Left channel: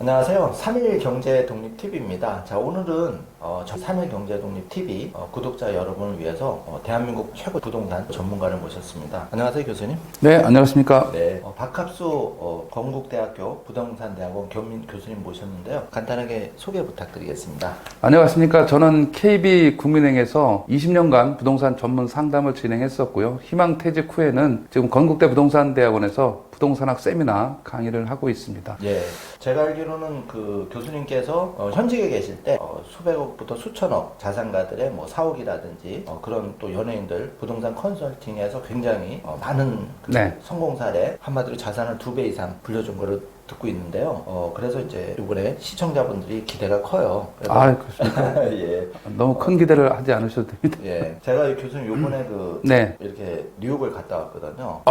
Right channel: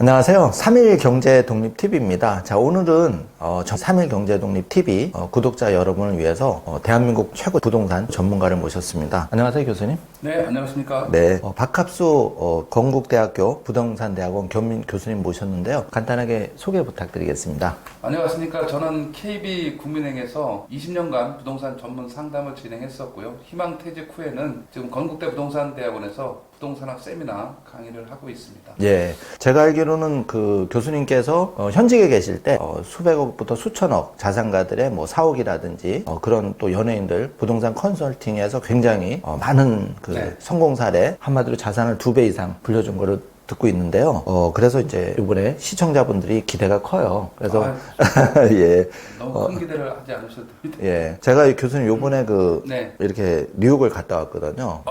안녕하세요. 3일 경제 독립 TV입니다. 자, 오늘은 저 3일 경제 독립 TV 구독자 여러분을 위해서 대한민국 최고 부동산 전문가를 모셨습니다. 안녕하세요, 교수님. 네, 안녕하십니까. 네, 박합수 건국대학교 부동산대학원 겸임 교수님 모셨는데요. 간단하게 소개 부탁드리겠습니다. 안녕하십니까. 저는 KB국민은행에서 20년간 부동산 전문 상담을 진행했었고요. 희망퇴직 후에는 지금 건국대 부동산대학원에서 부동산학 세미나 강의를 하고 있습니다. 예, 제가 알기로는 그 교수님께서 현직에 계실 때 수백억부터 수천억 자산가들의 뭐 사옥이라든지 그런 또 연예인들 부동산 컨설팅에서 굉장히 많은 그 네. 성공 사례, 한마디로 자산을 2배 이상 불려준 거를 듣고 있는데요. 그래서 이제 이번에 시청자분들이 기대가 커요. 그래서 예. 너무 큰 기대를 하지 않으셔도 됩니다. 예. 제가 이 교수님 요번에 네. 이렇게 뉴욕을 갔다 왔거든요.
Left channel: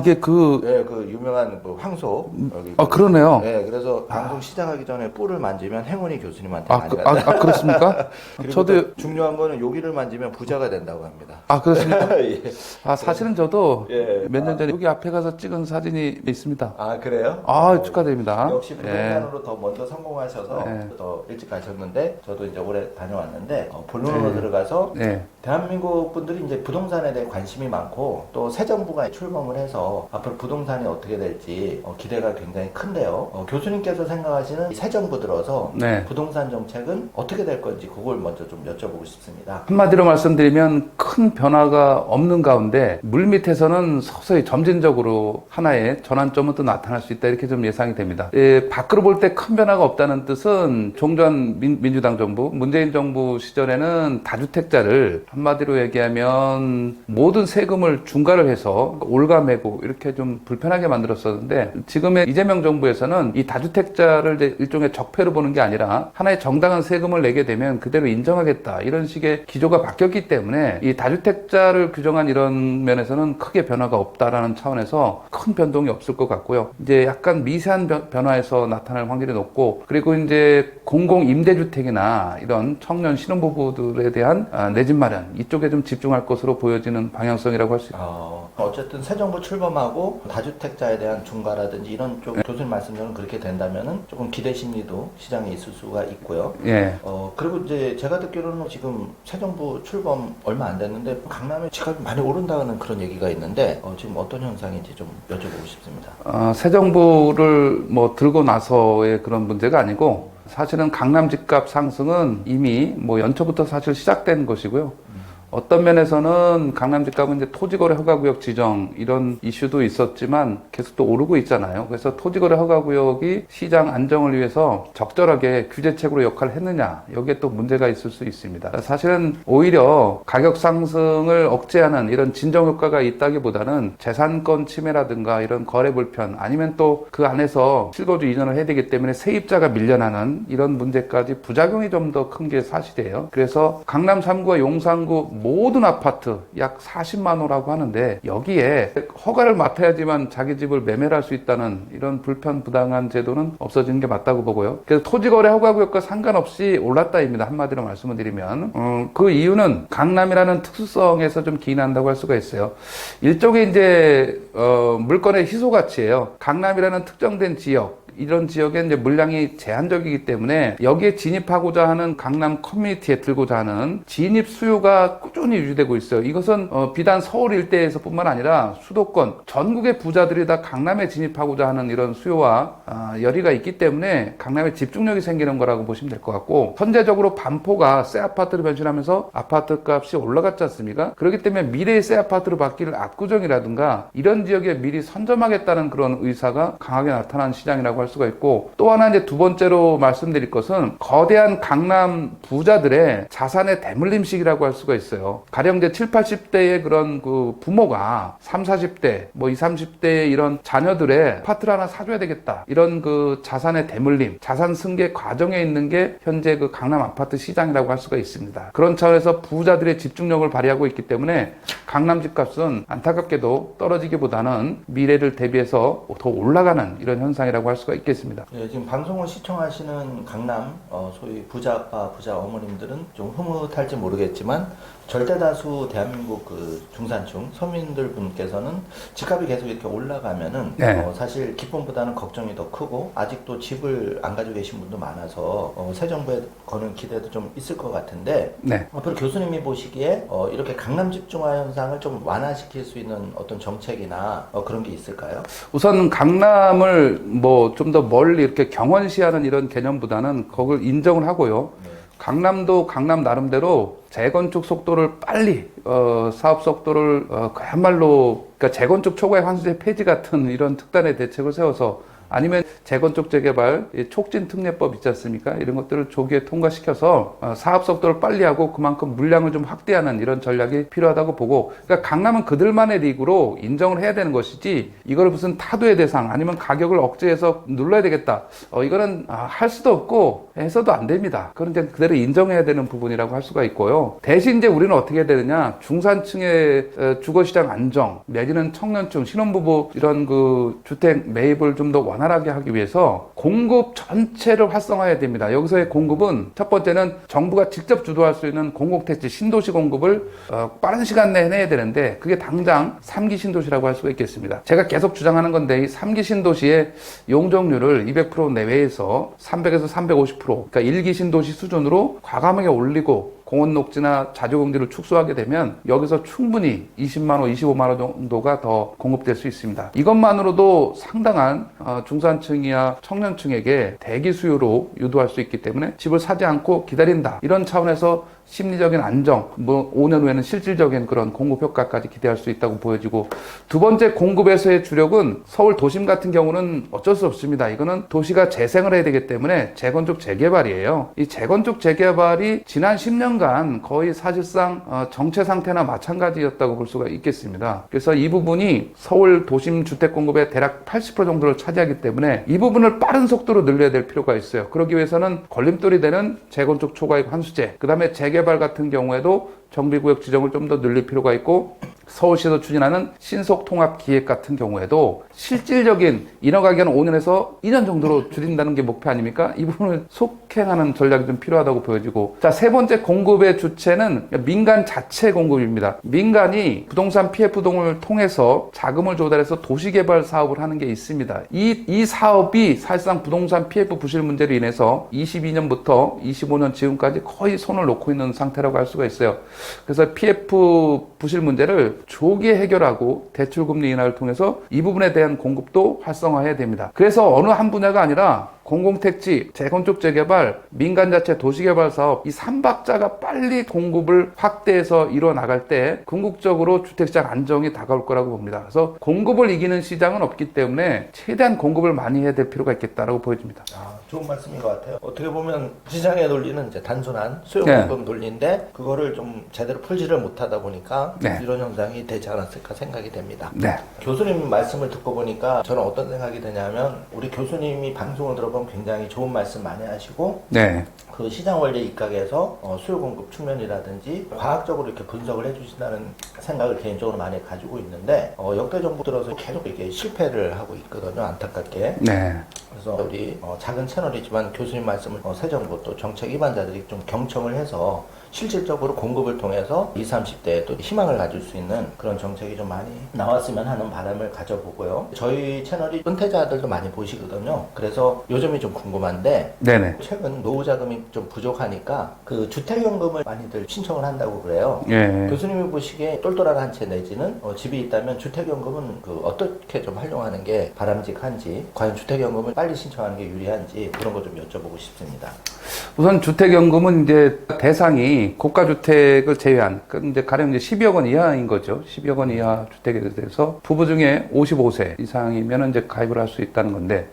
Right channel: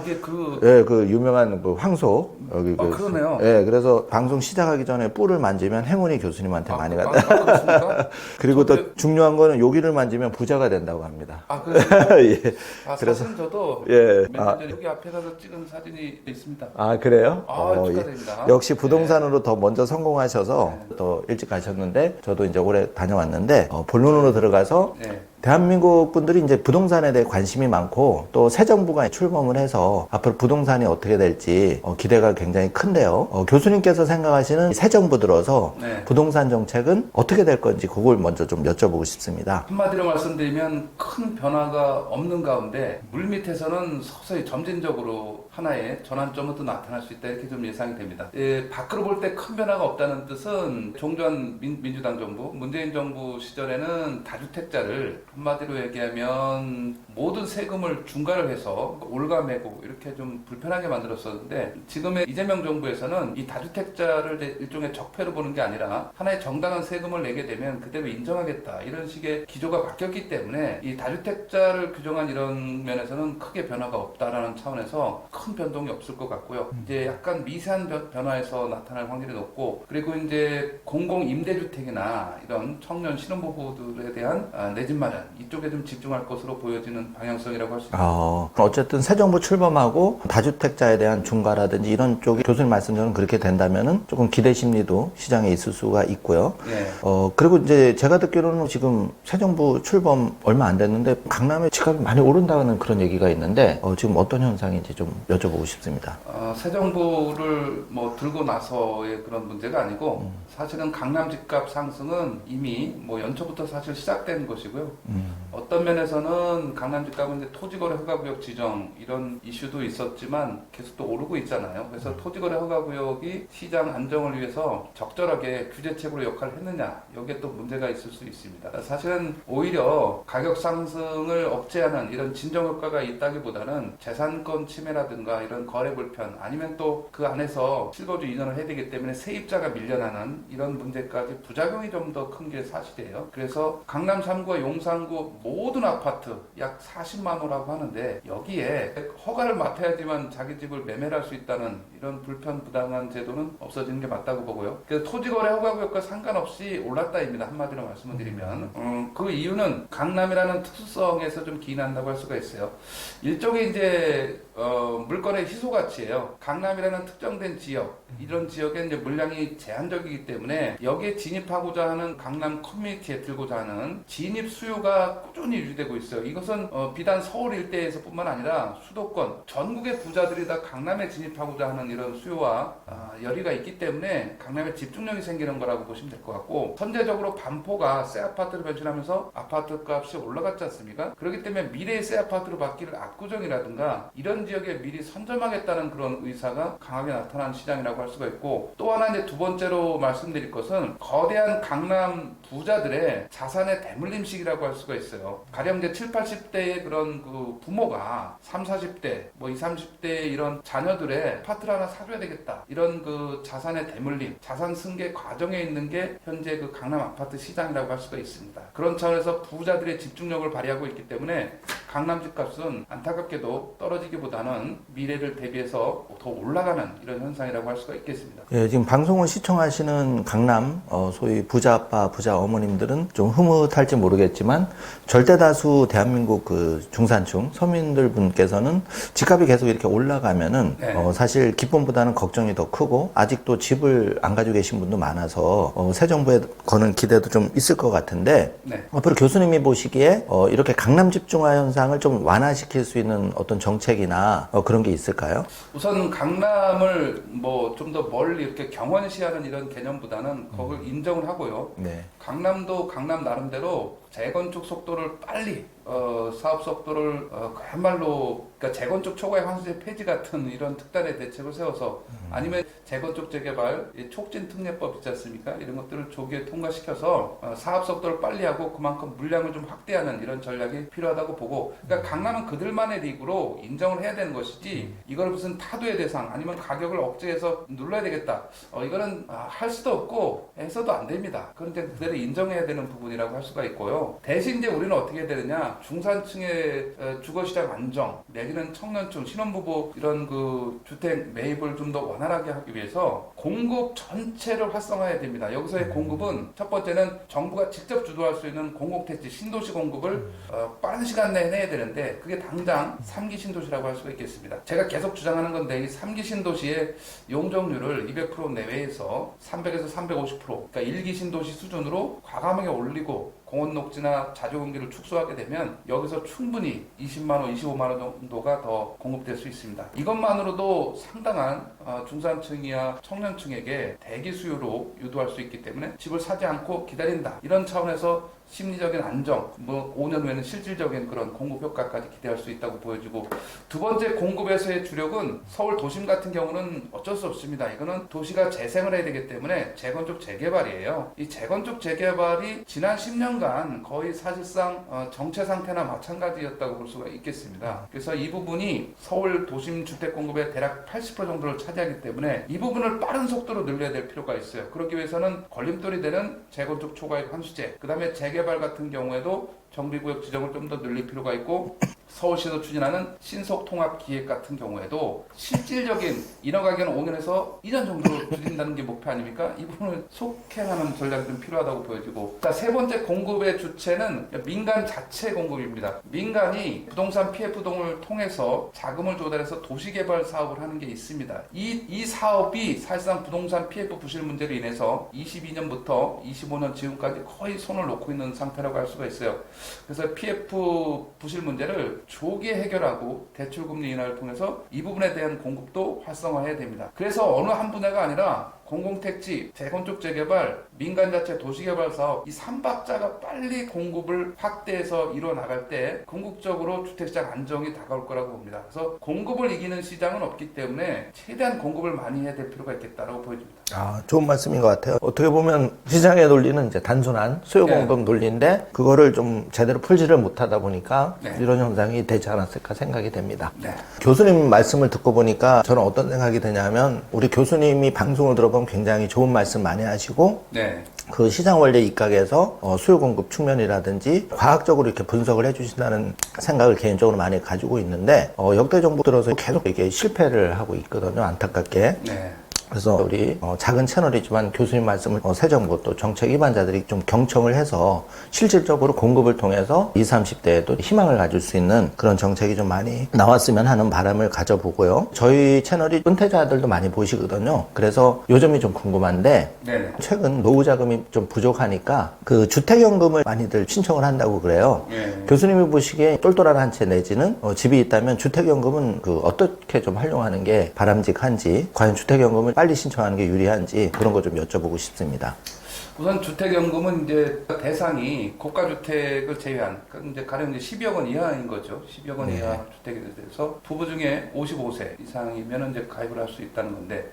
이게 예, 그 유명한 그 황소. 여기 그러네요. 예, 그래서 방송 시작하기 전에 뿔을 만지면 행운이 교수님한테 많이 간다. 그렇습니까? 그리고 저도... 또 중요한 거는 여기를 만지면 부자가 된다고 합니다. 그렇습니까? 예. 사실은 저도 예. 몇 년 전에 여기 앞에 가서 찍은 사진이 있습니다. 그래요? 축하드립니다. 예. 역시 부동산으로 더 먼저 성공하셔서 네. 더 일찍 가셨는데 저도 이제 올해 다녀왔는데 본론으로 들어가서 네. 대한민국 분들이 이제 부동산에 대해 관심이 많고 또 새 정부가 출범을 해서 앞으로 부동산이 어떻게 될지 기대가 굉장히 큰데요. 교수님께서 생각하시는 새 정부 들어서 네. 부동산 정책은 어떻게 될 건지 그걸 먼저 좀 여쭤보고 싶습니다. 한마디로 말씀드리면 큰 변화가 없는 가운데 물밑에서는 서서히 점진적으로 하나의 전환점은 또 나타날 수 있다 이렇게 좀 예상이 됩니다. 밖으로 볼 때 큰 변화가 없다는 뜻은 종전 민주당 정부, 문재인 정부 시절에는 다주택자를 한마디로 얘기하면 모든 세금을 중과를 해서 올가매고 이렇게 좀 불편하게 만들었었는데 지금의 이재명 정부에서는 이 다주택자를 이제 일종의 적폐로 보는 게 아니라 하나의 정당한 세금을 내게 되면 그대로 인정하겠다 이런 식의 기조가 바뀌었기 때문에 이 다주택자를 규정한 이런 면에서는 크게 변화가 없다라는 차원에서 큰 변동이 없을 것 같고요. 이제 약간 미세한 변화에서 나타날 확률이 높고 그리고 이제 공공임대주택이나 이런 청년 신혼부부들에 대한 내 집 마련 이쪽에 좀 집중할 것으로 보여지는 방향성이라고 할 수 있습니다. 어쨌든 새 정부 출범하고 다주택자에 대한 중과라든지 이런 쪽 교수님 말씀대로 그렇게 된다면은 조금 기대 심리도 시장에 있을 수가 있고요. 예. 그리고 이제 제가 듣기로는 지금 새 정부 출범 얼마 안 됐는데 강남의 집값이 많이 오른다는 그런 얘기가 있는데 지금 어떤 현상인지 좀 여쭤보고 싶습니다. 새 정부를 뭐 들고 나서의 그런 문제가 아니고 사실은 강남 집값 상승은 이미 뭐 연초부터 사실 시작된 것이고요. 어떤 면에서는 강남 집값은 이제 토지거래 허가구역 지정 이런 이슈도 있었지만 계속 또 오르고 있잖아요. 그래서 토지거래 허가구역이 시장 안정을 위해서 적절하게 규제책으로 역할을 했느냐 여기에 또 문제가 있을 수 있습니다. 사실은 오히려 가격 상승을 억제하는 이런 진정 효과가 있다기보다는 재산권 침해라든가 이런 거래 불편 아니면 또 그 안에서 실거주 이전을 해야 되기 때문에 세입자가 밀려나는 이런 문제까지 부작용이 좀 더 큰 게 사실이에요. 그래서 강남 3구와 용산구 모든 아파트 약 40만 호라고 하는데 여기에 허가를 맡아야지만 자기 집을 매매를 할 수 있다는 이런 불편 부당한 제도는 없어지는 게 맞다고 보고요. 그래서 토지거래 허가구역과 상관없이 올랐다입니다. 한마디로 말씀을 드리면 그 이유는 강남이라는 특수성에서 좀 기인한다고 할 수가 있어요. 일종의 이제 물건의 희소 가치예요. 강남이라는 특정된 지역 이런 지역에 이제 물량이 제한적이기 때문에 여기에 진입하고자 하는 강남 커뮤니티에 들고자 하는 진입 수요가 꾸준히 유지되고 있어요. 이것은 비단 서울 일대에서 뿐만 아니라 수도권 전국의 부자들이 다 강남에 진입하고자 하는 이런 수요와 열의가 있기 때문에 강남에 집중력이 생기는 거라고 보시면 될 것 같고 선제적으로 반포가 새 아파트로 변신하면서 아파트 값이 올라갔지 않습니까? 그렇기 때문에 미래의 새 아파트로 바뀔 압구정이라든가 이런 지역에 미리 선점하겠다는 그런 의사가 강하게 나타난 시장이라고 할 수가 있고 또 하나 이제 두 번째로 말씀드릴 것은 거대한 강남 부자들의 자산의 대물림식이라고 할 수가 있어요. 가령 이제 7, 80대의 그런 그 부모가 3, 40대 뭐 20, 30대의 이런 자녀들의 아파트를 하나 사줘야 되겠다. 이런 그 자산의 대물림, 자산 승계 과정에 있는 게 현재 그 강남 아파트 시장이라고 할 수가 있습니다. 그런 차원에서 부자들의 집중력을 발휘하고 있기 때문에 강남 집값은 안타깝게도 떨어지기보다는 미래를 대비해서 더 올라가는 이런 현상이라고 할 수가 있겠습니다. 예, 지금 방송을 시청하시는 사는 강남 소위 부자 아빠, 부자 어머님들은 좀 흐뭇할지 모르겠지만 절대 다수 대한민국 그 중산층 서민들 분께서는 집값이 계속 이렇게 올라가면은 네. 사실 기쁨보다는 걱정이 더 크고 아직도 집을 안 가지고 계신 분도 많아서 새 정부에 거는 기대도 좀 있을 것 같은데 네. 앞으로 교수님이 보시기에 이렇게 강남 집중화 현상을 좀 완화시킬 수 있는 어떤 정책이나 그런 게 있을까요? 우선 강남을 뭐 좀 더 멀리 이렇게 경원시하는 이런 개념보다는 그걸 인정을 하고요. 네. 강남도 강남 나름대로 재건축 속도를 빨리 사업 속도를 그야말로 그러니까 재건축 초과의 환수제 폐지 같은 이런 특단의 대책을 세워서 아니면 재건축 재개발 촉진 특례법 있지 않습니까? 이런 것들을 조기에 통과시켜서 사업 속도를 빨리 하고 그만큼 물량을 좀 확대하는 이런 전략이 필요하다고 보고, 그러니까 강남은 그들만의 리그로 인정을 해야 되는 것이지 이걸 무슨 타도의 대상 아니면 가격을 억제해서 눌러야 되겠다, 이거는 할 수도 없고 해서도 안 됩니다. 그건 이제 그대로 인정해야 되는 부분이라고 할 수가 있고요. 대신 이제 우리는 어떻게 해야 되느냐, 중산층의 주거시장 안정 내지는 청년층 신혼부부 이런 그 주택 매입을 좀 더 원활하게 하기 위해서 공급 전체를 활성화해야 됩니다. 여기서의 공급은 첫 번째는 정부가 직접 주도할 수 있는 공공택지 신도시 공급을 빠른 시간 내에 해내야 되는데, 그게 당장 3기 신도시라고 할 수가 있겠습니다. 제가 계속 주장하는 건데 이 3기 신도시의 용적률을 200% 내외에서 300에서 350%, 그러니까 1기 신도시 수준으로 과감하게 올리고 공원 녹지나 자주공지를 축소하게 되면 여기서 충분히 20만 원, 25만 원 정도가 더 공급될 수 있습니다. 이것만으로도 상당한 중산층이나 청년층에게 대기 수요로 유도할 수 있기 때문에 집을 사지 않고 기다린다, 이런 차원에서 심리적인 안정, 뭐 5년 후에는 실질적인 그런 공급 효과까지 기대할 수 있다고 보여지고, 두 번째 공급에서의 주력은 서울 도심 같은 경우는 어쩔 수 없습니다. 이거는 도시가 재생을 해야 되기 때문에 재건축 재개발이에요. 이 재건축 재개발이 지난 10년간 거의 사실상 정체 상태나 마찬가지였다고 볼 수가 있겠습니다. 그래서 이 부분이 서울 도심 주택 공급의 대략 80% 정도를 차지하기 때문에 이 부분을 빠른 속도로 늘려야 될 필요가 있어요. 그러기 위해서는 걸림돌이 되는 재건축 초과이익 환수제, 그 다음에 재개발 같은 경우에도 정비구역 지정을 좀 더 늘릴 필요가 있고, 서울시에서 추진하는 신속통합기획 같은 경우에도 실질적인 인허가기간을 5년에서 2년 정도로 줄인다는 게 목표 아닙니까? 이 부분을 속행하는 전략이 좀 필요하다고 보여지고, 자, 세 번째 공급의 주체는 민간 자체 공급입니다. 민간이 부동산 PF동을 통해서 자금을 조달해서 도시개발 사업을 하는 게 있습니다. 이 사업이 사실상 부동산 PF 부실 문제로 인해서 22년부터 25년 지금까지 거의 손을 놓고 있는 상태라고 할 수가 있어요. 그래서 PF 부실 문제를 조기에 해결하고 대출금리 인하를 통해서 이 부분에 대한 공급도 활성화해야 됩니다. 그래서 어느 한 분야가 아니라 공공택지, 재건축 재개발, 민간 자체 도시개발 사업, 이 3박자가 빨리 공급을 확대해서 이뤄나갈 때 궁극적으로 주택시장 안정이 다가올 거라고 봅니다. 그래서 공급을 이기는 시장은 없기 때문에 최대한 공급을 많이 해야 될 필요가 있겠다라고 보여집니다. 좋은 말씀인 것 같아요. 어떻게 보면 시장의 논리는 이제 단순한 수요 공급 논리인데 그거를 좀 제대로 풀지를 못하다 보니까 이런 현상이 되지 않았을까 생각이 됩니다. 교수님 말씀을 듣고 보니까 저는 어떤 생각이 드냐면, 우리 교수님이 방송을 들어보면 굉장히 좋은 말씀 많이 하시고 그 시장 원리 입각에서 수요 공급 측면이라든지 과학적으로 이렇게 분석을 해주신다는 생각을 개인적으로 많이 가지고 있는데 역대 정부 들어서 계속 이게 실패를 하고 있거든요, 안타깝게. 그래서 우리 작은 채널이지만 교수님 말씀을 새 정부 또 정책 입안자들이 좀 경청을 해서 실질적으로 공급을 통해서 20, 30대에도 희망을 가질 수 있는 그런 정책이 좀 많이 나왔으면 하는 바람을 가져보고요. 저희 채널이 은퇴자들도 많이 보시거든요. 그래서 요즘이 좀 궁금한데 최근 노후 자금이 좀 부족하니까 그 주택연금을 많이들 신청을 한다고 그래요. 교수님이 보시기에 똘똘한 한 채 내지는 집이 있다면 주택연금은 그 어떻게 좀 활용하는 게 바람직한지, 과연 주택연금을 빨리 신청하는 게 유리한지 그런 거 좀 여쭤보고 싶습니다. 우선 주택연금은 이제 대상이 고가주택을 제외한, 이제 가령 이제 12억 원 이하인 거죠. 12억 원 이하 주택에 대해서 부부 중에 55세 이상이면 이제 가입을 할 수 있다는 건데,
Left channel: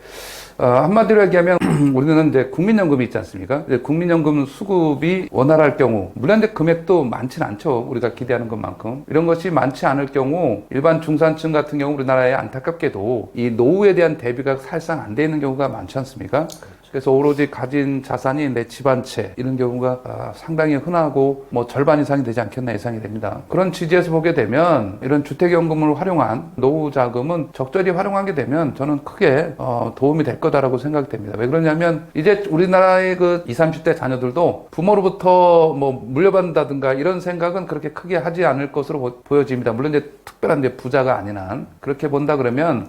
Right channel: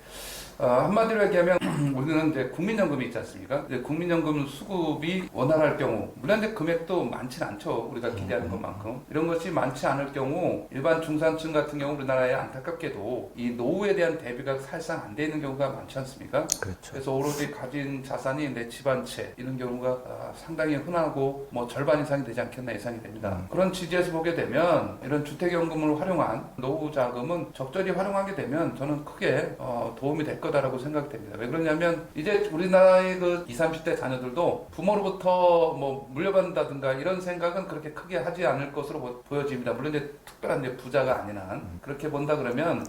한마디로 얘기하면 우리는 이제 국민연금이 있지 않습니까? 이제 국민연금 수급이 원활할 경우, 물론 이제 금액도 많지는 않죠. 우리가 기대하는 것만큼. 이런 것이 많지 않을 경우 일반 중산층 같은 경우 우리나라에 안타깝게도 이 노후에 대한 대비가 사실상 안 돼 있는 경우가 많지 않습니까? 그래서 오로지 가진 자산이 내 집 한 채, 이런 경우가 상당히 흔하고 뭐 절반 이상이 되지 않겠나 예상이 됩니다. 그런 취지에서 보게 되면 이런 주택연금을 활용한 노후 자금은 적절히 활용하게 되면 저는 크게 도움이 될 거다라고 생각이 됩니다. 왜 그러냐면 이제 우리나라의 그 20, 30대 자녀들도 부모로부터 뭐 물려받는다든가 이런 생각은 그렇게 크게 하지 않을 것으로 보여집니다. 물론 이제 특별한 이제 부자가 아닌 한 그렇게 본다 그러면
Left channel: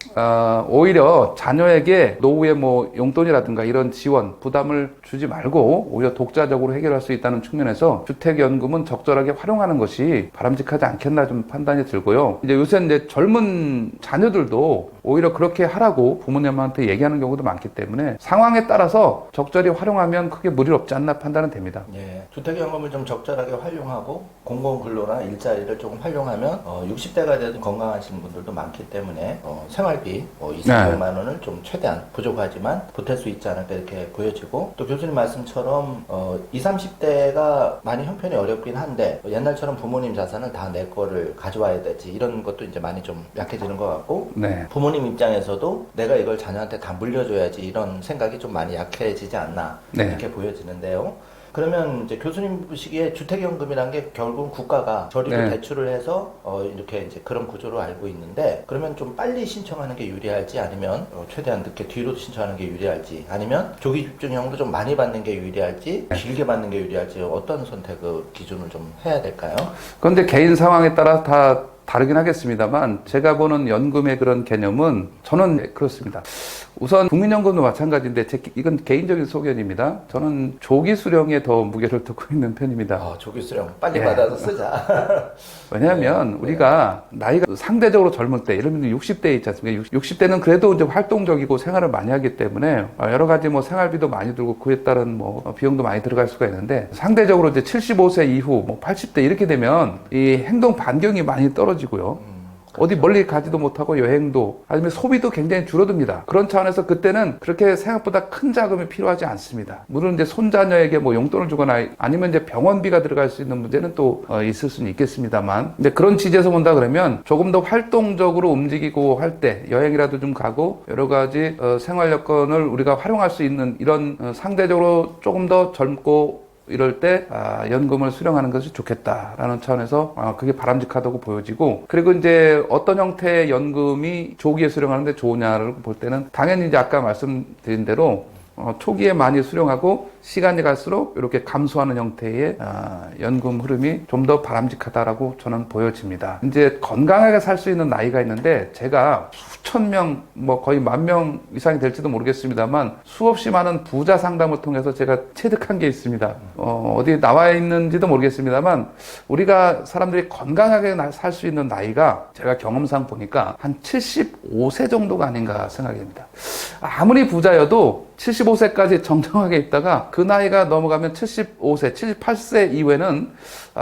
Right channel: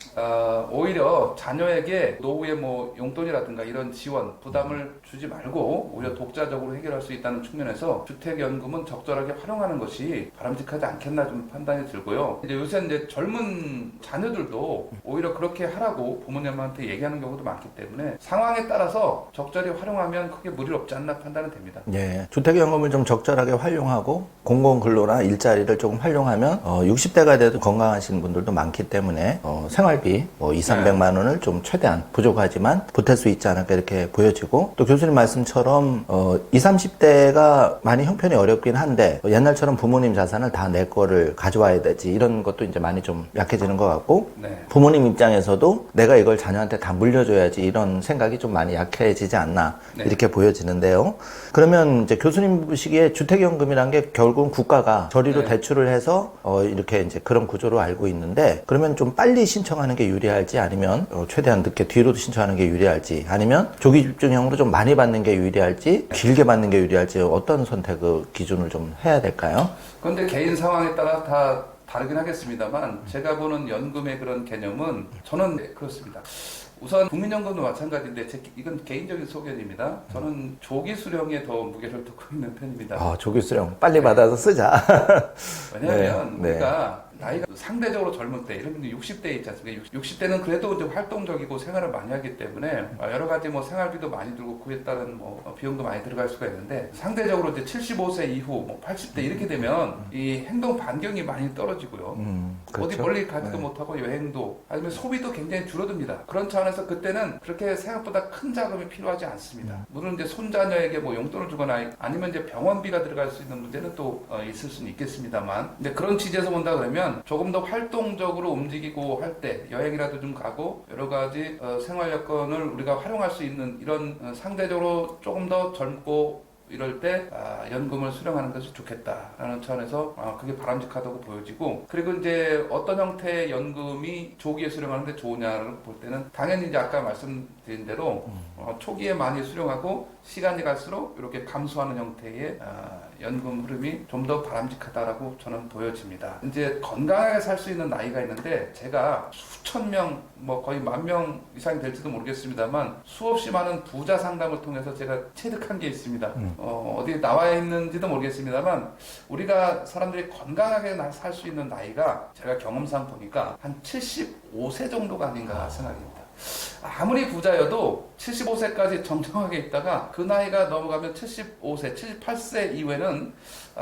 오히려 자녀에게 노후에 뭐 용돈이라든가 이런 지원 부담을 주지 말고 오히려 독자적으로 해결할 수 있다는 측면에서 주택연금은 적절하게 활용하는 것이 바람직하지 않겠나 좀 판단이 들고요. 이제 요새 이제 젊은 자녀들도 오히려 그렇게 하라고 부모님한테 얘기하는 경우도 많기 때문에 상황에 따라서 적절히 활용하면 크게 무리 없지 않나 판단은 됩니다. 예, 주택연금을 좀 적절하게 활용하고 공공근로나 일자리를 조금 활용하면 60대가 돼도 건강하신 분들도 많기 때문에 생활비 뭐 2, 300만 원을 좀 최대한 부족하지만 보탤 수 있지 않을까 이렇게 보여지고 또 교수님 말씀처럼 20, 30대가 많이 형편이 어렵긴 한데 옛날처럼 부모님 자산을 다 내 거를 가져와야 되지 이런 것도 이제 많이 좀 약해지는 것 같고 네. 부모님 입장에서도 내가 이걸 자녀한테 다 물려줘야지 이런 생각이 좀 많이 약해지지 않나 네. 이렇게 보여지는데요. 그러면 이제 교수님 보시기에 주택연금이라는 게 결국은 국가가 저리로 네. 대출을 해서 이렇게 이제 그런 구조로 알고 있는데 그러면 좀 빨리 신청하는 게 유리할지 아니면 최대한 늦게 뒤로 신청하는 게 유리할지 아니면 조기 집중형으로 좀 많이 받는 게 유리할지 길게 받는 게 유리할지 어떤 선택을 기준을 좀 해야 될까요? 그런데 개인 상황에 따라 다 다르긴 하겠습니다만 제가 보는 연금의 그런 개념은 저는 그렇습니다. 우선 국민연금도 마찬가지인데 이건 개인적인 소견입니다. 저는 조기 수령에 더 무게를 두고 있는 편입니다. 조기 수령 빨리 네. 받아서 쓰자. 왜냐하면 네. 우리가 나이가 상대적으로 젊을 때, 예를 들면 60대 있지 않습니까? 60대는 그래도 이제 활동적이고 생활을 많이 하기 때문에 여러 가지 뭐 생활비도 많이 들고 그에 따른 뭐 비용도 많이 들어갈 수가 있는데 상대적으로 이제 75세 이후, 뭐 80대 이렇게 되면 이 행동 반경이 많이 떨어지고요. 어디 멀리 가지도 못하고 여행도 아니면 소비도 굉장히 줄어듭니다. 그런 차원에서 그때는 그렇게 생각보다 큰 자금이 필요하지 않습니다. 물론 이제 손자녀에게 뭐 용돈을 주거나 아니면 이제 병원비가 들어갈 수 있는 문제는 또 있을 수는 있겠습니다만 근데 그런 취지에서 본다 그러면 조금 더 활동적으로 움직이고 할 때 여행이라도 좀 가고 여러 가지 생활 여건을 우리가 활용할 수 있는 이런 상대적으로 조금 더 젊고 이럴 때 연금을 수령하는 것이 좋겠다라는 차원에서 그게 바람직하다고 보여지고 그리고 이제 어떤 형태의 연금이 조기에 수령하는데 좋으냐를 볼 때는 당연히 이제 아까 말씀드린 대로 초기에 많이 수령하고 시간이 갈수록 이렇게 감소하는 형태의 연금 흐름이 좀 더 바람직하다라고 저는 보여집니다. 이제 건강하게 살 수 있는 나이가 있는데 제가 수천 명, 뭐 거의 10,000명 이상이 될지도 모르겠습니다만 수없이 많은 부자 상담을 통해서 제가 체득한 게 있습니다. 어디에 나와 있는지도 모르겠습니다만 우리가 사람들이 건강하게 살 수 있는 나이가 제가 경험상 보니까 한 75세 정도가 아닌가 생각이 됩니다. 아무리 부자여도 75세까지 정정하게 있다가 그 나이가 넘어가면 75세, 78세 이후에는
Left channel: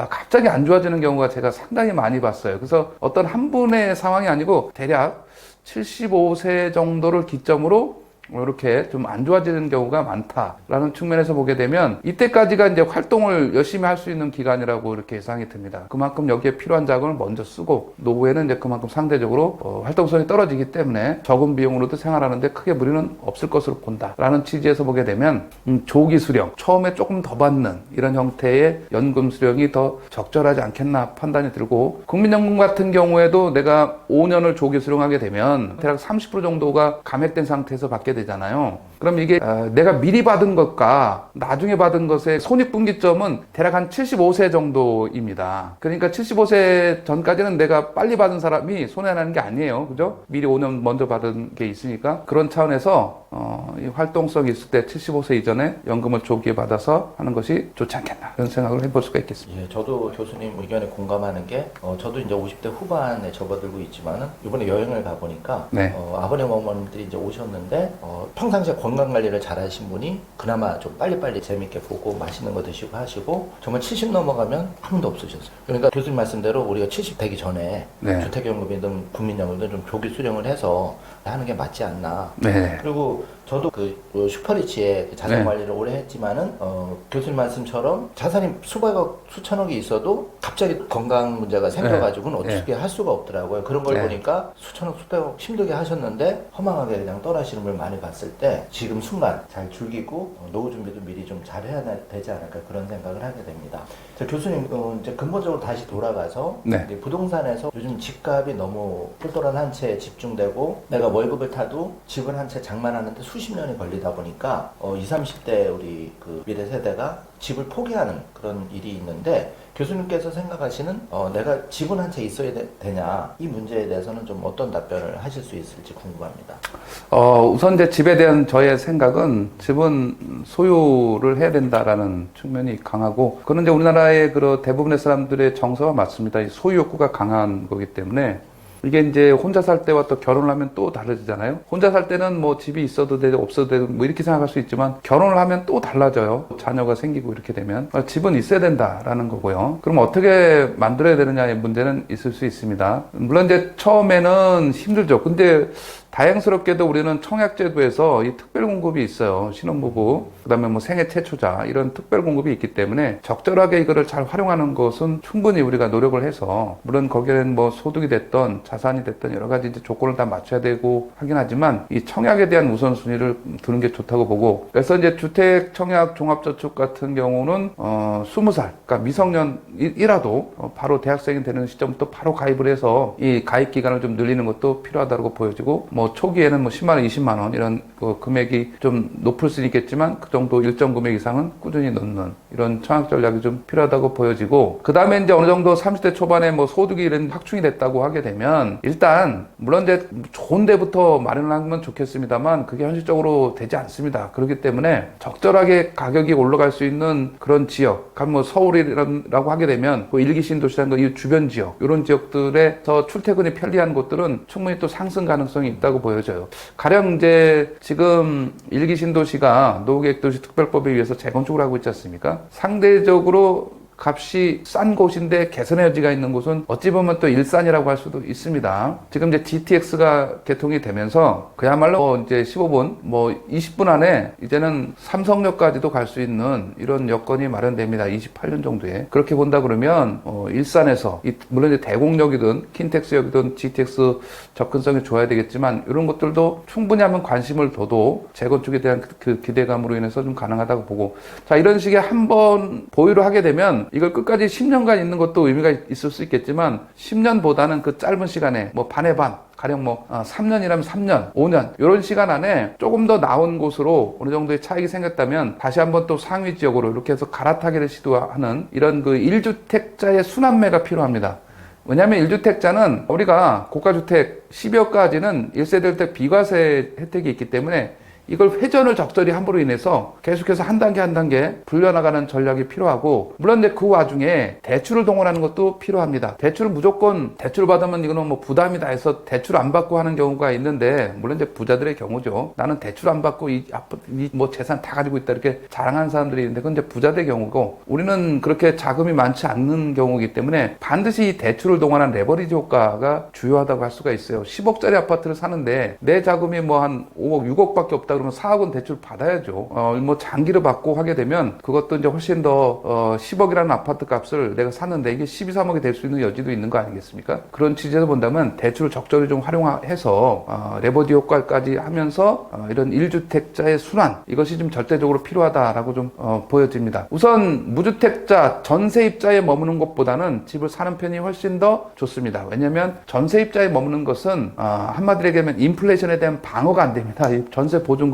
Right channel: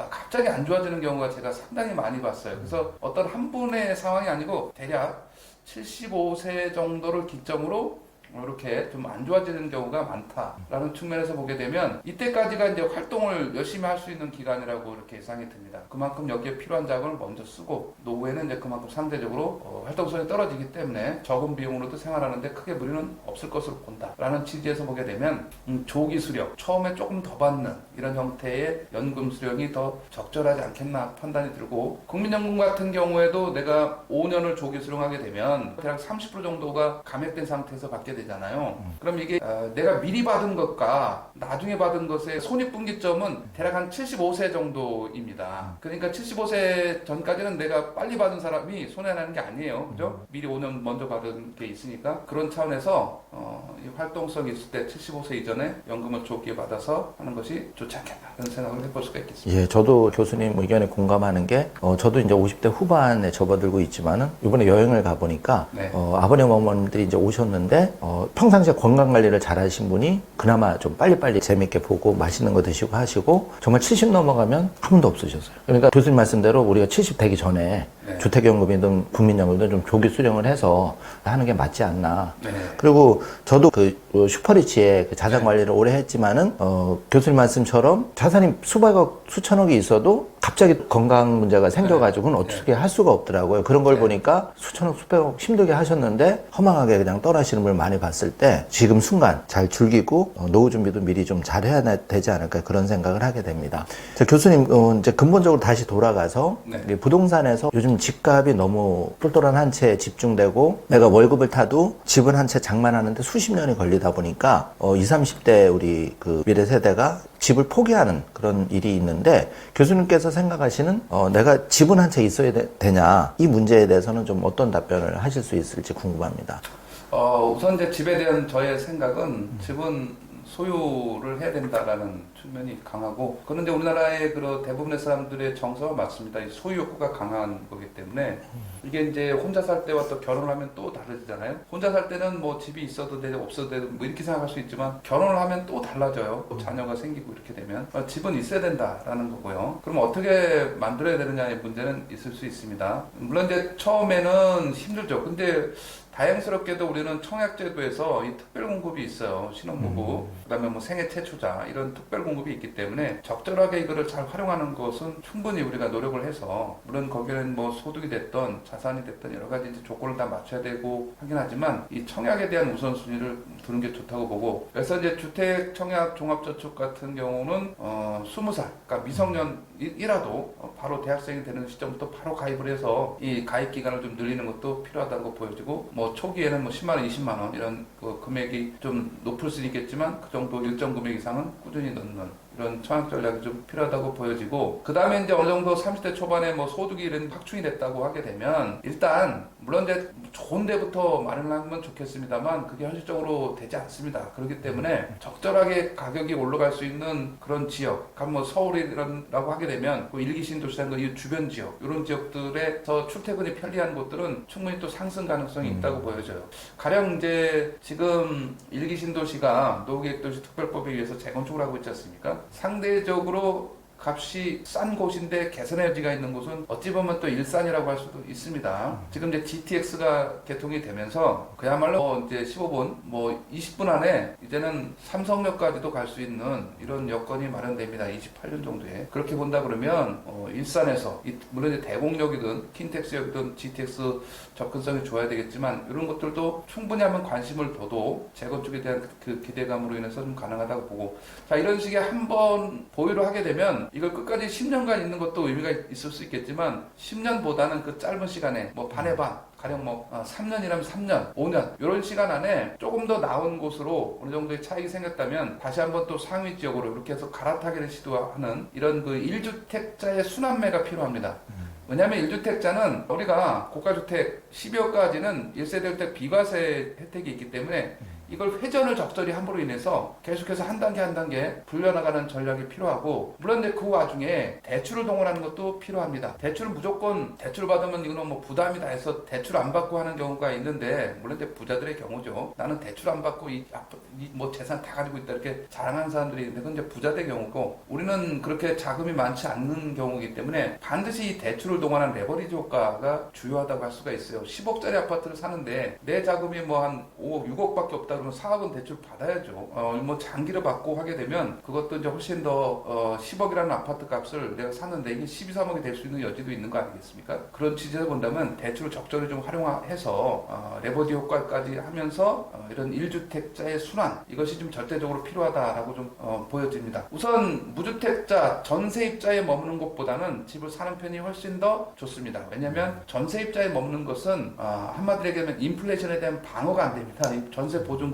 갑자기 안 좋아지는 경우가 제가 상당히 많이 봤어요. 그래서 어떤 한 분의 상황이 아니고 대략 75세 정도를 기점으로 이렇게 좀 안 좋아지는 경우가 많다라는 측면에서 보게 되면 이때까지가 이제 활동을 열심히 할 수 있는 기간이라고 이렇게 예상이 듭니다. 그만큼 여기에 필요한 자금을 먼저 쓰고 노후에는 이제 그만큼 상대적으로 활동성이 떨어지기 때문에 적은 비용으로도 생활하는데 크게 무리는 없을 것으로 본다라는 취지에서 보게 되면 조기 수령, 처음에 조금 더 받는 이런 형태의 연금 수령이 더 적절하지 않겠나 판단이 들고 국민연금 같은 경우에도 내가 5년을 조기 수령하게 되면 대략 30% 정도가 감액된 상태에서 받게 되잖아요. 그럼 이게 내가 미리 받은 것과 나중에 받은 것의 손익분기점은 대략 한 75세 정도입니다. 그러니까 75세 전까지는 내가 빨리 받은 사람이 손해나는 게 아니에요. 그죠? 미리 5년 먼저 받은 게 있으니까 그런 차원에서 이 활동성이 있을 때 75세 이전에 연금을 조기에 받아서 하는 것이 좋지 않겠나 이런 생각을 해볼 수가 있겠습니다. 예, 저도 교수님 의견에 공감하는 게 저도 이제 50대 후반에 접어들고 있지만은 이번에 여행을 가보니까 네. 아버님 어머님들이 이제 오셨는데 평상시에 건강 관리를 잘 하신 분이 그나마 좀 빨리빨리 재밌게 보고 맛있는 거 드시고 하시고 정말 70 넘어가면 한 분도 없으셨어요. 그러니까 교수님 말씀대로 우리가 70 되기 전에 네. 주택연금이든 국민연금이든 좀 조기 수령을 해서 하는 게 맞지 않나. 네. 그리고 저도 그 슈퍼리치에 자산 네. 관리를 오래 했지만은 교수님 말씀처럼 자산이 수백억 수천억이 있어도 갑자기 건강 문제가 생겨가지고는 네. 어떻게 할 수가 없더라고요. 그런 걸 네. 보니까 수천억 수백억 힘들게 하셨는데 허망하게 그냥 떠나시는 분을 많이 많이 봤을 때 지금 순간 잘 즐기고 노후 준비도 미리 좀 잘해야 되지 않을까 그런 생각을 하게 됩니다. 자, 교수님 이제 근본적으로 다시 돌아가서 네. 이 부동산에서 요즘 집값이 너무 똘똘한 한 채에 집중되고 내가 월급을 타도 집을 한 채 장만하는데 수십 년이 걸리다 보니까 20, 30대 우리 그 미래 세대가 집을 포기하는 그런 일이 있는데 교수님께서 생각하시는 내가 집은 한 채 있어야 되냐 이 문제에 대해서는 좀 어떤 답변을 하실 수 있을지 궁금합니다. 우선 이제 집에 대한 저의 생각은 집은 소유를 해야 된다라는 측면이 강하고, 그건 이제 우리나라의 그 대부분의 사람들의 정서가 맞습니다. 이 소유 욕구가 강한 거기 때문에 이게 이제 혼자 살 때와 또 결혼을 하면 또 다르잖아요. 혼자 살 때는 뭐 집이 있어도 되고 없어도 되고 뭐 이렇게 생각할 수 있지만 결혼을 하면 또 달라져요. 자녀가 생기고 이렇게 되면 집은 있어야 된다라는 거고요. 그럼 어떻게 만들어야 되느냐의 문제는 있을 수 있습니다. 물론 이제 처음에는 힘들죠. 근데 다행스럽게도 우리는 청약제도에서 이 특별 공급이 있어요. 신혼부부, 그다음에 뭐 생애 최초자 이런 특별 공급이 있기 때문에 적절하게 이거를 잘 활용하는 것은 충분히 우리가 노력을 해서, 물론 거기에는 뭐 소득이 됐던 자산이 됐던 여러 가지 이제 조건을 다 맞춰야 되고 하긴 하지만 이 청약에 대한 우선순위를 두는 게 좋다고 보고, 그래서 이제 주택 청약 종합저축 같은 경우는 20살, 그러니까 미성년이라도 바로 대학생이 되는 시점부터 바로 가입을 해서 이 가입 기간을 좀 늘리는 것도 필요하다고 보여지고, 뭐 초기에는 뭐 10만 원, 20만 원 이런 금액이 좀 높을 수 있겠지만 그 정도 일정 금액 이상은 꾸준히 넣는 이런 청약 전략이 좀 필요하다고 보여지고, 그 다음에 이제 어느 정도 30대 초반에 뭐 소득이 이런 확충이 됐다고 하게 되면 일단 물론 이제 좋은 데부터 마련을 하면 좋겠습니다만 그게 현실적으로 되지 않습니다. 그렇기 때문에 적절하게 가격이 올라갈 수 있는 그런 지역, 뭐 서울이라고 하게 되면 그 일기 신도시라는 이 주변 지역, 이런 지역들에서 출퇴근이 편리한 곳들은 충분히 또 상승 가능성이 있다고 보여져요. 가령 이제 지금 일기 신도시가 노후계획도시 특별법에 의해서 재건축을 하고 있지 않습니까? 상대적으로 값이 싼 곳인데 개선의 여지가 있는 곳은 어찌 보면 또 일산이라고 할 수도 있습니다. 지금 이제 GTX가 개통이 되면서 그야말로 이제 15분, 뭐 20분 안에 이제는 삼성역까지도 갈 수 있는 이런 여건이 마련됩니다. 28년 정도에. 그렇게 본다 그러면 일산에서 물론 이제 대공역이든 킨텍스역이든 GTX 접근성이 좋아야 되겠지만 이런 것들도 충분히 하면 관심을 둬도 재건축에 대한 그 기대감으로 인해서 좀 가능하다고 보고, 자, 이런 식의 한번 보유를 하게 되면 이걸 끝까지 10년간 있는 것도 의미가 있을 수 있겠지만 10년보다는 그 짧은 시간에 뭐 반의 반, 가령 뭐 3년이라면 3년, 5년 이런 시간 안에 조금 더 나은 곳으로 어느 정도의 차익이 생겼다면 다시 한번 또 상위 지역으로 이렇게 해서 갈아타기를 시도하는 이런 그 1주택자의 순환매가 필요합니다. 왜냐하면 1주택자는 우리가 고가주택 12억까지는 1세대 주택 비과세 혜택이 있기 때문에 이걸 회전을 적절히 함으로 인해서 계속해서 한 단계 한 단계 불려나가는 전략이 필요하고, 물론 이제 그 와중에 대출을 동원하는 것도 필요합니다. 대출을 무조건 대출 받으면 이거는 뭐 부담이다 해서 대출 안 받고 하는 경우가 있는데, 물론 이제 부자들의 경우죠. 나는 대출 안 받고 이 뭐 재산 다 가지고 있다 이렇게 자랑하는 사람들이 있는데 그건 이제 부자들의 경우고, 우리는 그렇게 자금이 많지 않는 경우이기 때문에 반드시 이 대출을 동원한 레버리지 효과가 주요하다고 할 수가 있어요. 10억짜리 아파트를 사는데 내 자금이 뭐 한 5억, 6억밖에 없다 그러면 4억은 대출 받아야죠. 뭐 장기로 받고 하게 되면 그것도 이제 훨씬 더 10억이라는 아파트 값을 내가 샀는데 이게 12, 3억이 될 수 있는 여지도 있는 거 아니겠습니까? 그런 취지에서 본다면 대출을 적절히 좀 활용해서 레버리지 효과까지 하면서 이런 1주택자의 순환, 이것이 좀 절대적으로 필요하다라고 좀 보여집니다. 우선 무주택자, 전세입자에 머무는 것보다는 집을 사는 편이 훨씬 더 좋습니다. 왜냐하면 전세입자에 머무는 것은 한마디로 얘기하면 인플레이션에 대한 방어가 안 됩니다. 전세 보증금은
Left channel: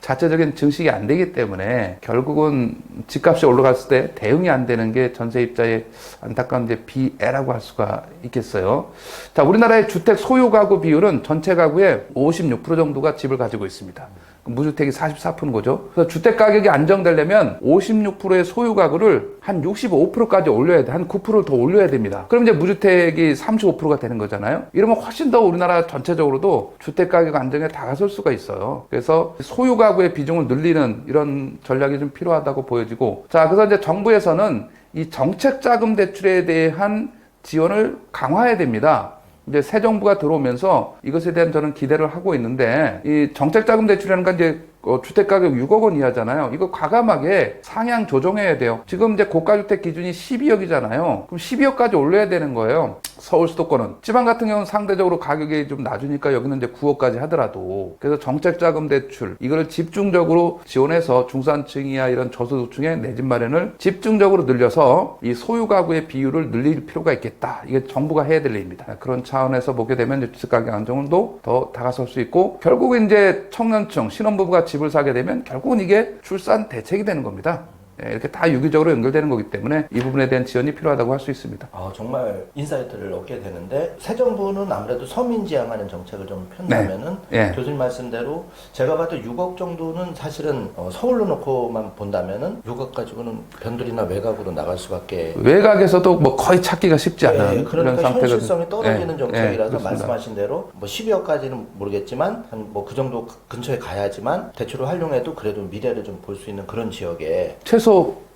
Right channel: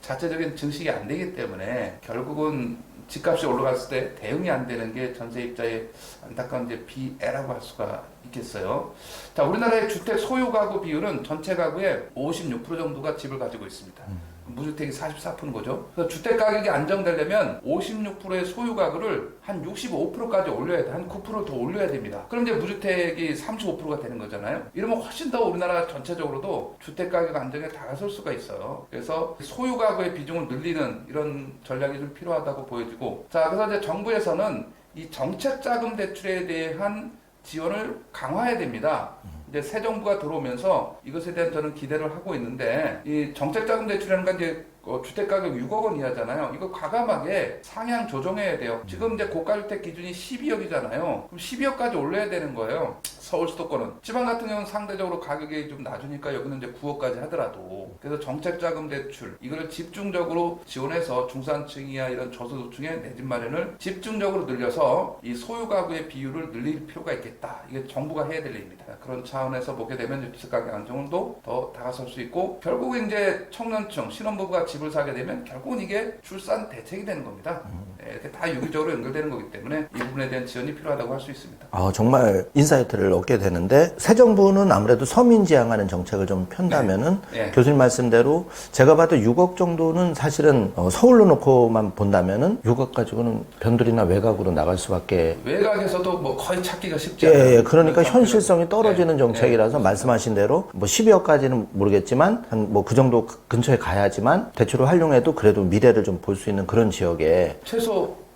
자체적인 증식이 안 되기 때문에 결국은 집값이 올라갔을 때 대응이 안 되는 게 전세입자의 안타까운 이제 비애라고 할 수가 있겠어요. 자, 우리나라의 주택 소유 가구 비율은 전체 가구의 56% 정도가 집을 가지고 있습니다. 무주택이 44%인 거죠. 그래서 주택 가격이 안정되려면 56%의 소유 가구를 한 65%까지 올려야 돼. 한 9%를 더 올려야 됩니다. 그럼 이제 무주택이 35%가 되는 거잖아요. 이러면 훨씬 더 우리나라 전체적으로도 주택 가격 안정에 다가설 수가 있어요. 그래서 소유 가구의 비중을 늘리는 이런 전략이 좀 필요하다고 보여지고, 자, 그래서 이제 정부에서는 이 정책 자금 대출에 대한 지원을 강화해야 됩니다. 이제 새 정부가 들어오면서 이것에 대한 저는 기대를 하고 있는데, 이 정책자금 대출이라는 건 이제 주택 가격 6억 원 이하잖아요. 이거 과감하게 상향 조정해야 돼요. 지금 이제 고가주택 기준이 12억이잖아요. 그럼 12억까지 올려야 되는 거예요. 서울 수도권은. 지방 같은 경우는 상대적으로 가격이 좀 낮으니까 여기는 이제 9억까지 하더라도. 그래서 정책자금 대출 이거를 집중적으로 지원해서 중산층이야 이런 저소득층의 내 집 마련을 집중적으로 늘려서 이 소유 가구의 비율을 늘릴 필요가 있겠다. 이게 정부가 해야 될 일입니다. 그런 차원에서 보게 되면 주택 가격 안정도 더 다가설 수 있고 결국은 이제 청년층 신혼부부가 집을 사게 되면 결국은 이게 출산 대책이 되는 겁니다. 이렇게 다 유기적으로 연결되는 거기 때문에 이 부분에 대한 지원이 필요하다고 할 수 있습니다. 정말 인사이트를 얻게 되는데 새 정부는 아무래도 서민 지향하는 정책을 좀 편다면은 네. 교수님 말씀대로 제가 봐도 6억 정도는 사실은 서울로 놓고만 본다면은 6억 가지고는 변두리나 외곽으로 나갈 수밖에 외곽에서도 뭐 거의 찾기가 쉽지 않아요. 그러니까 현실성이 떨어지는 예, 정책이라서 예, 말씀하신 대로 뭐 12억까지는 모르겠지만 한 뭐 그 정도 근처에 가야지만 대출을 활용해도 그래도 미래를 좀 볼 수 있는 그런 지역에 최소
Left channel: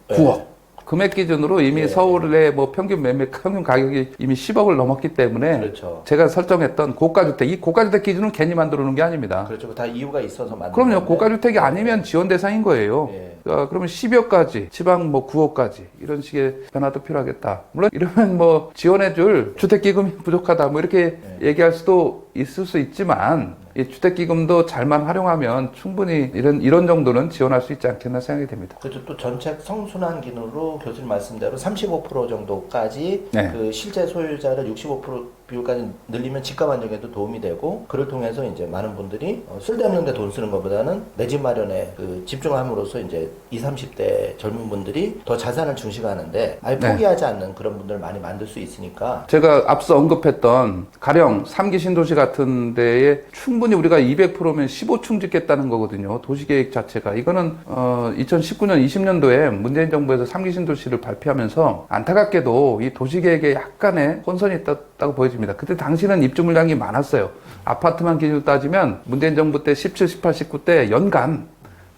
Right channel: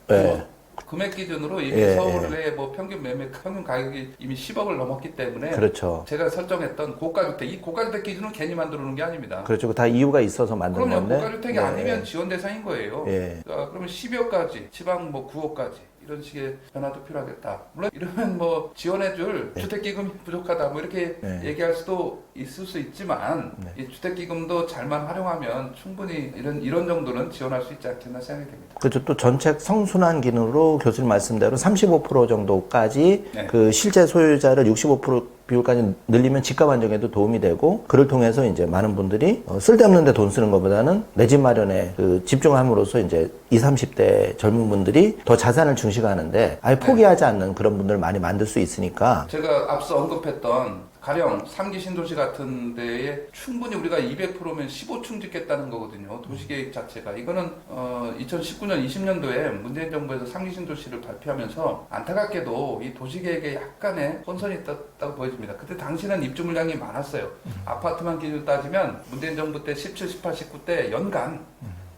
9억. 금액 기준으로 이미 예, 서울의 뭐 평균 매매 평균 가격이 이미 10억을 넘었기 때문에 그렇죠. 제가 설정했던 고가주택, 이 고가주택 기준은 괜히 만들어 놓은 게 아닙니다. 그렇죠. 다 이유가 있어서 만든 그럼요. 건데. 고가주택이 아니면 지원 대상인 거예요. 예. 그러면 10억까지, 지방 뭐 9억까지 이런 식의 변화도 필요하겠다. 물론 이러면 뭐 지원해줄 주택기금이 부족하다 뭐 이렇게 얘기할 수도 있을 수 있지만 이 주택기금도 잘만 활용하면 충분히 이런 정도는 지원할 수 있지 않겠나 생각이 됩니다. 그렇죠. 또 정책 성순환 기능으로 교수님 말씀대로 35% 정도까지 네. 그 실제 소유자를 65% 비율까지 늘리면 집값 안정에도 도움이 되고 그를 통해서 이제 많은 분들이 쓸데없는 데 돈 쓰는 것보다는 내 집 마련에 그 집중을 함으로써 이제 20, 30대 젊은 분들이 더 자산을 중시하는데 아예 포기하지 않는 그런 분들을 많이 만들 수 있으니까 제가 앞서 언급했던 가령 3기 신도시 같은 데에 충분히 우리가 200%면 15층 짓겠다는 거거든요. 도시계획 자체가. 이거는 2019년 20년도에 문재인 정부에서 3기 신도시를 발표하면서 안타깝게도 이 도시계획에 약간의 혼선이 있다고 보여집니다. 그때 당시는 입주 물량이 많았어요. 아파트만 기준으로 따지면 문재인 정부 때 17, 18, 19 때 연간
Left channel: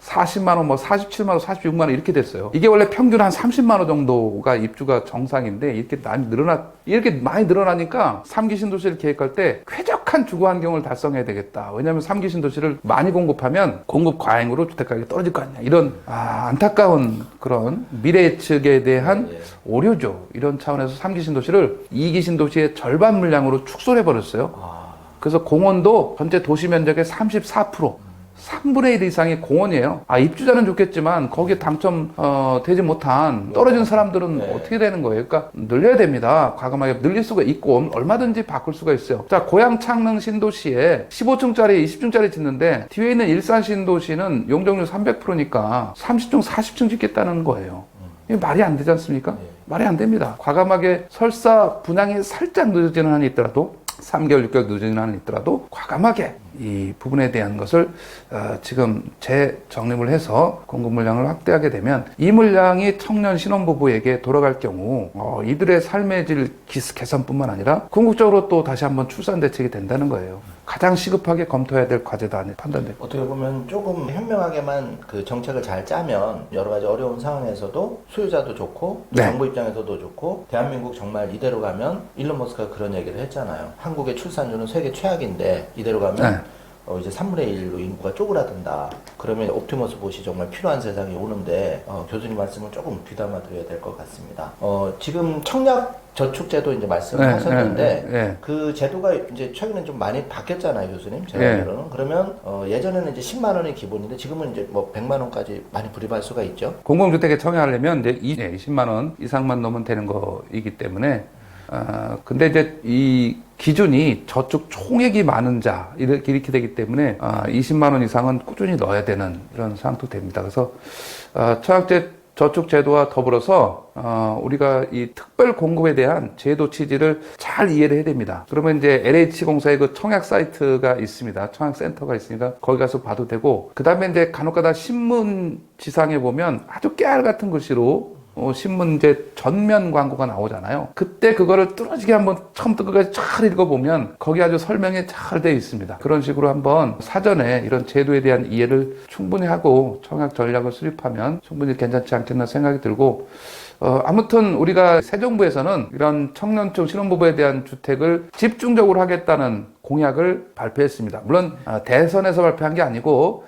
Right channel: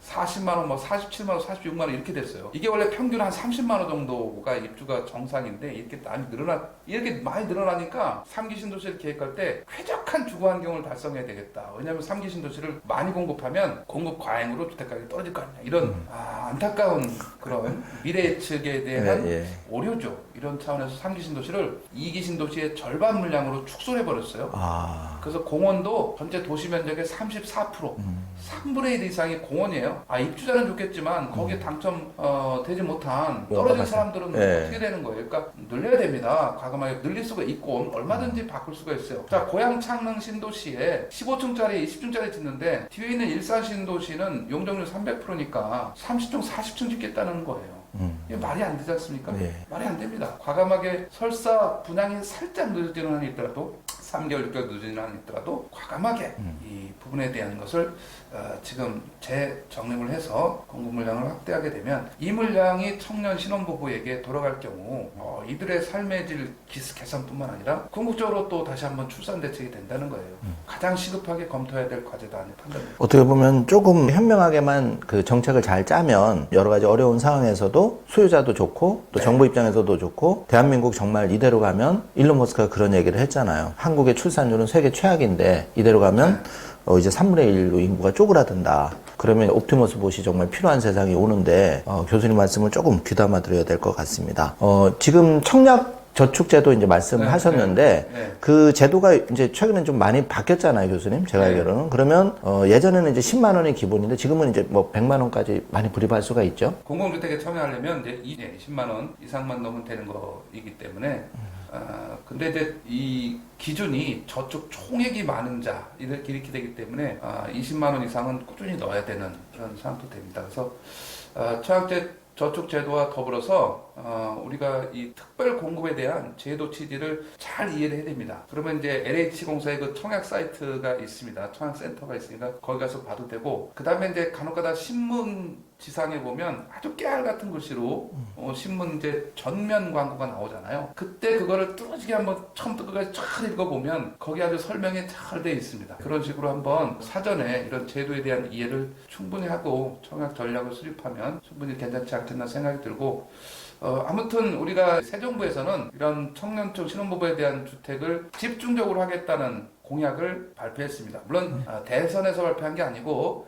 40만 원, 뭐 47만 원, 46만 원 이렇게 됐어요. 이게 원래 평균 한 30만 원 정도가 입주가 정상인데 이렇게 많이 늘어나니까 3기 신도시를 계획할 때 쾌적한 주거 환경을 달성해야 되겠다. 왜냐하면 3기 신도시를 많이 공급하면 공급 과잉으로 주택 가격이 떨어질 거 아니냐. 이런 안타까운 그런 미래 예측에 대한 오류죠. 이런 차원에서 3기 신도시를 2기 신도시의 절반 물량으로 축소해 버렸어요. 그래서 공원도 전체 도시 면적의 34%. 3분의 1 이상이 공원이에요. 입주자는 좋겠지만 거기에 당첨되지 못한 떨어진 사람들은 어떻게 되는 거예요? 그러니까 늘려야 됩니다. 과감하게 늘릴 수가 있고 얼마든지 바꿀 수가 있어요. 자, 고양 창릉 신도시에 15층짜리, 20층짜리 짓는데 뒤에 있는 일산 신도시는 용적률 300%니까 30층, 40층 짓겠다는 거예요. 이게 말이 안 되지 않습니까? 말이 안 됩니다. 과감하게 설사 분양이 살짝 늦어지는 한이 있더라도 3개월, 6개월 늦어지는 한이 있더라도 과감하게 이 부분에 대한 것을 지금 재정립을 해서 공급 물량을 확대하게 되면 이 물량이 청년 신혼부부에게 돌아갈 경우 이들의 삶의 질 개선뿐만 아니라 궁극적으로 또 다시 한번 출산 대책이 된다는 거예요. 가장 시급하게 검토해야 될 과제다 판단됩니다. 어떻게 보면 조금 현명하게만 그 정책을 잘 짜면 여러 가지 어려운 상황에서도 수요자도 좋고 또 정부 입장에서도 좋고 대한민국 정말 이대로 가면 일론 머스크가 그런 얘기를 했잖아요. 한국의 출산율은 세계 최악인데 이대로 가면 이제 3분의 1로 인구가 쪼그라든다. 그러면 옵티머스 봇이 정말 필요한 세상이 오는데 교수님 말씀을 조금 귀담아 드려야 될 것 같습니다. 지금 청약 저축제도 이제 말씀을 하셨는데 그 제도가 이제 최근에 좀 많이 바뀌었잖아요, 교수님. 제가 알기로는. 그러면 예전에는 이제 10만 원이 기본인데 지금은 이제 뭐 100만 원까지 많이 불입할 수가 있죠. 공공주택에 청약하려면 이제 20만 원 이상만 넣으면 되는 거이기 때문에 근데 이제 이 기준이 저축 총액이 많은 자 이렇게 되기 때문에 20만 원 이상은 꾸준히 넣어야 되는 그런 상황도 됩니다. 그래서 청약제 저축 제도와 더불어서 우리가 이 특별 공급에 대한 제도 취지를 잘 이해를 해야 됩니다. 그러면 이제 LH공사의 그 청약 사이트가 있습니다. 청약 센터가 있으니까 거기 가서 봐도 되고, 그 다음에 이제 간혹가다 신문 지상에 보면 아주 깨알 같은 글씨로 신문 이제 전면 광고가 나오잖아요. 그때 그거를 뚫어지게 한번 처음부터 끝까지 잘 읽어보면 거기 아주 설명이 잘 되어 있습니다. 그런 식으로 한번 사전에 이런 제도에 대한 이해를 충분히 하고 청약 전략을 수립하면 충분히 괜찮지 않겠나 생각이 들고, 아무튼 우리가 새 정부에서는 이런 청년층 신혼부부에 대한 주택을 집중적으로 하겠다는 공약을 발표했습니다. 물론 대선에서 발표한 게 아니고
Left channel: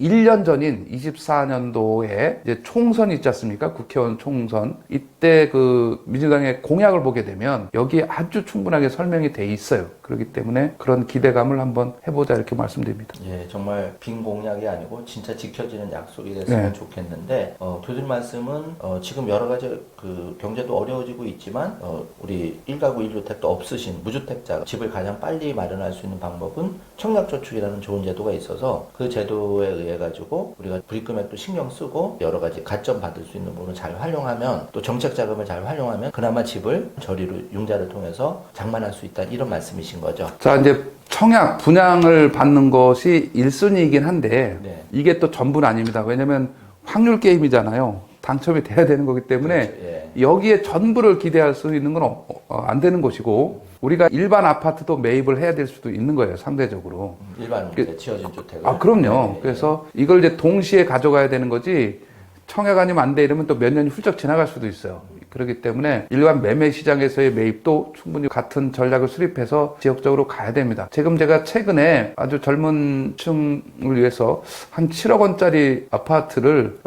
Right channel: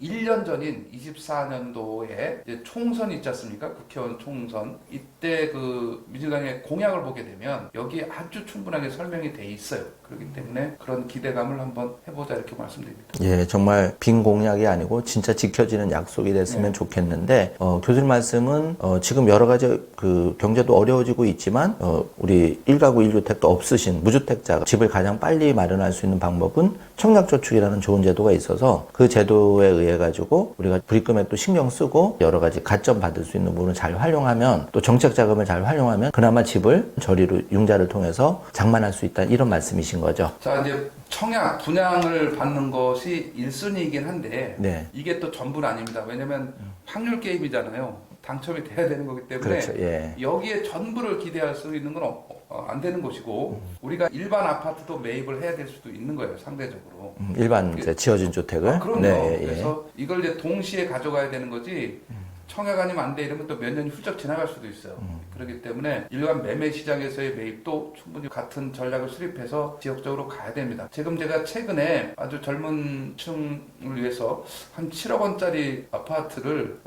1년 전인 24년도에 이제 총선이 있지 않습니까? 국회의원 총선. 이때 그 민주당의 공약을 보게 되면 여기에 아주 충분하게 설명이 돼 있어요. 그렇기 때문에 그런 기대감을 한번 해보자 이렇게 말씀드립니다. 예, 정말 빈 공약이 아니고 진짜 지켜지는 약속이 됐으면 네. 좋겠는데 교수님 말씀은 지금 여러 가지 그 경제도 어려워지고 있지만 우리 1가구 1주택도 없으신 무주택자가 집을 가장 빨리 마련할 수 있는 방법은 청약저축이라는 좋은 제도가 있어서 그 제도에 의해 가지고 우리가 불입금에 또 신경 쓰고 여러 가지 가점 받을 수 있는 부분을 잘 활용하면 또 정책 자금을 잘 활용하면 그나마 집을 저리로 융자를 통해서 장만할 수 있다 이런 말씀이신 거죠. 자, 이제 청약 분양을 받는 것이 1순위이긴 한데 네. 이게 또 전부는 아닙니다. 왜냐면 확률 게임이잖아요. 당첨이 돼야 되는 거기 때문에 그렇죠. 예. 여기에 전부를 기대할 수 있는 건 안 되는 것이고 우리가 일반 아파트도 매입을 해야 될 수도 있는 거예요. 상대적으로. 일반 이제 지어진 주택을. 그럼요. 네, 예. 그래서 이걸 이제 동시에 가져가야 되는 거지 청약 아니면 안 돼 이러면 또 몇 년이 훌쩍 지나갈 수도 있어요. 그렇기 때문에 일반 매매 시장에서의 매입도 충분히 같은 전략을 수립해서 지역적으로 가야 됩니다. 지금 제가 최근에 아주 젊은 층을 위해서 한 7억 원짜리 아파트를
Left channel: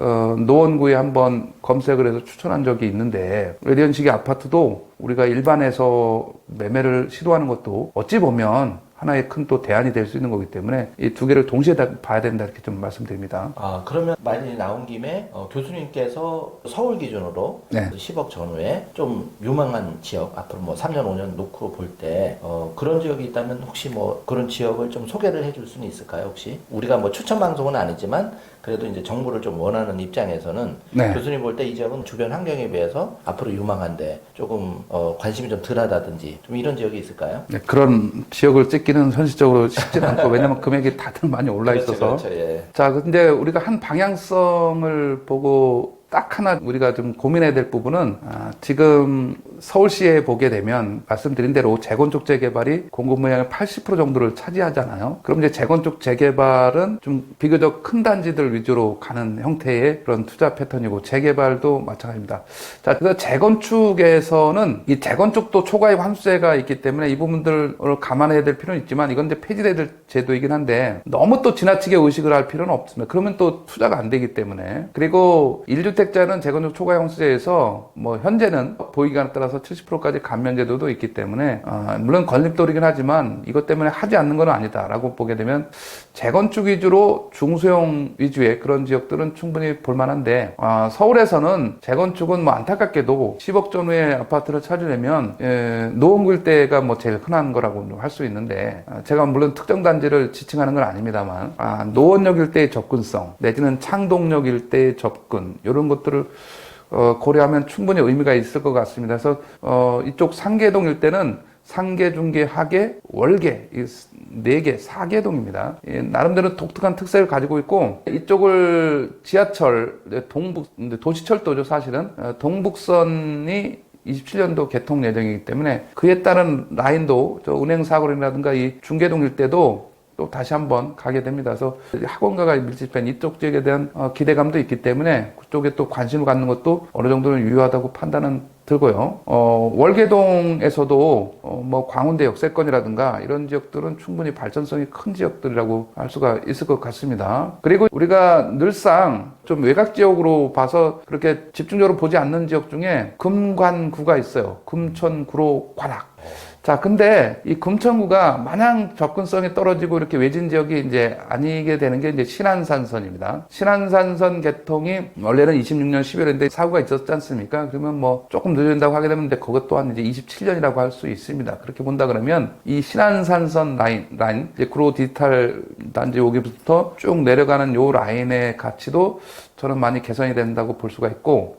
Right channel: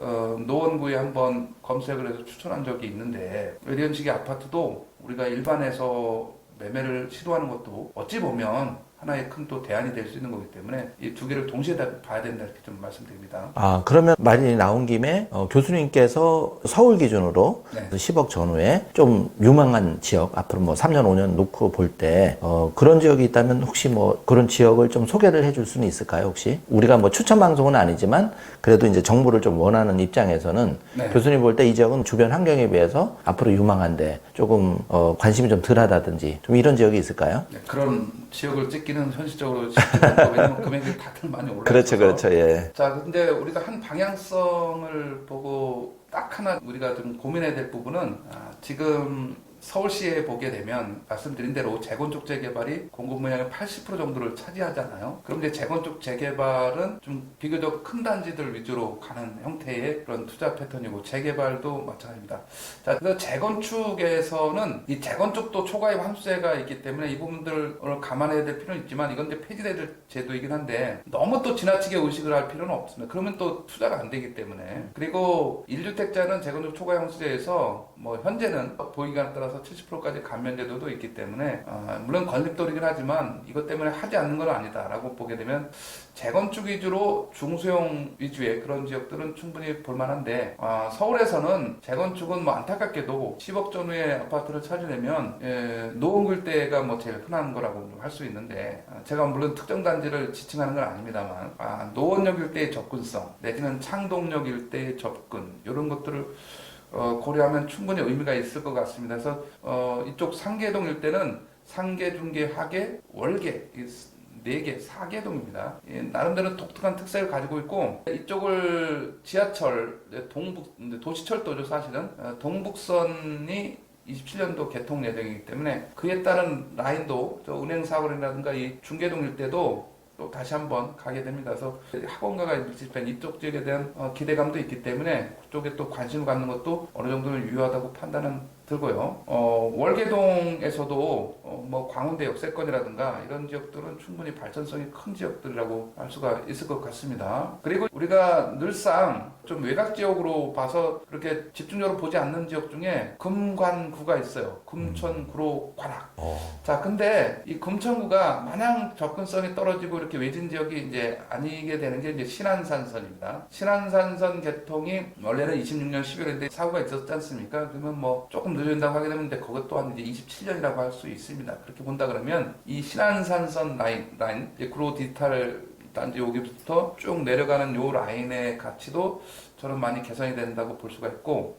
노원구에 한번 검색을 해서 추천한 적이 있는데 이런 식의 아파트도 우리가 일반에서 매매를 시도하는 것도 어찌 보면 하나의 큰 또 대안이 될 수 있는 거기 때문에 이 두 개를 동시에 다 봐야 된다 이렇게 좀 말씀드립니다. 그러면 말이 나온 김에 교수님께서 서울 기준으로 네. 그 10억 전후에 좀 유망한 지역 앞으로 뭐 3년 5년 놓고 볼 때 그런 지역이 있다면 혹시 뭐 그런 지역을 좀 소개를 해줄 수는 있을까요? 혹시 우리가 뭐 추천 방송은 아니지만 그래도 이제 정보를 좀 원하는 입장에서는 네. 교수님 볼 때 이 지역은 주변 환경에 비해서 앞으로 유망한데 조금 관심이 좀 덜하다든지 좀 이런 지역이 있을까요? 네, 그런 지역을 찍기는 현실적으로 쉽지 않고 왜냐면 금액이 다들 많이 올라 있어서 그렇죠, 예. 자, 근데 우리가 한 방향성을 보고 딱 하나 우리가 좀 고민해야 될 부분은 지금 서울시에 보게 되면 말씀드린 대로 재건축 재개발이 공급 물량의 80% 정도를 차지하잖아요. 그럼 이제 재건축 재개발은 좀 비교적 큰 단지들 위주로 가는 형태의 그런 투자 패턴이고 재개발도 마찬가지입니다. 자, 그래서 재건축에서는 이 재건축도 초과입 환수세가 있기 때문에 이 부분들을 감안해야 될 필요는 있지만 이건 이제 폐지돼야 될 제도이긴 한데 너무 또 지나치게 의식을 할 필요는 없습니다. 그러면 또 투자가 안 되기 때문에. 그리고 1주택자는 재건축 초과입 환수세에서 뭐 현재는 보유기간에 따라서 70%까지 감면 제도도 있기 때문에 물론 건립도이긴 하지만 이것 때문에 하지 않는 건 아니다라고 보게 되면 재건축 위주로 중소형 위주의 그런 지역들은 충분히 볼만한데 서울에서는 재건축은 뭐 안타깝게도 10억 전후의 아파트를 찾으려면 노원구 일대가 뭐 제일 흔한 거라고 할 수 있는데 제가 물론 특정 단지를 지칭하는 건 아닙니다만 노원역 일대의 접근성 내지는 창동역 일대의 접근 이런 것들을 고려하면 충분히 의미가 있을 것 같습니다. 그래서 이쪽 상계동 일대는 상계, 중계, 하계, 월계 이 4개, 4개동입니다. 나름대로 독특한 특색을 가지고 있고 이쪽을 지하철, 도시철도죠 사실은 동북선이 27년도 개통 예정이기 때문에 그에 따른 라인도 은행사거리라든가 이 중계동 일대도 또 다시 한번 가게 됩니다. 그래서 학원가가 밀집한 이쪽 지역에 대한 기대감도 있기 때문에 그쪽에 또 관심을 갖는 것도 어느 정도는 유효하다고 판단은 들고요. 월계동에서도 뭐 광운대 역세권이라든가 이런 지역들은 충분히 발전성이 큰 지역들이라고 알 수가 있을 것 같습니다. 그리고 우리가 늘상 좀 외곽 지역으로 봐서 그렇게 집중적으로 보지 않는 지역 중에 금관구가 있어요. 금천구로 관악. 자, 근데 이 금천구가 마냥 접근성이 떨어지고 이렇게 외진 지역이 이제 아니게 되는 게 이제 신안산선입니다. 신안산선 개통이 원래는 26년 12월인데 사고가 있었지 않습니까? 그러면 뭐 조금 늦어진다고 하게 되면 그것 또한 이제 27년이라고 할 수 있습니다. 그렇게 본다 그러면 이 신안산선 라인 이제 구로 디지털 단지 여기부터 쭉 내려가는 요 라인의 가치도 저는 많이 개선이 된다고 볼 수가 있고,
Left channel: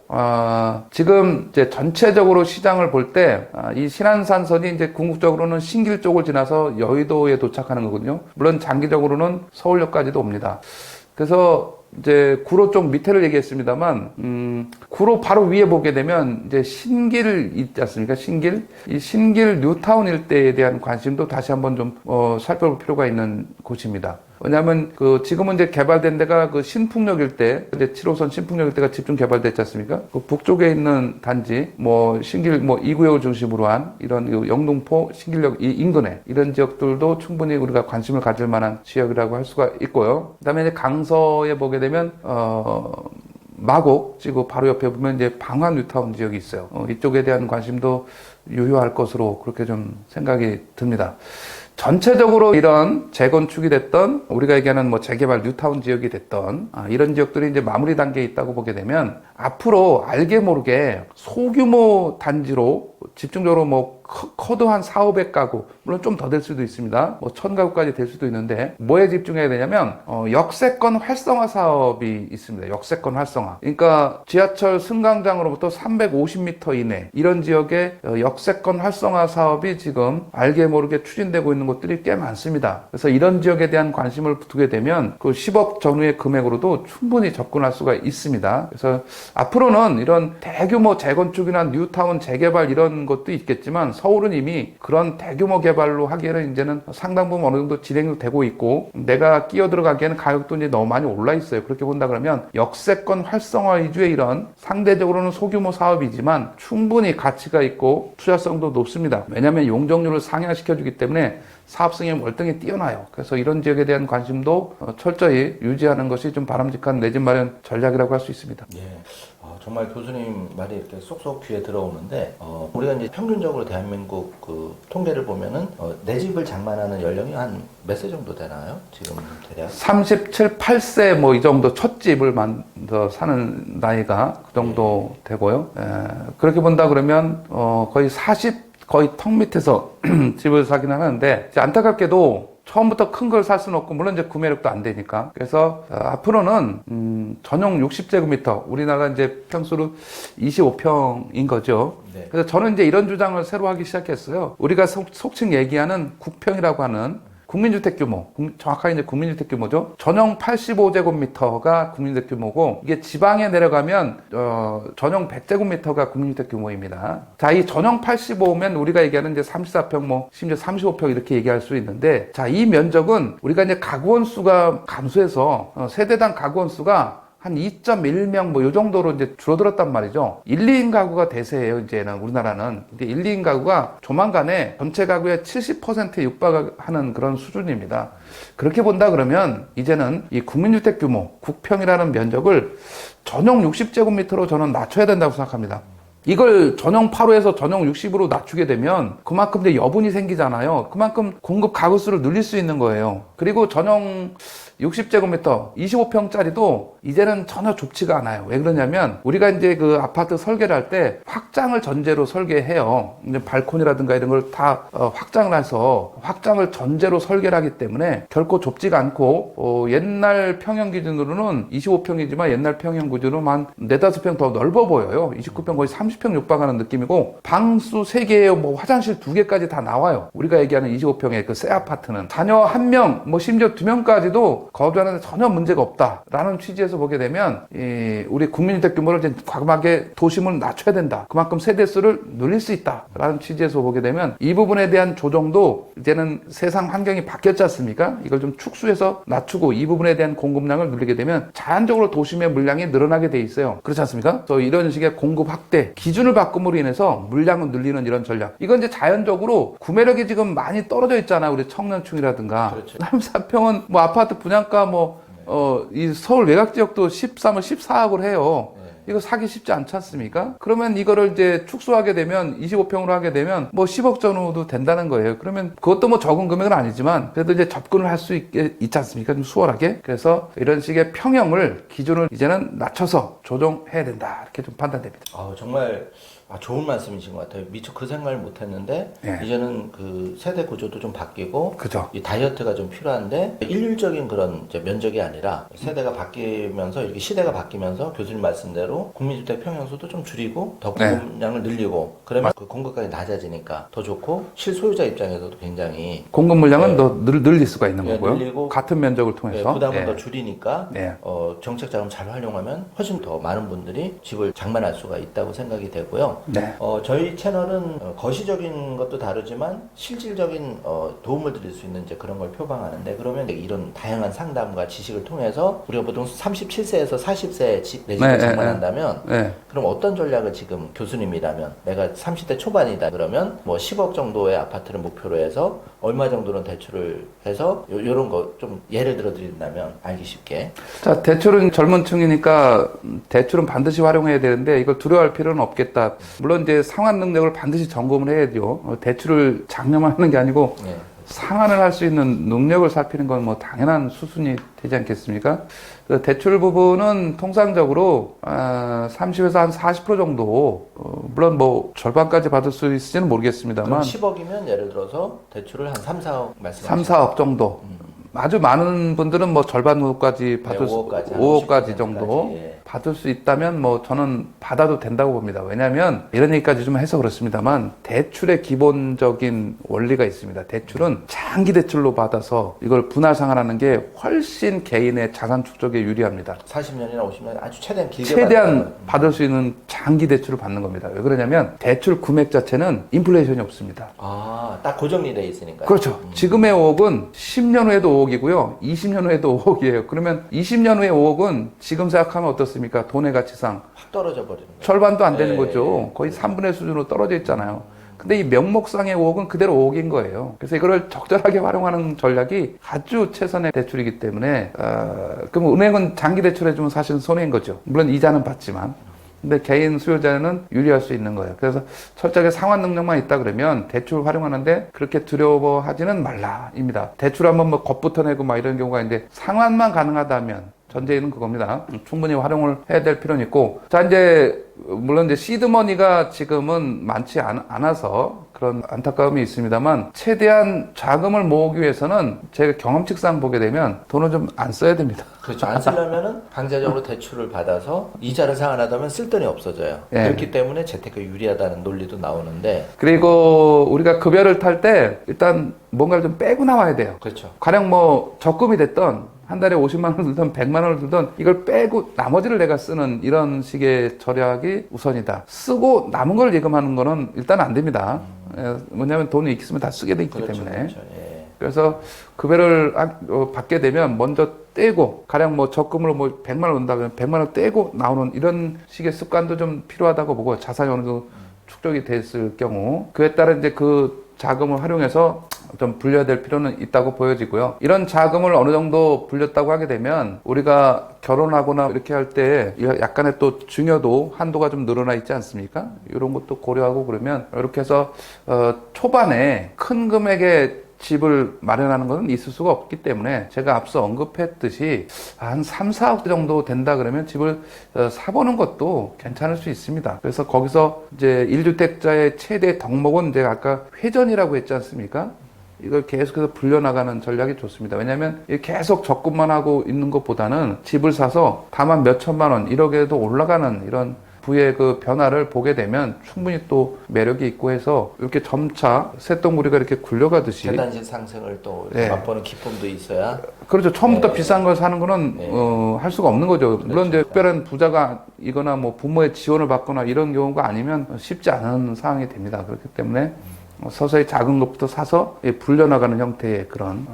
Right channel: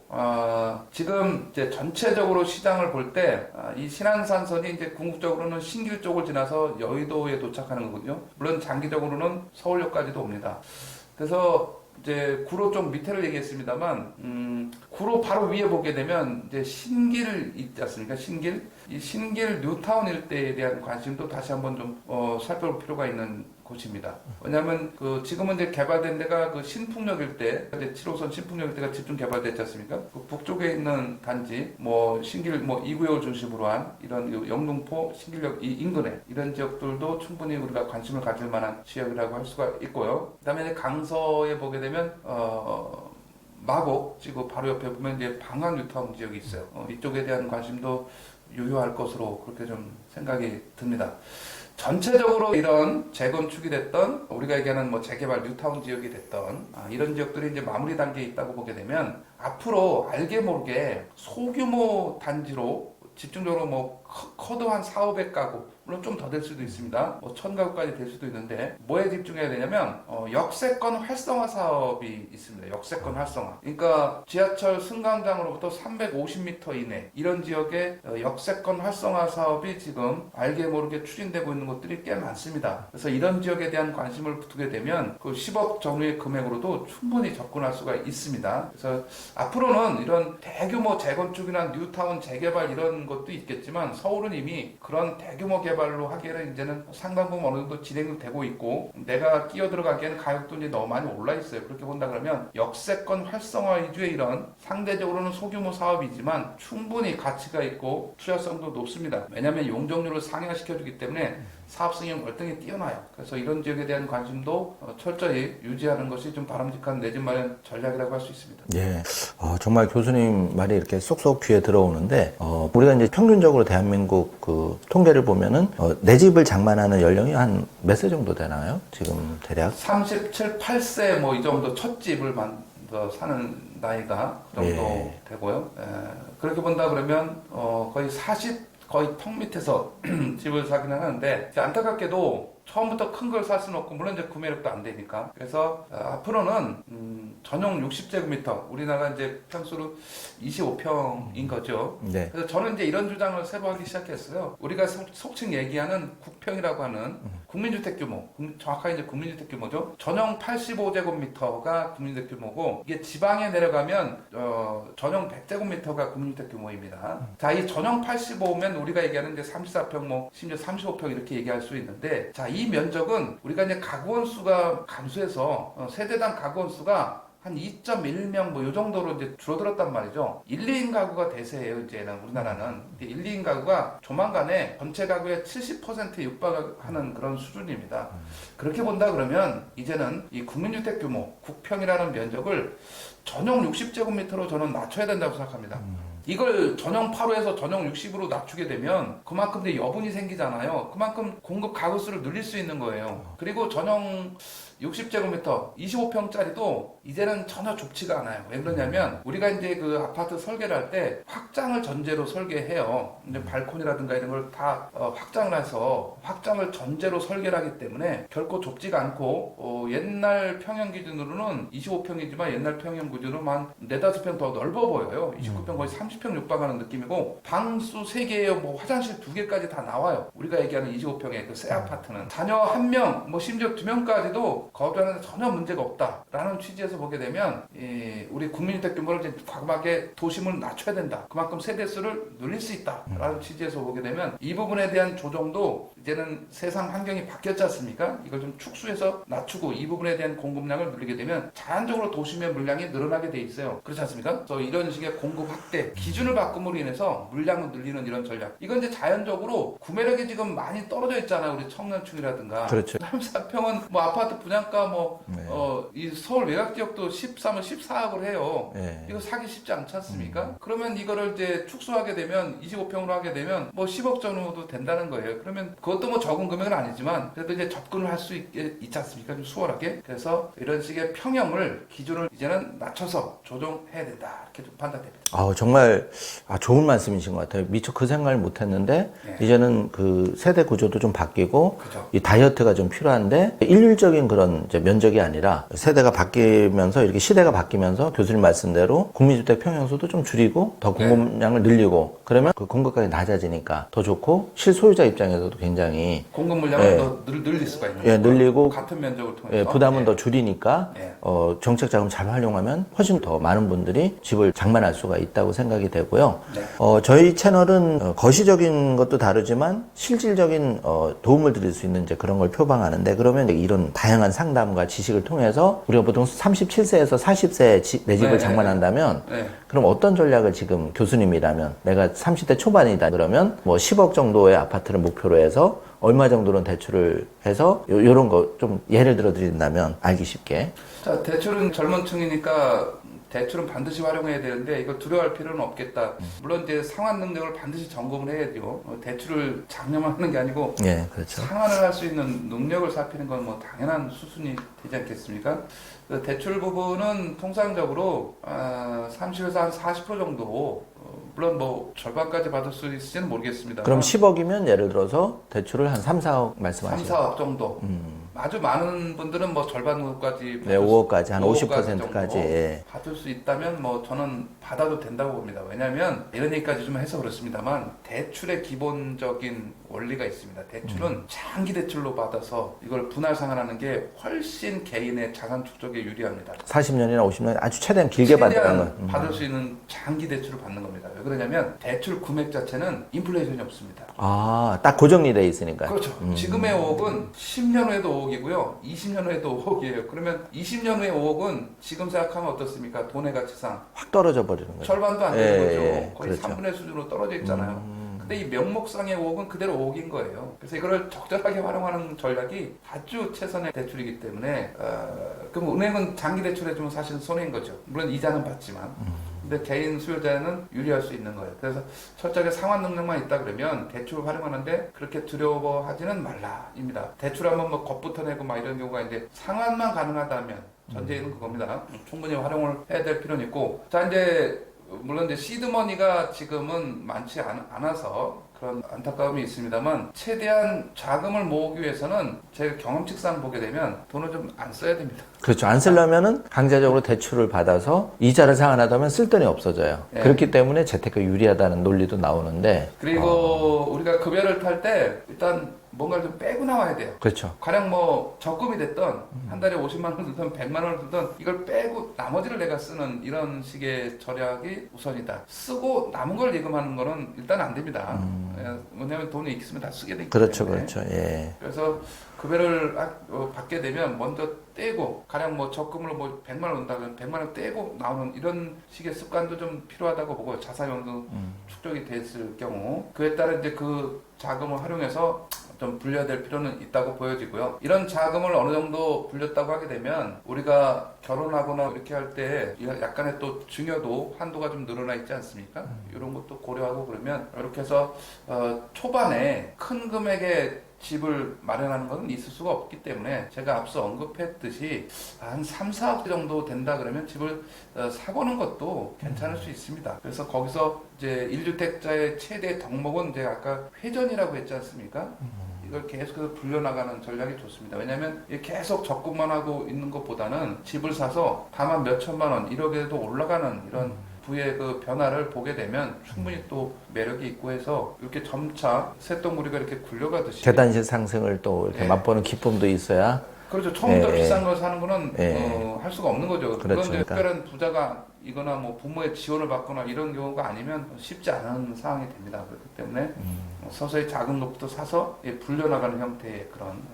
지금 이제 전체적으로 시장을 볼 때, 이 신안산선이 이제 궁극적으로는 신길 쪽을 지나서 여의도에 도착하는 거거든요. 물론 장기적으로는 서울역까지도 옵니다. 그래서 이제 구로 좀 밑에를 얘기했습니다만, 구로 바로 위에 보게 되면 이제 신길 있지 않습니까? 신길. 이 신길 뉴타운 일대에 대한 관심도 다시 한번 좀 살펴볼 필요가 있는 곳입니다. 왜냐하면 지금은 이제 개발된 데가 그 신풍역 일대, 이제 7호선 신풍역 일대가 집중 개발됐지 않습니까? 그 북쪽에 있는 단지, 뭐 신길 뭐 2구역을 중심으로 한 이런 영등포 신길역 이 인근에 이런 지역들도 충분히 우리가 관심을 가질 만한 지역이라고 할 수가 있고요. 그다음에 이제 강서에 보게 되면 마곡 지구 바로 옆에 보면 이제 방화 뉴타운 지역이 있어요. 이쪽에 대한 관심도 유효할 것으로 그렇게 좀 생각이 듭니다. 전체적으로 이런 재건축이 됐던 우리가 얘기하는 뭐 재개발 뉴타운 지역이 됐던 이런 지역들이 이제 마무리 단계에 있다고 보게 되면 앞으로 알게 모르게 소규모 단지로 집중적으로 뭐 커도 한 4, 500가구 물론 좀 더 될 수도 있습니다. 뭐 1000가구까지 될 수도 있는데 뭐에 집중해야 되냐면 역세권 활성화 사업이 있습니다. 역세권 활성화. 그러니까 지하철 승강장으로부터 350m 이내 이런 지역에 역세권 활성화 사업이 지금 알게 모르게 추진되고 있는 곳들이 꽤 많습니다. 그래서 이런 지역에 대한 관심을 두게 되면 그 10억 전후의 금액으로도 충분히 접근할 수가 있습니다. 그래서 앞으로는 이런 대규모 재건축이나 뉴타운 재개발 이런 것도 있겠지만 서울은 이미 그런 대규모 개발로 하기에는 이제는 상당 부분 어느 정도 진행되고 있고 내가 끼어 들어가기에는 가격도 이제 너무 많이 올라 있어요. 그렇게 본다 그러면 역세권 활성화 위주의 이런 상대적으로는 소규모 사업이지만 충분히 가치가 있고 투자성도 높습니다. 왜냐하면 용적률을 상향시켜주기 때문에 사업성이 월등히 뛰어나요. 그래서 이런 지역에 대한 관심도 철저히 유지하는 것이 좀 바람직한 내 집 마련 전략이라고 할 수 있습니다. 예, 정말 교수님 말이 이렇게 쏙쏙 귀에 들어오는데 우리가 이제 평균적으로 대한민국 그 통계를 보면은 내 집을 장만하는 연령이 한 몇 세 정도 되나요? 지금 대략 37, 8세 뭐 이 정도 첫 집을 만들어 사는 나이가 그 정도 되고요. 그렇게 본다 그러면 거의 턱 밑에서 집을 사긴 하는데 안타깝게도 처음부터 큰 걸 살 수는 없고 물론 이제 구매력도 안 되니까 그래서 앞으로는 전용 60제곱미터 우리나라 이제 평수로 25평인 거죠. 네. 그래서 저는 이제 이런 주장을 새로 하기 시작했어요. 우리가 속칭 얘기하는 국평이라고 하는 국민주택 규모, 정확하게 이제 국민주택 규모죠. 전용 85제곱미터가 국민주택 규모고 이게 지방에 내려가면 전용 100제곱미터가 국민주택 규모입니다. 자, 이 전용 85면 우리가 얘기하는 이제 34평, 뭐 심지어 35평 이렇게 얘기할 수 있는데, 자, 이 면적은 우리가 이제 가구원 수가 감소해서 세대당 가구원 수가 한 2.1명 뭐 요 정도로 이제 줄어들었단 말이죠. 1, 2인 가구가 대세예요, 이제는 우리나라는. 근데 1, 2인 가구가 조만간에 전체 가구의 70%에 육박하는 그런 수준입니다. 그렇게 본다 그러면 이제는 이 국민주택 규모, 국평이라는 면적을 전용 60제곱미터로 저는 낮춰야 된다고 생각합니다. 이걸 전용 8호에서 전용 60으로 낮추게 되면 그만큼 이제 여분이 생기잖아요. 그만큼 공급 가구 수를 늘릴 수 있는 거예요. 그리고 전용 60제곱미터 25평짜리도 이제는 전혀 좁지가 않아요. 왜 그러냐면 우리가 이제 그 아파트 설계를 할 때 확장을 전제로 설계해요. 이제 발코니라든가 이런 걸 다 확장을 해서 확장을 전제로 설계를 하기 때문에 결코 좁지가 않고 옛날 평형 기준으로는 25평이지만 옛날 평형 기준으로는 한 4, 5평 더 넓어 보여요. 29평 거의 30평 육박하는 느낌이고 방수 3개에 뭐 화장실 2개까지 다 나와요. 우리가 얘기하는 25평의 그 새 아파트는 자녀 1명 뭐 심지어 2명까지도 거주하는 데 전혀 문제가 없다라는 취지에서 보게 되면 우리 국민주택 규모를 이제 과감하게 도심을 낮춰야 된다. 그만큼 세대수를 늘릴 수 있다라는 취지에서 보게 되면 이 부분에 대한 조정도 이제는 세상 환경이 바뀌었지 않습니까? 이걸 좀 축소해서 낮추고 이 부분에 대한 공급량을 늘리게 되면 자연적으로 도심의 물량이 늘어나게 돼 있어요. 그렇지 않습니까? 그래서 이런 식의 공급 확대, 기준을 바꿈으로 인해서 물량을 늘리는 이런 전략. 이건 이제 자연적으로 구매력이 지금 많이 떨어져 있잖아요. 우리 청년층이라든가. 그렇죠. 34평은 뭐 아파트 분양가 이 서울 외곽 지역도 13억, 14억을 해요. 이거 사기 쉽지 않지 않습니까? 그러면 이거를 이제 축소하게 되면 25평으로 하게 되면 뭐 10억 전후도 된다는 거예요. 그러면 그것도 뭐 적은 금액은 아니지만 그래도 이제 접근을 할 수 있지 않습니까? 좀 수월하게. 그래서 이런 식의 평형을 기준을 이제는 낮춰서 조정해야 된다. 이렇게 좀 판단됩니다. 정말 좋은 말씀이신 것 같아요. 미처 그 생각을 못 했는데 이제는 그 세대 구조도 좀 바뀌고 그죠. 이 다이어트가 좀 필요한데 일률적인 그런 그런 이제 면적이 아니라 세대가 바뀌면서 이렇게 시대가 바뀌면서 교수님 말씀대로 국민주택 평형수도 좀 줄이고 더 공급량을 늘리고 그러면 그 공급가격이 낮아지니까 더 좋고 실소유자 입장에서도 굉장히 공급 물량을 더 늘릴 수가 있는 거고요. 늘리고 같은 면적을 통해서 부담을 더 줄이니까 정책 자금 잘 활용하면 훨씬 더 많은 분들이 집을 장만할 수가 있다고 생각이 되고요. 저희 채널은 거시적인 것도 다르지만 실질적인 도움을 드릴 수 있는 이제 그런 걸 표방하는데 그러면 이제 이런 다양한 상담과 지식을 통해서 우리가 보통 37세에서 40세에 내 집을 장만한다면 그럼 어떤 전략을 지금 교수님이라면 내가 30대 초반이다 그러면 뭐 10억 정도의 아파트를 목표로 해서 얼마 정도는 대출을 해서 요런 거 좀 예를 들어 드린다면 알기 쉽게. 자, 대출은 젊은 층이니까 대출은 반드시 활용해야 되는데 이걸 두려워할 필요는 없겠다. 물론 이제 상환 능력을 반드시 점검을 해야죠. 대출을 장려만 하는 게 아니고 그렇죠. 상환을 할 수 있는 능력을 살피는 건 뭐 당연한 수순이 되지 않겠습니까? 그 대출 부분은 통상적으로 30에서 한 40% 정도 물론 뭐 절반까지 받을 수 있을지는 모르겠습니다만 그럼 10억이면 예를 들어서 대출을 한 3, 4억 말씀하시죠? 3, 4억 정도. 아주 많은 분들은 뭐 절반 정도까지 받을 5억까지, 수, 한 5억까지 정도 예. 받을 수 있다면 뭐 저는 받아도 된다고 봅니다. 왜냐하면 이런 얘기까지 좀 해서 그렇습니다만 대출의 기본적인 원리가 있습니다. 대출은 장기 대출로 받아서 이걸 분할 상환하는 게 훨씬 개인의 자산 축적에 유리합니다. 40년이나 50년 아주 최대한 길게 최대한 받을 수 있는 장기 대출을 받는 겁니다. 왜 그러냐면 대출 금액 자체는 인플레이션이 없습니다. 딱 고정이 돼 있으니까. 그렇죠. 지금의 5억은 10년 후에도 5억이고요. 20년 후에도 5억이에요. 그러면 20년 후에 5억은 지금 생각하면 어떻습니까? 돈의 가치상 확 떨어져 버리는 거예요. 절반도 안 되는 거죠. 거의 그렇죠. 3분의 수준으로 떨어져 있잖아요. 근데 이 명목상의 5억은 그대로 5억인 거예요. 그래서 이거를 적절하게 활용하는 전략이 아주 최선의 대출이기 때문에 그럼 은행은 장기 대출해주면 사실은 손해인 거죠. 물론 이자는 받지만. 근데 개인 수요자는 유리할 수 있는 거예요. 그래서 철저하게 상환 능력만 있다 그러면 대출 활용하는데 그렇게 두려워하지는 말라입니다. 대출 한번 뭐 겁부터 내고 막 이런 경우가 있는데 상환만 가능하다면 전제는 그겁니다. 충분히 활용을 해야 될 필요는 있고 자 이제 물론 이제 시드머니가 지금은 많지 않아서 그런 안타까움이 있습니다만 최대한 자금을 모으기 위해서는 제가 경험칙상 보게 되면 돈을 좀 안 써야 됩니다. 그렇죠. 안 쓰려면은 강제적으로 대출을 받아서 이자를 상환하다 보면 쓸 돈이 없어져요. 그렇기 때문에 재테크 유리하다는 논리도 나오는데 그리고 우리가 급여를 탈 때 일단 뭔가를 좀 빼고 나와야 돼요. 그렇죠. 가령 뭐 적금이 됐던 한 달에 50만 원을 들던 100만 원을 들던 이걸 빼고 나머지를 내가 쓰는 이런 식의 전략이 우선이다. 쓰고 남은 걸 예금하는 거는 일단 안 됩니다. 뭐냐면 돈이 있으면 다 쓰게 돼 있기 그렇죠, 때문에. 그렇죠. 예. 그래서 급여를 받게 되면 먼저 떼고 가령 뭐 적금으로 뭐 100만 원 온다 그러면 100만 원 떼고 나오는 이런 식의 습관도 좀 필요하다고 보고 자산이 어느 정도 축적이 됐을 경우 그에 따라 이제 그 자금을 활용해서 좀 불려야 될 필요는 있다고 보여지고요. 이런 자금을 어느 정도 불렸다고 하게 되면 우리가 결혼하거나 이렇게 할 때 약간의 또 증여도 한도가 좀 늘어나 있지 않습니까? 이런 것도 고려하고 그러면 이렇게 해서 초반에 큰 금액의 집을 마련하는 것은 있을 수가 없기 때문에 제가 앞서 언급했듯이 한 3, 4억 정도 된다 그러면 집을 사보는 것도 괜찮을 수 있습니다. 그래서 거기서 이제 1주택자의 최대 덕목은 제가 아까 회전이라고 했지 않습니까? 이걸 계속해서 불려나가는 전략이 좋습니다. 왜냐하면 계속 적금만 하고 있는 것보다는 집을 사서 다만 몇 천만 원, 1억에도 올라가는 이런 부의 그 변화를 보게 되면 충분히 또 매력이 있고 해서 이렇게 점차 쇳덩구리가 이렇게 굴려가듯이 재단실 상승을 또 이렇게 맛보는 기쁨도 있어야. 그렇죠. 처음부터 비싼 걸 사는 거는 할 수가 없는 거죠. 그렇죠. 물론 이제 특별한 부자가 이거나 뭐 부모의 지원을 받거나 이런 경우가 아니면 쉽지 않은 상황이 됩니다. 그렇기 때문에 서서히 작은 것부터 사서 불려나가는 형태의 그런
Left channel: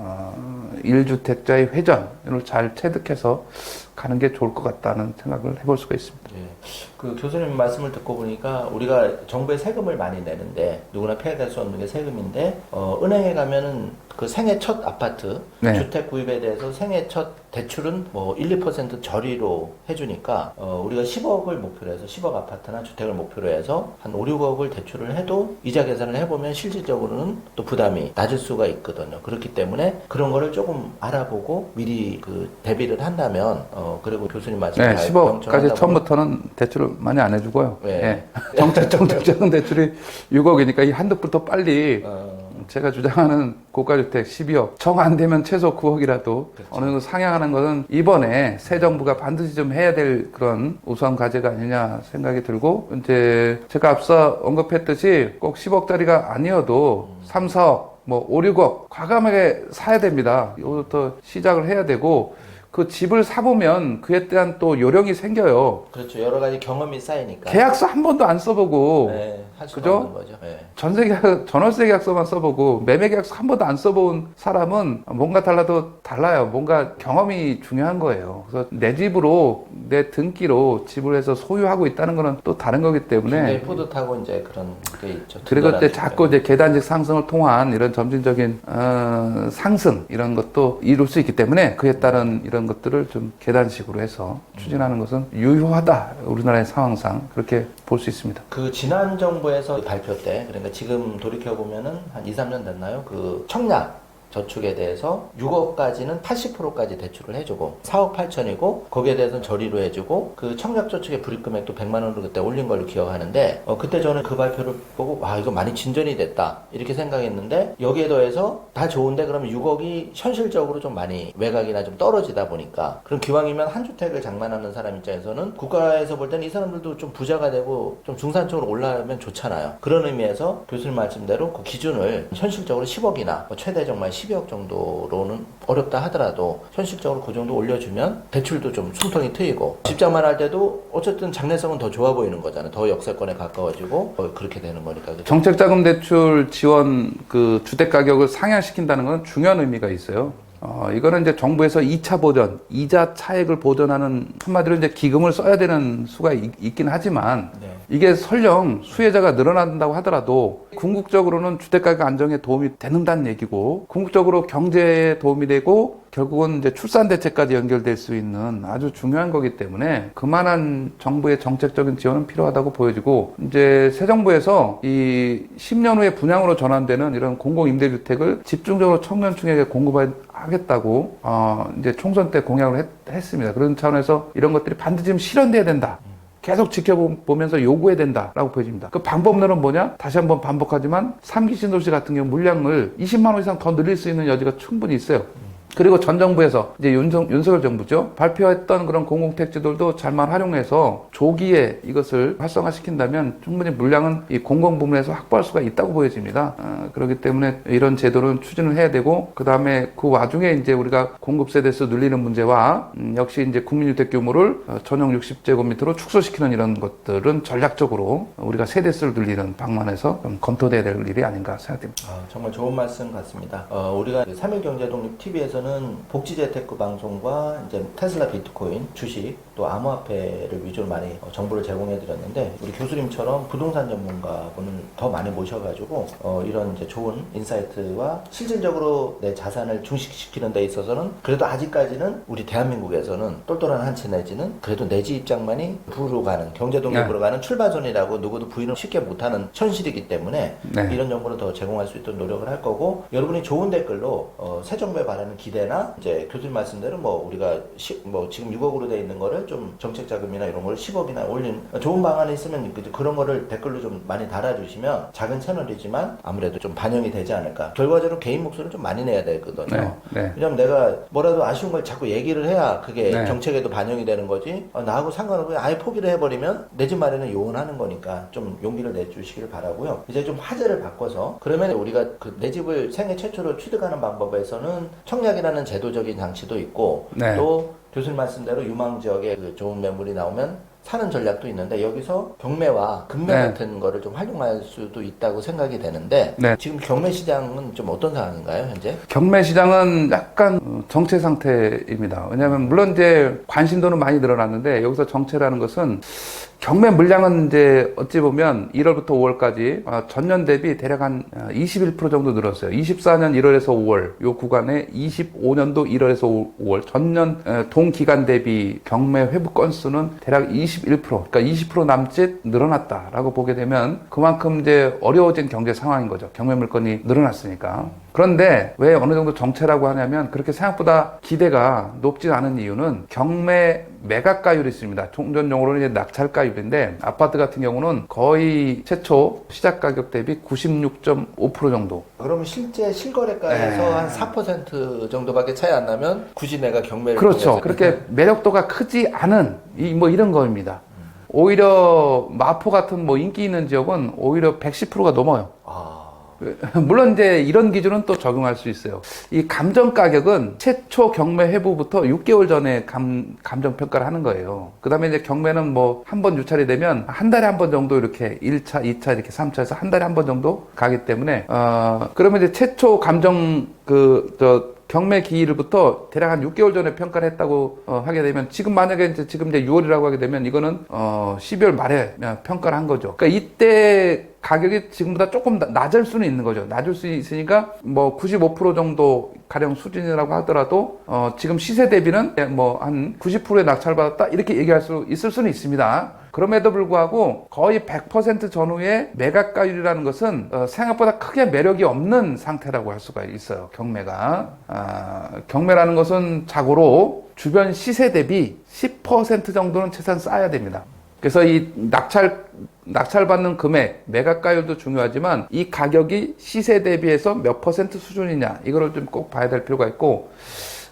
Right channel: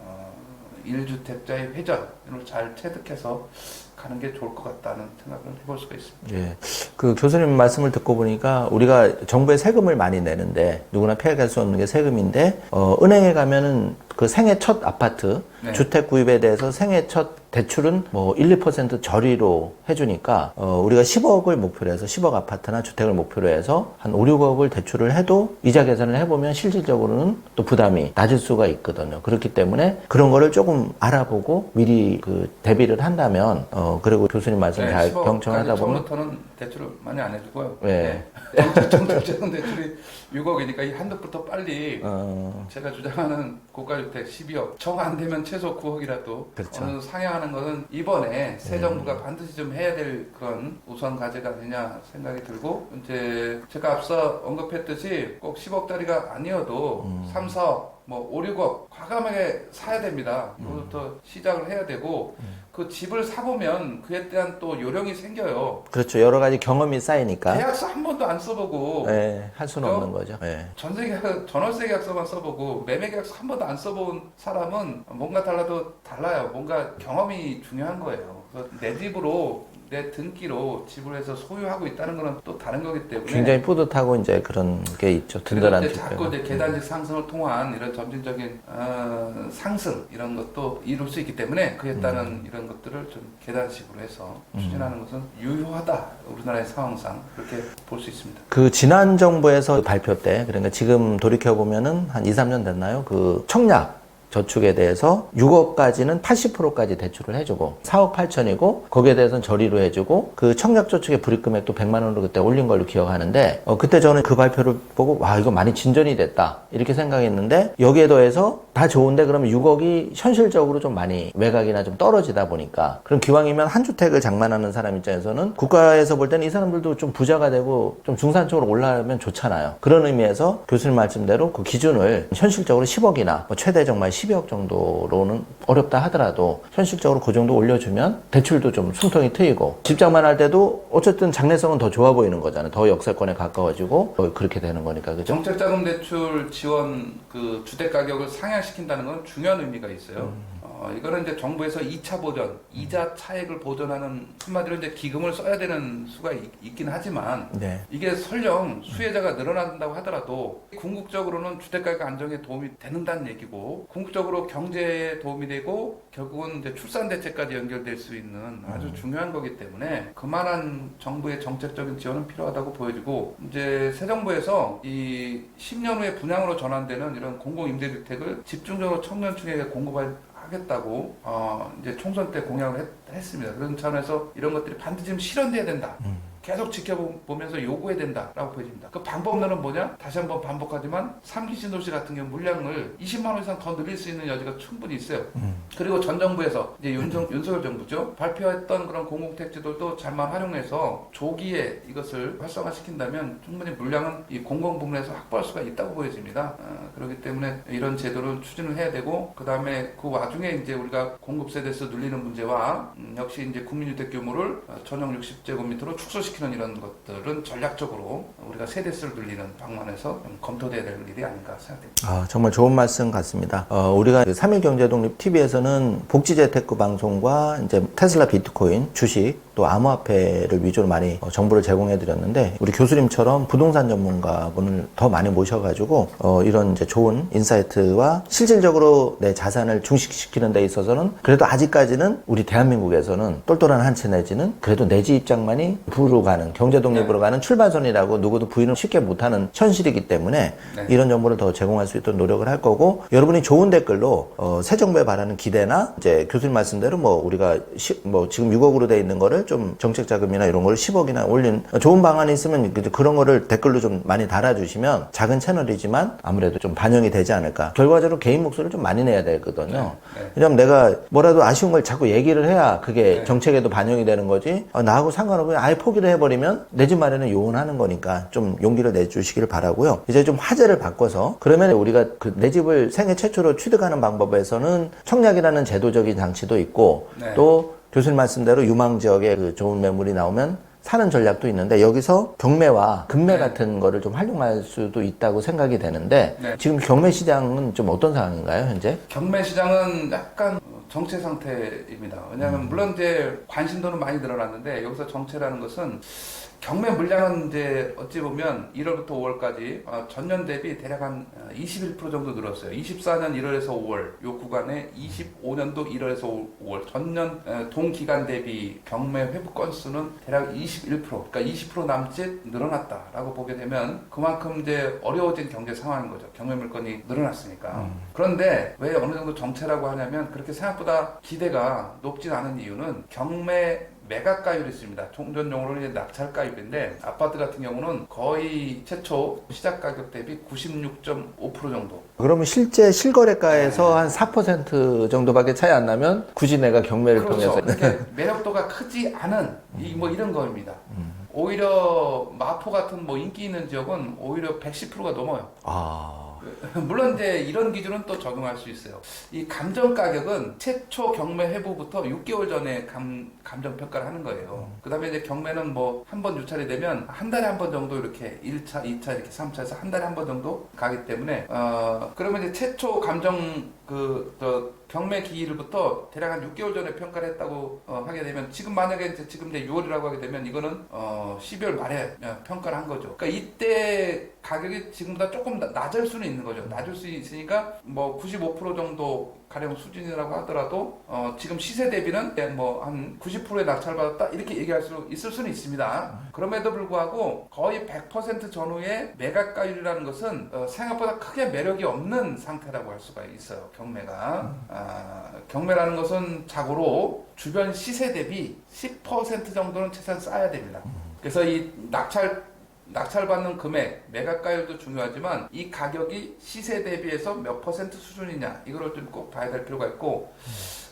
1주택자의 회전을 잘 체득해서 가는 게 좋을 것 같다는 생각을 해볼 수가 있습니다. 예. 그 교수님 말씀을 듣고 보니까 우리가 정부에 세금을 많이 내는데 누구나 피할 수 없는 게 세금인데 은행에 가면은 그 생애 첫 아파트 주택 구입에 대해서 생애 첫 대출은 뭐 1, 2% 저리로 해주니까 우리가 10억을 목표로 해서 10억 아파트나 주택을 목표로 해서 한 5, 6억을 대출을 해도 이자 계산을 해보면 실질적으로는 또 부담이 낮을 수가 있거든요. 그렇기 때문에 그런 거를 조금 알아보고 미리 그 대비를 한다면 그리고 교수님 말씀 네, 잘 10억까지 병행하다 보면 처음부터는 대출을 많이 안 해주고요. 네. 정책적인 대출이 6억이니까 이 한두 푼 더 빨리 제가 주장하는 고가주택 12억 정 안 되면 최소 9억이라도 그렇죠. 어느 정도 상향하는 것은 이번에 새 정부가 반드시 좀 해야 될 그런 우수한 과제가 아니냐 생각이 들고 이제 제가 앞서 언급했듯이 꼭 10억짜리가 아니어도 3, 4억 뭐 5, 6억 과감하게 사야 됩니다. 이거부터 시작을 해야 되고 그 집을 사보면 그에 대한 또 요령이 생겨요. 그렇죠. 여러 가지 경험이 쌓이니까 계약서 한 번도 안 써보고 네, 할 수는 그죠? 없는 거죠. 네. 전월세 계약서만 써보고 매매 계약서 한 번도 안 써본 사람은 뭔가 달라요. 뭔가 경험이 중요한 거예요. 그래서 내 집으로 내 등기로 집을 해서 소유하고 있다는 거는 또 다른 거기 때문에 굉장히 뿌듯하고 이제 그런 게 있죠. 그리고 이제 든든한 자꾸 이제 계단식 상승을 통한 이런 점진적인 상승 이런 것도 이룰 수 있기 때문에 그에 따른 이런 것들을 좀 계단식으로 해서 추진하는 것은 유효하다. 우리나라의 상황상 그렇게 볼 수 있습니다. 그 지난 정부에서 발표 때 그러니까 지금 돌이켜 보면은 한 2, 3년 됐나요? 그 청약 저축에 대해서 6억까지는 80%까지 대출을 해주고 4억 8천이고 거기에 대해서는 저리로 해주고 그 청약저축의 불입금액도 100만 원으로 그때 올린 걸로 기억하는데 그때 저는 그 발표를 보고 와 이거 많이 진전이 됐다 이렇게 생각했는데 여기에 더해서 다 좋은데 그러면 6억이 현실적으로 좀 많이 외곽이나 좀 떨어지다 보니까 그럼 기왕이면 한 주택을 장만하는 사람 입장에서는 국가에서 볼 때는 이 사람들도 좀 부자가 되고 좀 중산층으로 올라가면 좋잖아요. 그런 의미에서 교수님 말씀대로 그 기준을 현실적으로 10억이나 최대 정말 12억 정도로는 어렵다 하더라도 현실적으로 그 정도 올려주면 대출도 좀 숨통이 트이고 집장만 할 때도 어쨌든 장래성은 더 좋아 보이는 거잖아요. 더 역세권에 가까워지고 그렇게 되는 거니까. 그죠? 정책자금 대출 지원 그 주택 가격을 상향시킨다는 건 중요한 의미가 있어요. 이거는 이제 정부에서 2차 보전, 이자 차액을 보전하는 한마디로 이제 기금을 써야 되는 수가 있긴 하지만 네. 이게 설령 수혜자가 늘어난다고 하더라도 궁극적으로는 주택가격 안정에 도움이 되는다는 얘기고 궁극적으로 경제에 도움이 되고 결국은 이제 출산 대책까지 연결될 수 있는 아주 중요한 거기 때문에 그만한 정부의 정책적인 지원은 필요하다고 보여지고 이제 새 정부에서 이 10년 후에 분양으로 전환되는 이런 공공임대주택을 집중적으로 청년층에게 공급하겠다고 이제 총선 때 공약을 했습니다. 그런 차원에서 이런 것들이 반드시 좀 실현돼야 된다. 계속 지켜보면서 요구해야 된다라고 보여집니다. 그 방법론은 뭐냐? 다시 한번 반복하지만 3기 신도시 같은 경우 물량을 20만 원 이상 더 늘릴 수 있는 여지가 충분히 있어요. 그리고 전 정부에서 이제 윤석열 정부죠. 발표했던 그런 공공택지들도 잘만 활용해서 조기에 이것을 활성화시킨다면 충분히 물량은 이 공공부문에서 확보할 수가 있다고 보여집니다. 그렇기 때문에 이런 제도는 추진을 해야 되고 그 다음에 그 와중에 이제 우리가 공급 세대수 늘리는 문제와 역시 이제 국민주택 규모를 전용 60제곱미터로 축소시키는 이런 것들은 전략적으로 우리가 세대수를 늘리는 방면에서 좀 검토돼야 될 일이 아닌가 생각됩니다. 정말 좋은 말씀 같습니다. 우리가 3일 경제독립 TV에서는 복지재테크 방송과 이제 테슬라 비트코인, 주식, 또 암호화폐를 위주로 많이 정보를 제공해 드렸는데 우리 교수님처럼 부동산 전문가분을 더 많이 모셔가지고 이런 이제 좋은 인사이트와 실질적으로 내 자산을 중식시키는 데 있어서는 그래도 아직까지는 우리 대한민국에서는 똘똘한 한 채 내지는 그래도 내 집 입장만이 부로 가는 경제독립으로 네. 가는 출발선이라고 누구도 부인을 쉽게 못하는 현실이기 때문에 네. 이런 정보를 더 제공할 수 있도록 노력을 할 거고 여러분이 좋은 댓글로 새 정부에 바라는 기대나 이제 교수님 말씀대로 뭐 우리가 지금 6억으로 돼 있는 거를 좀 정책 자금이나 이런 걸 10억이나 올린 좋은 방안이 있으면 그런 거를 댓글로 좀 많이 달아주시면 작은 채널이지만 아무래도 좀 반영이 되지 않을까. 결과적으로 개인 목소리를 좀 많이 내야 되거든요. 네. 네. 왜냐면 내가 뭐라도 아쉬운 걸 자꾸 얘기를 해야 그게 네. 정책에도 반영이 되는 거지. 나하고 상관없이 아예 포기를 해버리면 내 집 마련을 요원하는 거니까 좀 용기를 내주시기를 바라고요. 이제 좀 화제를 바꿔서 그러면 우리가 내 집을 생애 최초로 취득하는 방법에서는 청약이라는 제도적인 장치도 있고 네. 또 교수님 말씀대로 유망 지역에 그 좋은 매물이 나오면 사는 전략도 있는데 여기서 경매와 금매 네. 같은 거를 좀 활용할 수도 있다고 생각이 되는데 네. 지금 경매 시장은 좀 어떤 상황인가요, 현재? 경매 시장은 약간 정체 상태입니다. 왜냐하면 물론 이제 관심도는 많이 늘어났는데 여기서 정체라는 것은 경매 물량은 이제 어찌 보면 1월부터 5월까지 전년 대비 대략 한 21% 정도 늘었어요. 24년 1월에서 5월 요 구간에 25년도 1월에서 5월 전년 동기간 대비 경매 회부 건수는 대략 21%, 그러니까 20% 남짓 늘어났다라고 보게 되면 그만큼 이제 어려워진 경제 상황인 거죠. 경매 물건이 늘어났으니까. 그런데 왜 어느 정도 정체라고 하냐면 그렇게 생각보다 기대가 높진 않은 이유는 경매 매각가율이 있습니다. 종전용어로는 이제 낙찰가율인데 아파트 같은 경우는 거의 최초 시작 가격 대비 96.5% 정도. 그러면 실제 실거래가에서 네. 한 4% 정도밖에 차이 안 나면 굳이 내가 경매를 그렇죠. 통해서 그렇게 매력도가 크지 않은 뭐 이런 거입니다. 오히려 마포 같은 뭐 인기 있는 지역은 오히려 110%가 넘어요. 물론 이제 이런 기준은 또 적용할 수 있어요. 이 감정 가격은 최초 경매 회부부터 6개월 전에 감정 평가를 하는 거예요. 그 다음에 이제 경매는 뭐 한 번 유찰이 되면 한 달에 한 번 정도 이렇게 1차, 2차 이렇게 3차에서 한 달에 한 번 정도 가기 때문에 그러면 이제 최초 감정 경매 기일부터 대략 한 6개월 전에 평가를 했다고 하게 되면 지금 만약에 지금 이제 6월이라고 하게 되면 이거는 12월 말에 평가를 한 거죠. 그러니까 이때 가격이 지금보다 조금 낮을 수는 있는 거죠. 낮을 수 있으니까 뭐 95% 정도 가령 수준이라고 하더라도 지금 시세 대비는 뭐 한 90%의 낙찰 받았다 이렇게 얘기할 수 있을 수는 있습니다. 그럼에도 불구하고 거의 100% 전후의 매각가율이라는 것은 생각보다 크게 매력이 없는 상태라고 할 수가 있어요. 경매가 경매라는 것은 자고로 주변 시세 대비 10% 정도는 최소한 쌓아야 됩니다. 그래서 이 낙찰받는 금액, 매각가율도 중요하지만 이 가격이 시세 대비해서 몇 퍼센트 수준이냐 이거를 좀 꼭 봐야 될 필요가 있고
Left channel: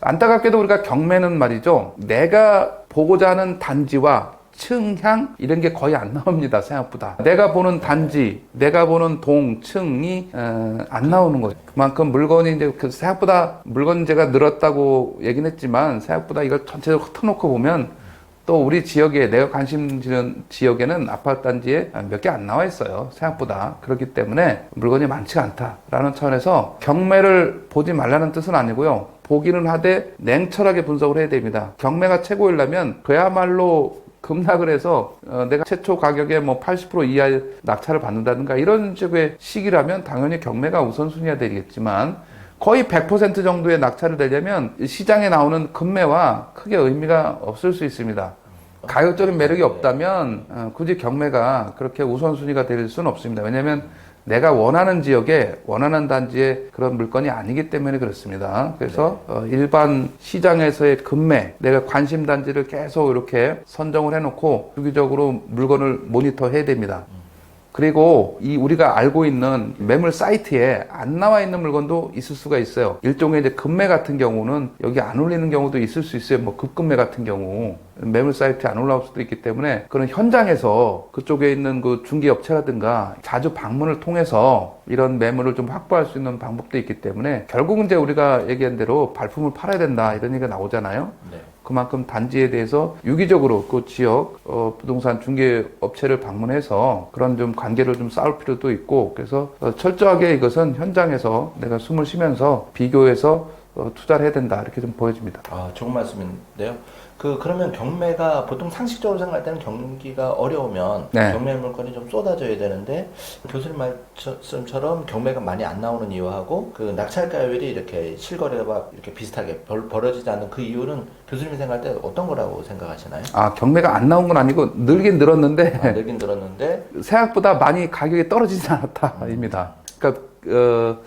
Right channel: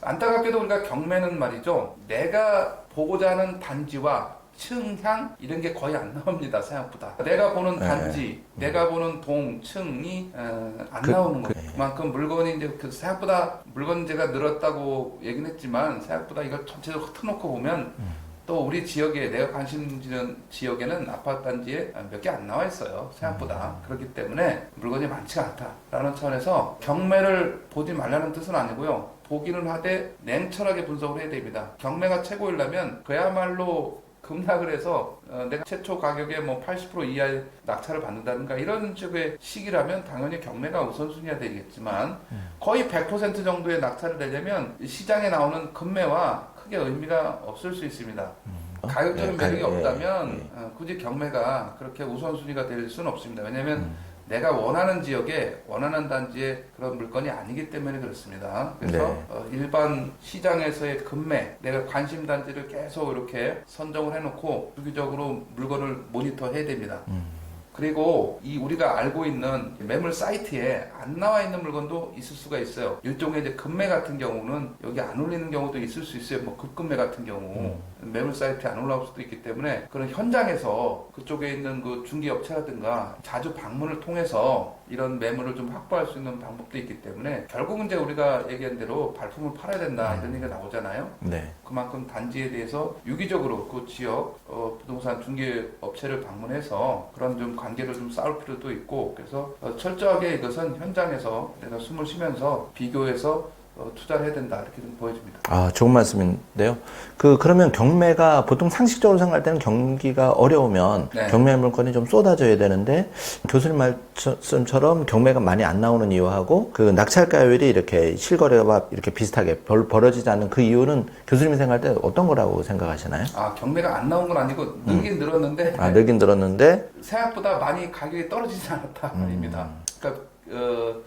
안타깝게도 우리가 경매는 말이죠. 내가 보고자 하는 단지와 층향 이런 게 거의 안 나옵니다. 생각보다 내가 보는 단지, 내가 보는 동, 층이 안 나오는 거예요. 그만큼 물건이 이제 생각보다 물건재가 늘었다고 얘기는 했지만 생각보다 이걸 전체적으로 흩어놓고 보면 또 우리 지역에 내가 관심 지는 지역에는 아파트 단지에 몇 개 안 나와 있어요. 생각보다. 그렇기 때문에 물건이 많지가 않다라는 차원에서 경매를 보지 말라는 뜻은 아니고요. 보기는 하되 냉철하게 분석을 해야 됩니다. 경매가 최고이려면 그야말로 급락을 해서 내가 최초 가격에 뭐 80% 이하의 낙찰을 받는다든가 이런 식의 시기라면 당연히 경매가 우선순위가 되겠지만 거의 100% 정도의 낙찰을 내려면 시장에 나오는 금매와 크게 의미가 없을 수 있습니다. 가격적인 매력이 없다면 굳이 경매가 그렇게 우선순위가 될 수는 없습니다. 왜냐하면 내가 원하는 지역에 원하는 단지에 그런 물건이 아니기 때문에 그렇습니다. 그래서 일반 시장에서의 금매, 내가 관심 단지를 계속 이렇게 선정을 해놓고 주기적으로 물건을 모니터 해야 됩니다. 그리고 이 우리가 알고 있는 매물 사이트에 안 나와 있는 물건도 있을 수가 있어요. 일종의 이제 금매 같은 경우는 여기 안 올리는 경우도 있을 수 있어요. 뭐 급금매 같은 경우 매물 사이트에 안 올라올 수도 있기 때문에 그런 현장에서 그쪽에 있는 그 중개업체라든가 자주 방문을 통해서 이런 매물을 좀 확보할 수 있는 방법도 있기 때문에 결국은 이제 우리가 얘기한 대로 발품을 팔아야 된다 이런 얘기가 나오잖아요. 네. 그만큼 단지에 대해서 유기적으로 그 지역 부동산 중개업체를 방문해서 그런 좀 관계를 좀 쌓을 필요도 있고 그래서 철저하게 이것은 현장에서 내가 숨을 쉬면서 비교해서 투자를 해야 된다 이렇게 좀 보여집니다. 좋은 말씀인데요. 그러면 경매가 보통 상식적으로 생각할 때는 경기가 어려우면 경매 물건이 좀 쏟아져야 되는데 교수님 말씀처럼 경매가 많이 안 나오는 이유하고 그 낙찰가율이 이렇게 실거래와 이렇게 비슷하게 벌어지지 않는 그 이유는 교수님이 생각할 때 어떤 거라고 생각하시나요? 경매가 안 나온 건 아니고 늘긴 늘었는데 늘긴 늘었는데 생각보다 많이 가격이 떨어지지 않았다 입니다. 그러니까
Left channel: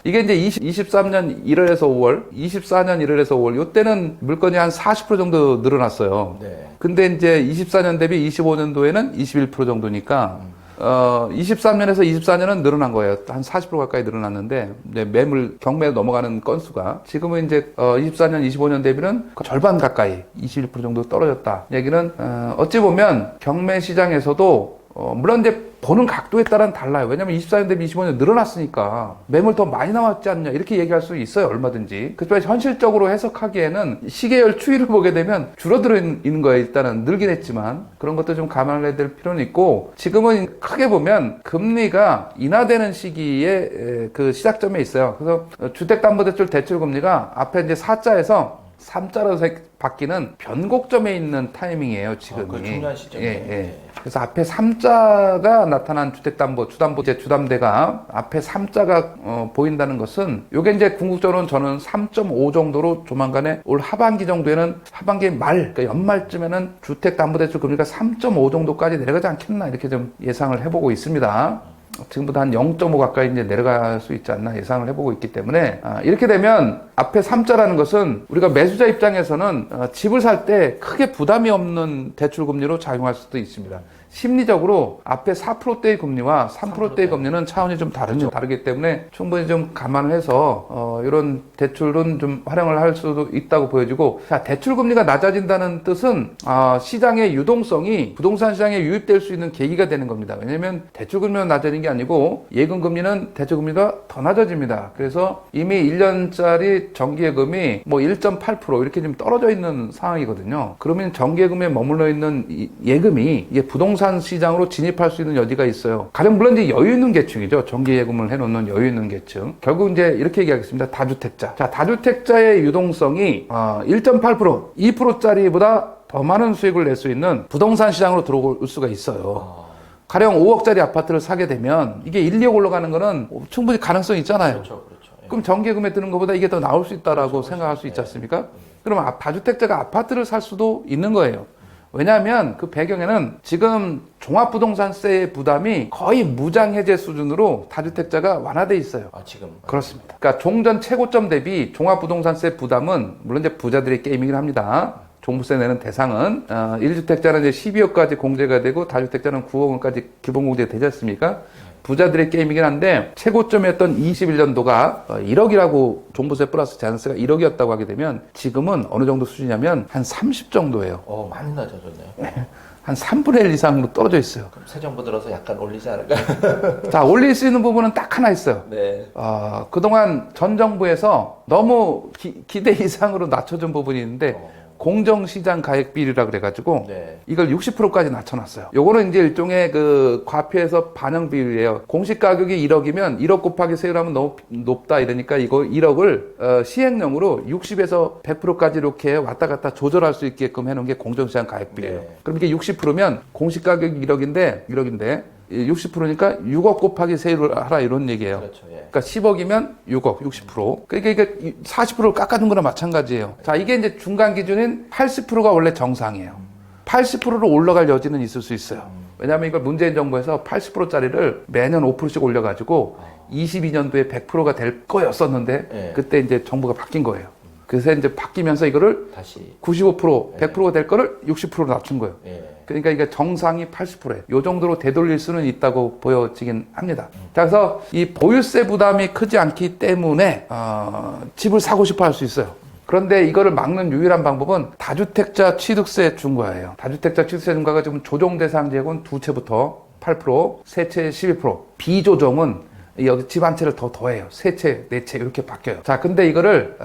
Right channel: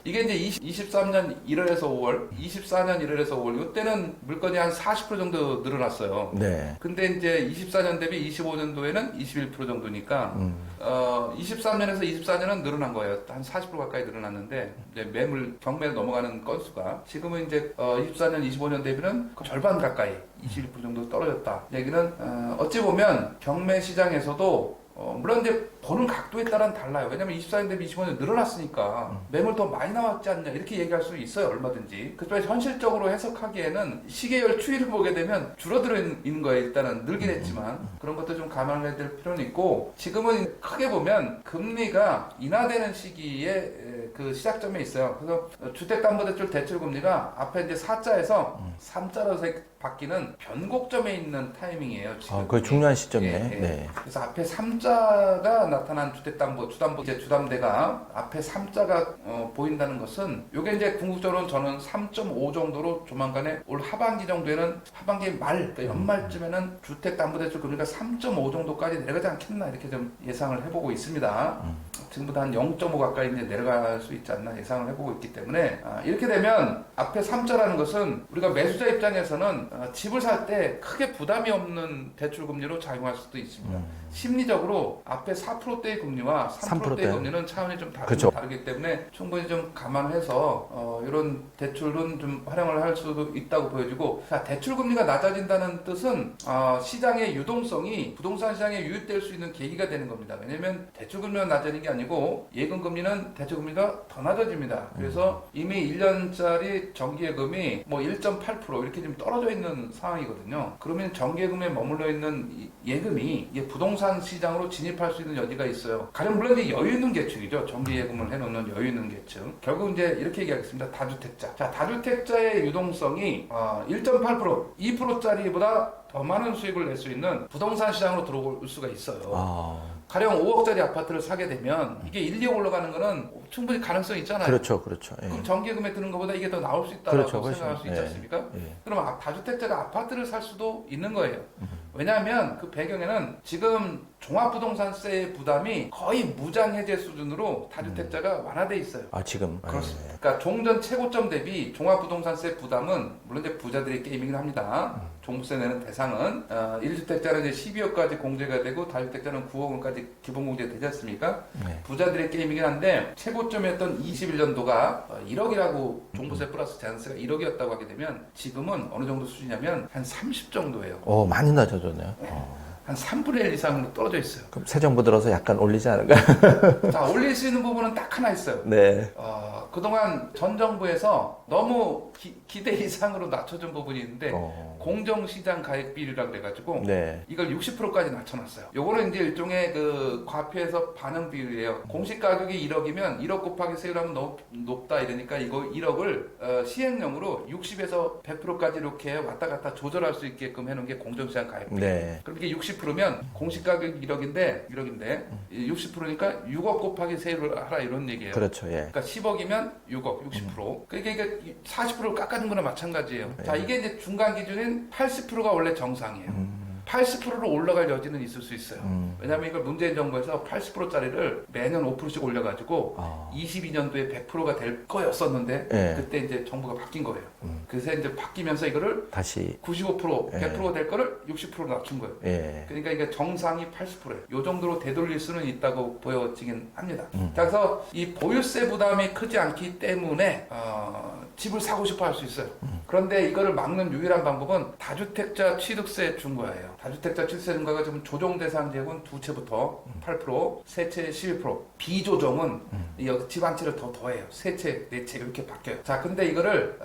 이게 이제 23년 1월에서 5월, 24년 1월에서 5월, 요때는 물건이 한 40% 정도 늘어났어요. 네. 근데 이제 24년 대비 25년도에는 21% 정도니까, 23년에서 24년은 늘어난 거예요. 한 40% 가까이 늘어났는데, 이제 매물, 경매에 넘어가는 건수가. 지금은 이제, 24년, 25년 대비는 절반 가까이 21% 정도 떨어졌다. 얘기는, 어찌 보면 경매 시장에서도 물론 이제 보는 각도에 따라 달라요. 왜냐면 24년 대비 25년 늘어났으니까 매물 더 많이 나왔지 않냐 이렇게 얘기할 수 있어요. 얼마든지. 그렇지만 현실적으로 해석하기에는 시계열 추이를 보게 되면 줄어들어 있는 거예요. 일단은 늘긴 했지만 그런 것도 좀 감안해야 될 필요는 있고 지금은 크게 보면 금리가 인하되는 시기에 그 시작점에 있어요. 그래서 주택담보대출 대출금리가 앞에 이제 4자에서 3자로 바뀌는 변곡점에 있는 타이밍이에요, 지금. 그 중요한 시점이에요. 예, 예. 네. 그래서 앞에 3자가 나타난 주택담보, 주담대가 앞에 3자가 보인다는 것은 이게 이제 궁극적으로는 저는 3.5 정도로 조만간에 올 하반기 정도에는 하반기 말, 그러니까 연말쯤에는 주택담보대출 금리가 3.5 정도까지 내려가지 않겠나 이렇게 좀 예상을 해보고 있습니다. 지금보다 한 0.5 가까이 이제 내려갈 수 있지 않나 예상을 해보고 있기 때문에 이렇게 되면 앞에 3자라는 것은 우리가 매수자 입장에서는 집을 살 때 크게 부담이 없는 대출 금리로 작용할 수도 있습니다. 심리적으로 앞에 4%대의 금리와 3%대의 금리는 차원이 좀 다르기 때문에 충분히 좀 감안해서 이런 대출은 좀 활용을 할 수도 있다고 보여지고, 자, 대출 금리가 낮아진다는 뜻은 시장의 유동성이 부동산 시장에 유입될 수 있는 계기가 되는 겁니다. 왜냐하면 대출 금리가 낮아지는 게 아니고 예금 금리는 대출 금리가 더 낮아집니다. 그래서 이미 1년짜리 정기예금이 뭐 1.8% 이렇게 좀 떨어져 있는 상황이거든요. 그러면 정기예금에 머물러 있는 예금이 이게 부동산 시장으로 진입할 수 있는 여지가 있어요. 가령 물론 이제 여유 있는 계층이죠. 정기예금을 해놓는 여유 있는 계층. 결국 이제 이렇게 얘기하겠습니다. 다주택자. 자, 다주택자의 유동성이 1.8%, 2%짜리보다 더 많은 수익을 낼 수 있는 부동산 시장으로 들어올 수가 있어요. 가령 5억짜리 아파트를 사게 되면 이게 1, 2억 올라가는 거는 충분히 가능성이 있잖아요. 그렇죠, 그렇죠. 예. 그럼 정기예금에 드는 것보다 이게 더 나올 수 있다라고 그렇죠, 생각할 수 그렇죠. 있지 않습니까? 예. 그럼 다주택자가 아파트를 살 수도 있는 거예요. 왜냐하면 그 배경에는 지금 종합부동산세의 부담이 거의 무장해제 수준으로 다주택자가 완화돼 있어요. 지금. 그렇습니다. 그러니까 종전 최고점 대비 종합부동산세 부담은 물론 이제 부자들의 게임이긴 합니다. 종부세 내는 대상은 1주택자는 이제 12억까지 공제가 되고 다주택자는 9억 원까지 기본 공제가 되지 않습니까? 네. 부자들의 게임이긴 한데 최고점이었던 21년도가 1억이라고 종부세 플러스 재산세가 1억이었다고 하게 되면 지금은 어느 정도 수준이냐면 한 30 정도예요. 많이 낮아졌네요. 네. 한 3분의 1 이상으로 떨어져 있어요. 그럼 새 정부 들어서 약간 올리지 않을까요? 자, 올릴 수 있는 부분은 딱 하나 있어요. 네. 그동안 전 정부에서 너무 기대 이상으로 낮춰준 부분이 있는데 공정시장 가액 비율이라 그래가지고 네. 이걸 60%까지 낮춰놨어요. 요거는 이제 일종의 그 과표에서 반영 비율이에요. 공시 가격이 1억이면 1억 곱하기 세율하면 너무 높다 이러니까 이거 1억을 시행령으로 60에서 100%까지 이렇게 왔다 갔다 조절할 수 있게끔 해놓은 게 공정시장 가액 비율이에요. 네. 그럼 이게 60%면 공시 가격이 1억인데 60%니까 6억 곱하기 세율을 하라 이런 얘기예요. 그렇죠. 예. 그러니까 10억이면 6억, 60%. 그러니까 이게 40%를 깎아준 거나 마찬가지예요. 자, 이게 이제 중간 기준인 80%가 원래 정상이에요. 80%로 올라갈 여지는 있을 수 있어요. 왜냐하면 이걸 문재인 정부에서 80%짜리를 매년 5%씩 올려가지고 22년도에 100%가 될 거였었는데 네. 그때 이제 정부가 바뀐 거예요. 그래서 이제 바뀌면서 이거를 다시 95%, 100%가 될 거를 60%로 낮춘 거예요. 예. 그러니까 이게 정상이 80%예요. 이 정도로 되돌릴 수는 있다고 보여지긴 합니다. 자, 그래서 이 보유세 부담이 크지 않기 때문에 집을 사고 싶어 할 수 있어요. 그런데 이거를 막는 유일한 방법은 다주택자 취득세 중과예요. 다주택자 취득세 중과가 지금 조정 대상 지역은 두 채부터 8%, 세 채 11%, 비조정은 여기 집 한 채를 더 더해요. 세 채, 네 채 이렇게 바뀌어요. 자, 근데 이거를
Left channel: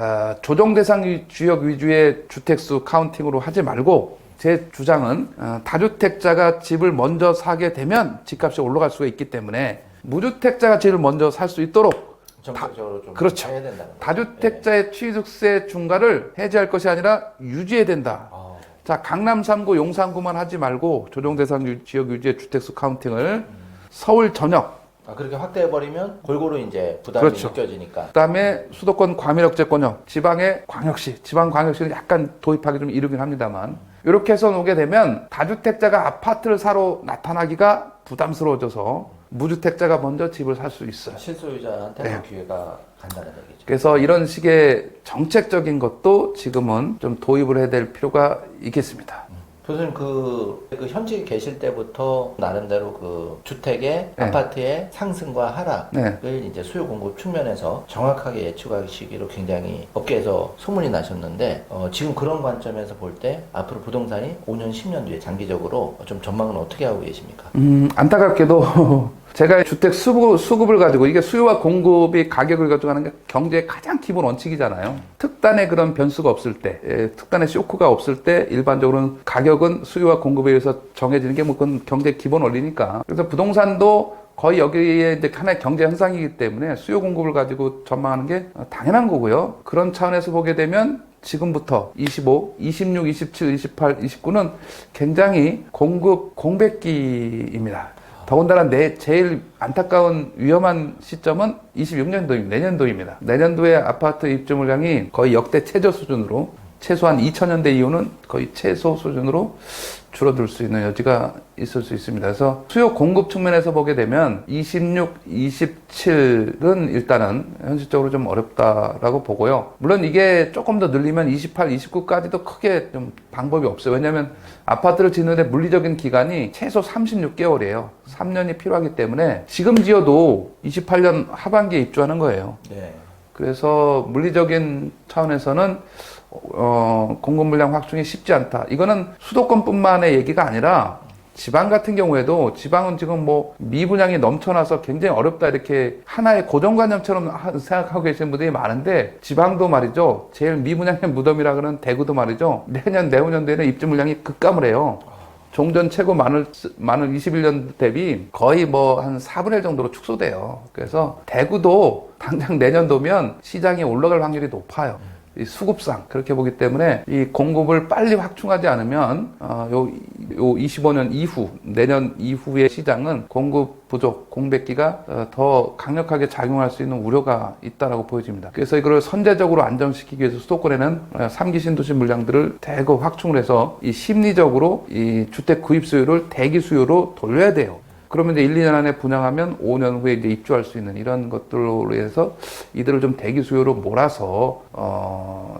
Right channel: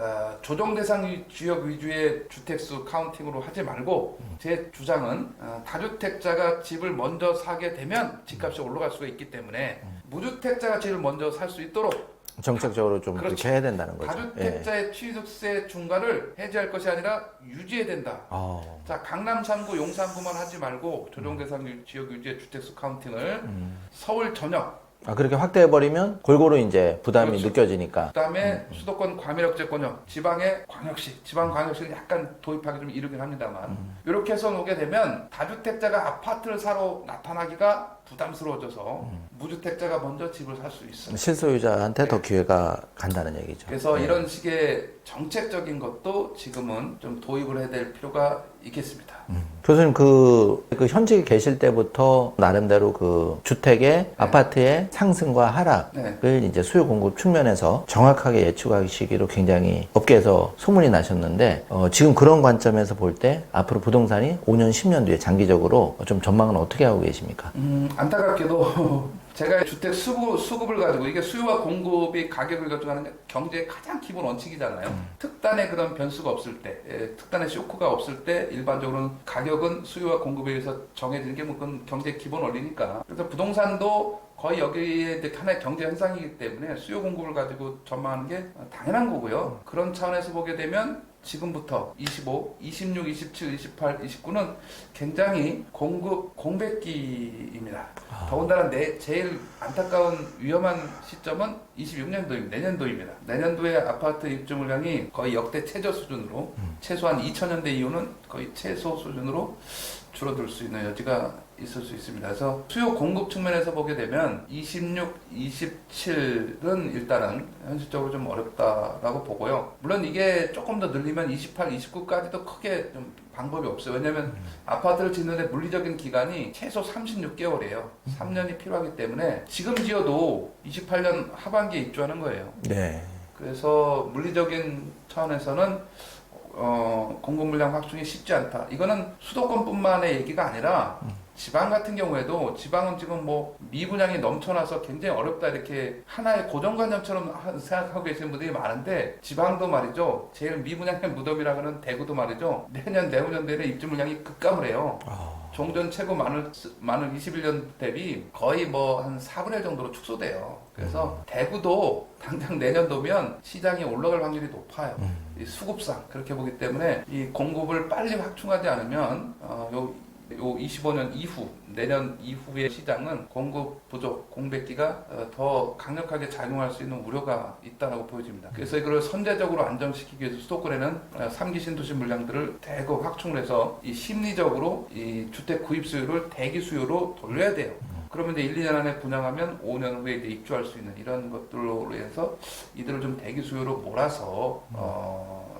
조정 대상 지역 위주의 주택수 카운팅으로 하지 말고 제 주장은 다주택자가 집을 먼저 사게 되면 집값이 올라갈 수가 있기 때문에 무주택자가 집을 먼저 살 수 있도록 정책적으로 좀 그렇죠. 해야 된다는 거죠. 다주택자의 취득세 중과를 해제할 것이 아니라 유지해야 된다. 자, 강남 3구, 용산 구만 하지 말고 조정 대상 지역 유지의 주택수 카운팅을 서울 전역 그렇게 확대해버리면 골고루 이제 부담이 그렇죠. 느껴지니까. 그다음에 수도권 과밀억제권역, 지방의 광역시, 지방 광역시는 약간 도입하기 좀 이르긴 합니다만 이렇게 해서 놓게 되면 다주택자가 아파트를 사러 나타나기가 부담스러워져서 무주택자가 먼저 집을 살 수 있어요. 실소유자한테 네. 더 기회가 간다는 얘기죠. 그래서 이런 식의 정책적인 것도 지금은 좀 도입을 해야 될 필요가 있겠습니다. 교수님 그 현직에 계실 때부터 나름대로 그 주택의 아파트의 상승과 하락을 이제 수요 공급 측면에서 정확하게 예측하시기로 굉장히 업계에서 소문이 나셨는데 지금 그런 관점에서 볼 때 앞으로 부동산이 5년, 10년 뒤에 장기적으로 좀 전망은 어떻게 하고 계십니까? 안타깝게도 제가 주택 수급을 가지고 이게 수요와 공급이 가격을 가지고 하는 게 경제의 가장 기본 원칙이잖아요. 특단의 그런 변수가 없을 때, 특단의 쇼크가 없을 때 일반적으로는 가격은 수요와 공급에 의해서 정해지는 게 뭐 그건 경제의 기본 원리니까. 그래서 부동산도 거의 여기에 이제 하나의 경제 현상이기 때문에 수요 공급을 가지고 전망하는 게 당연한 거고요. 그런 차원에서 보게 되면 지금부터 25, 26, 27, 28, 29는 굉장히 공급 공백기입니다. 더군다나 제일 안타까운 위험한 시점은 26년도입니다. 내년도입니다. 내년도에 아파트 입주 물량이 거의 역대 최저 수준으로 최소한 2000년대 이후는 거의 최소 수준으로 줄어들 수 있는 여지가 있을 수 있습니다. 그래서 수요 공급 측면에서 보게 되면 26, 27은 일단은 현실적으로 좀 어렵다라고 보고요. 물론 이게 조금 더 늘리면 28, 29까지도 크게 좀 방법이 없어요. 왜냐하면 아파트를 짓는데 물리적인 기간이 최소 36개월이에요. 3년이 필요하기 때문에 지금 지어도 28년 하반기에 입주하는 거예요. 네. 그래서 물리적인 차원에서는 공급 물량 확충이 쉽지 않다. 이거는 수도권뿐만의 얘기가 아니라 지방 같은 경우에도 지방은 지금 뭐 미분양이 넘쳐나서 굉장히 어렵다 이렇게 하나의 고정관념처럼 생각하고 계시는 분들이 많은데 지방도 말이죠. 제일 미분양의 무덤이라 그러는 대구도 말이죠. 내년 내후년도에는 입주 물량이 급감을 해요. 종전 최고 많을 21년 대비 거의 뭐 한 4분의 1 정도로 축소돼요. 그래서 대구도 당장 내년도면 시장이 올라갈 확률이 높아요. 이 수급상 그렇게 보기 때문에 이 공급을 빨리 확충하지 않으면 요 25년 이후 내년 이후의 시장은 공급 부족 공백기가 더 강력하게 작용할 수 있는 우려가 있다라고 보여집니다. 그래서 이걸 선제적으로 안정시키기 위해서 수도권에는 3기 신도시 물량들을 대거 확충을 해서 이 심리적으로 이 주택 구입 수요를 대기 수요로 돌려야 돼요. 그러면 이제 1, 2년 안에 분양하면 5년 후에 이제 입주할 수 있는 이런 것들로 해서 이들을 좀 대기 수요로 몰아서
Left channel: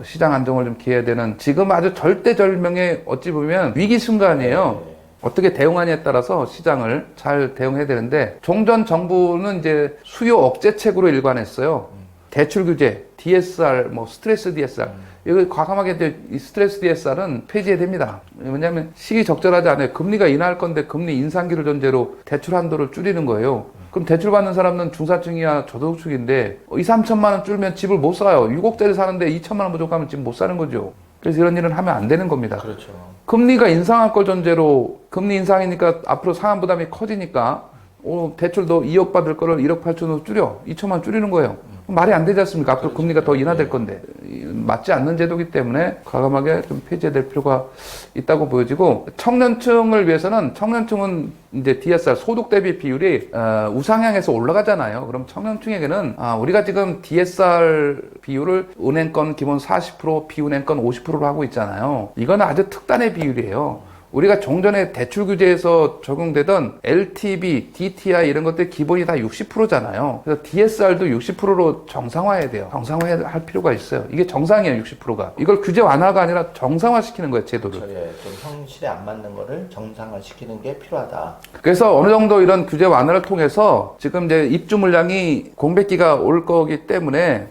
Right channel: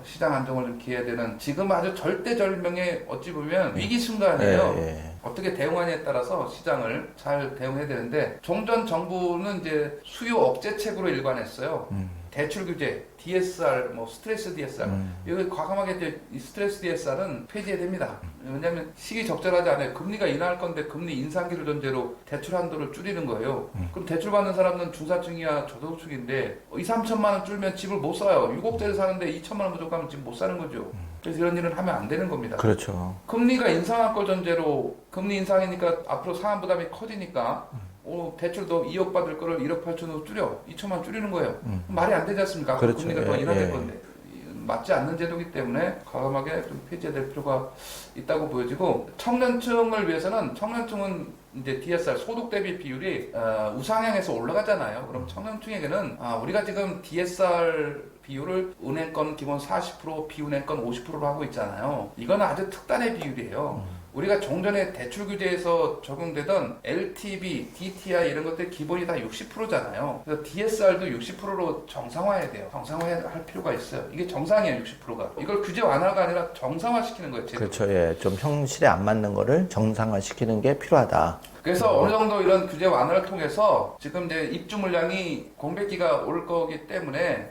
시장 안정을 좀 기해야 되는 지금 아주 절대절명의 어찌 보면 위기 순간이에요. 네. 어떻게 대응하냐에 따라서 시장을 잘 대응해야 되는데 종전 정부는 이제 수요 억제책으로 일관했어요. 대출 규제, DSR, 뭐 스트레스 DSR. 이거 과감하게 이제 이 스트레스 DSR은 폐지해야 됩니다. 왜냐하면 시기 적절하지 않아요. 금리가 인하할 건데 금리 인상기를 전제로 대출 한도를 줄이는 거예요. 그럼 대출 받는 사람은 중산층이야 저소득층인데 2, 3천만 원 줄면 집을 못 사요. 6억짜리 사는데 2천만 원 부족하면 집 못 사는 거죠. 그래서 이런 일은 하면 안 되는 겁니다. 그렇죠. 금리가 인상할 걸 전제로 금리 인상이니까 앞으로 상환 부담이 커지니까 대출도 2억 받을 거를 1억 8천으로 줄여 2천만 줄이는 거예요. 말이 안 되지 않습니까? 앞으로 그렇죠. 금리가 더 예, 인하될 예. 건데 맞지 않는 제도이기 때문에 과감하게 좀 폐지해야 될 필요가 있다고 보여지고 청년층을 위해서는 청년층은 이제 DSR 소득 대비 비율이 우상향해서 올라가잖아요. 그럼 청년층에게는 우리가 지금 DSR 비율을 은행권 기본 40% 비은행권 50%로 하고 있잖아요. 이거는 아주 특단의 비율이에요. 우리가 종전에 대출 규제에서 적용되던 LTV, DTI 이런 것들 기본이 다 60%잖아요. 그래서 DSR도 60%로 정상화해야 돼요. 정상화할 필요가 있어요. 이게 정상이에요, 60%가. 이걸 규제 완화가 아니라 정상화시키는 거예요, 제도를. 그렇죠. 예. 좀 현실에 안 맞는 거를 정상화시키는 게 필요하다. 그래서 어느 정도 이런 규제 완화를 통해서 지금 이제 입주 물량이 공백기가 올 거기 때문에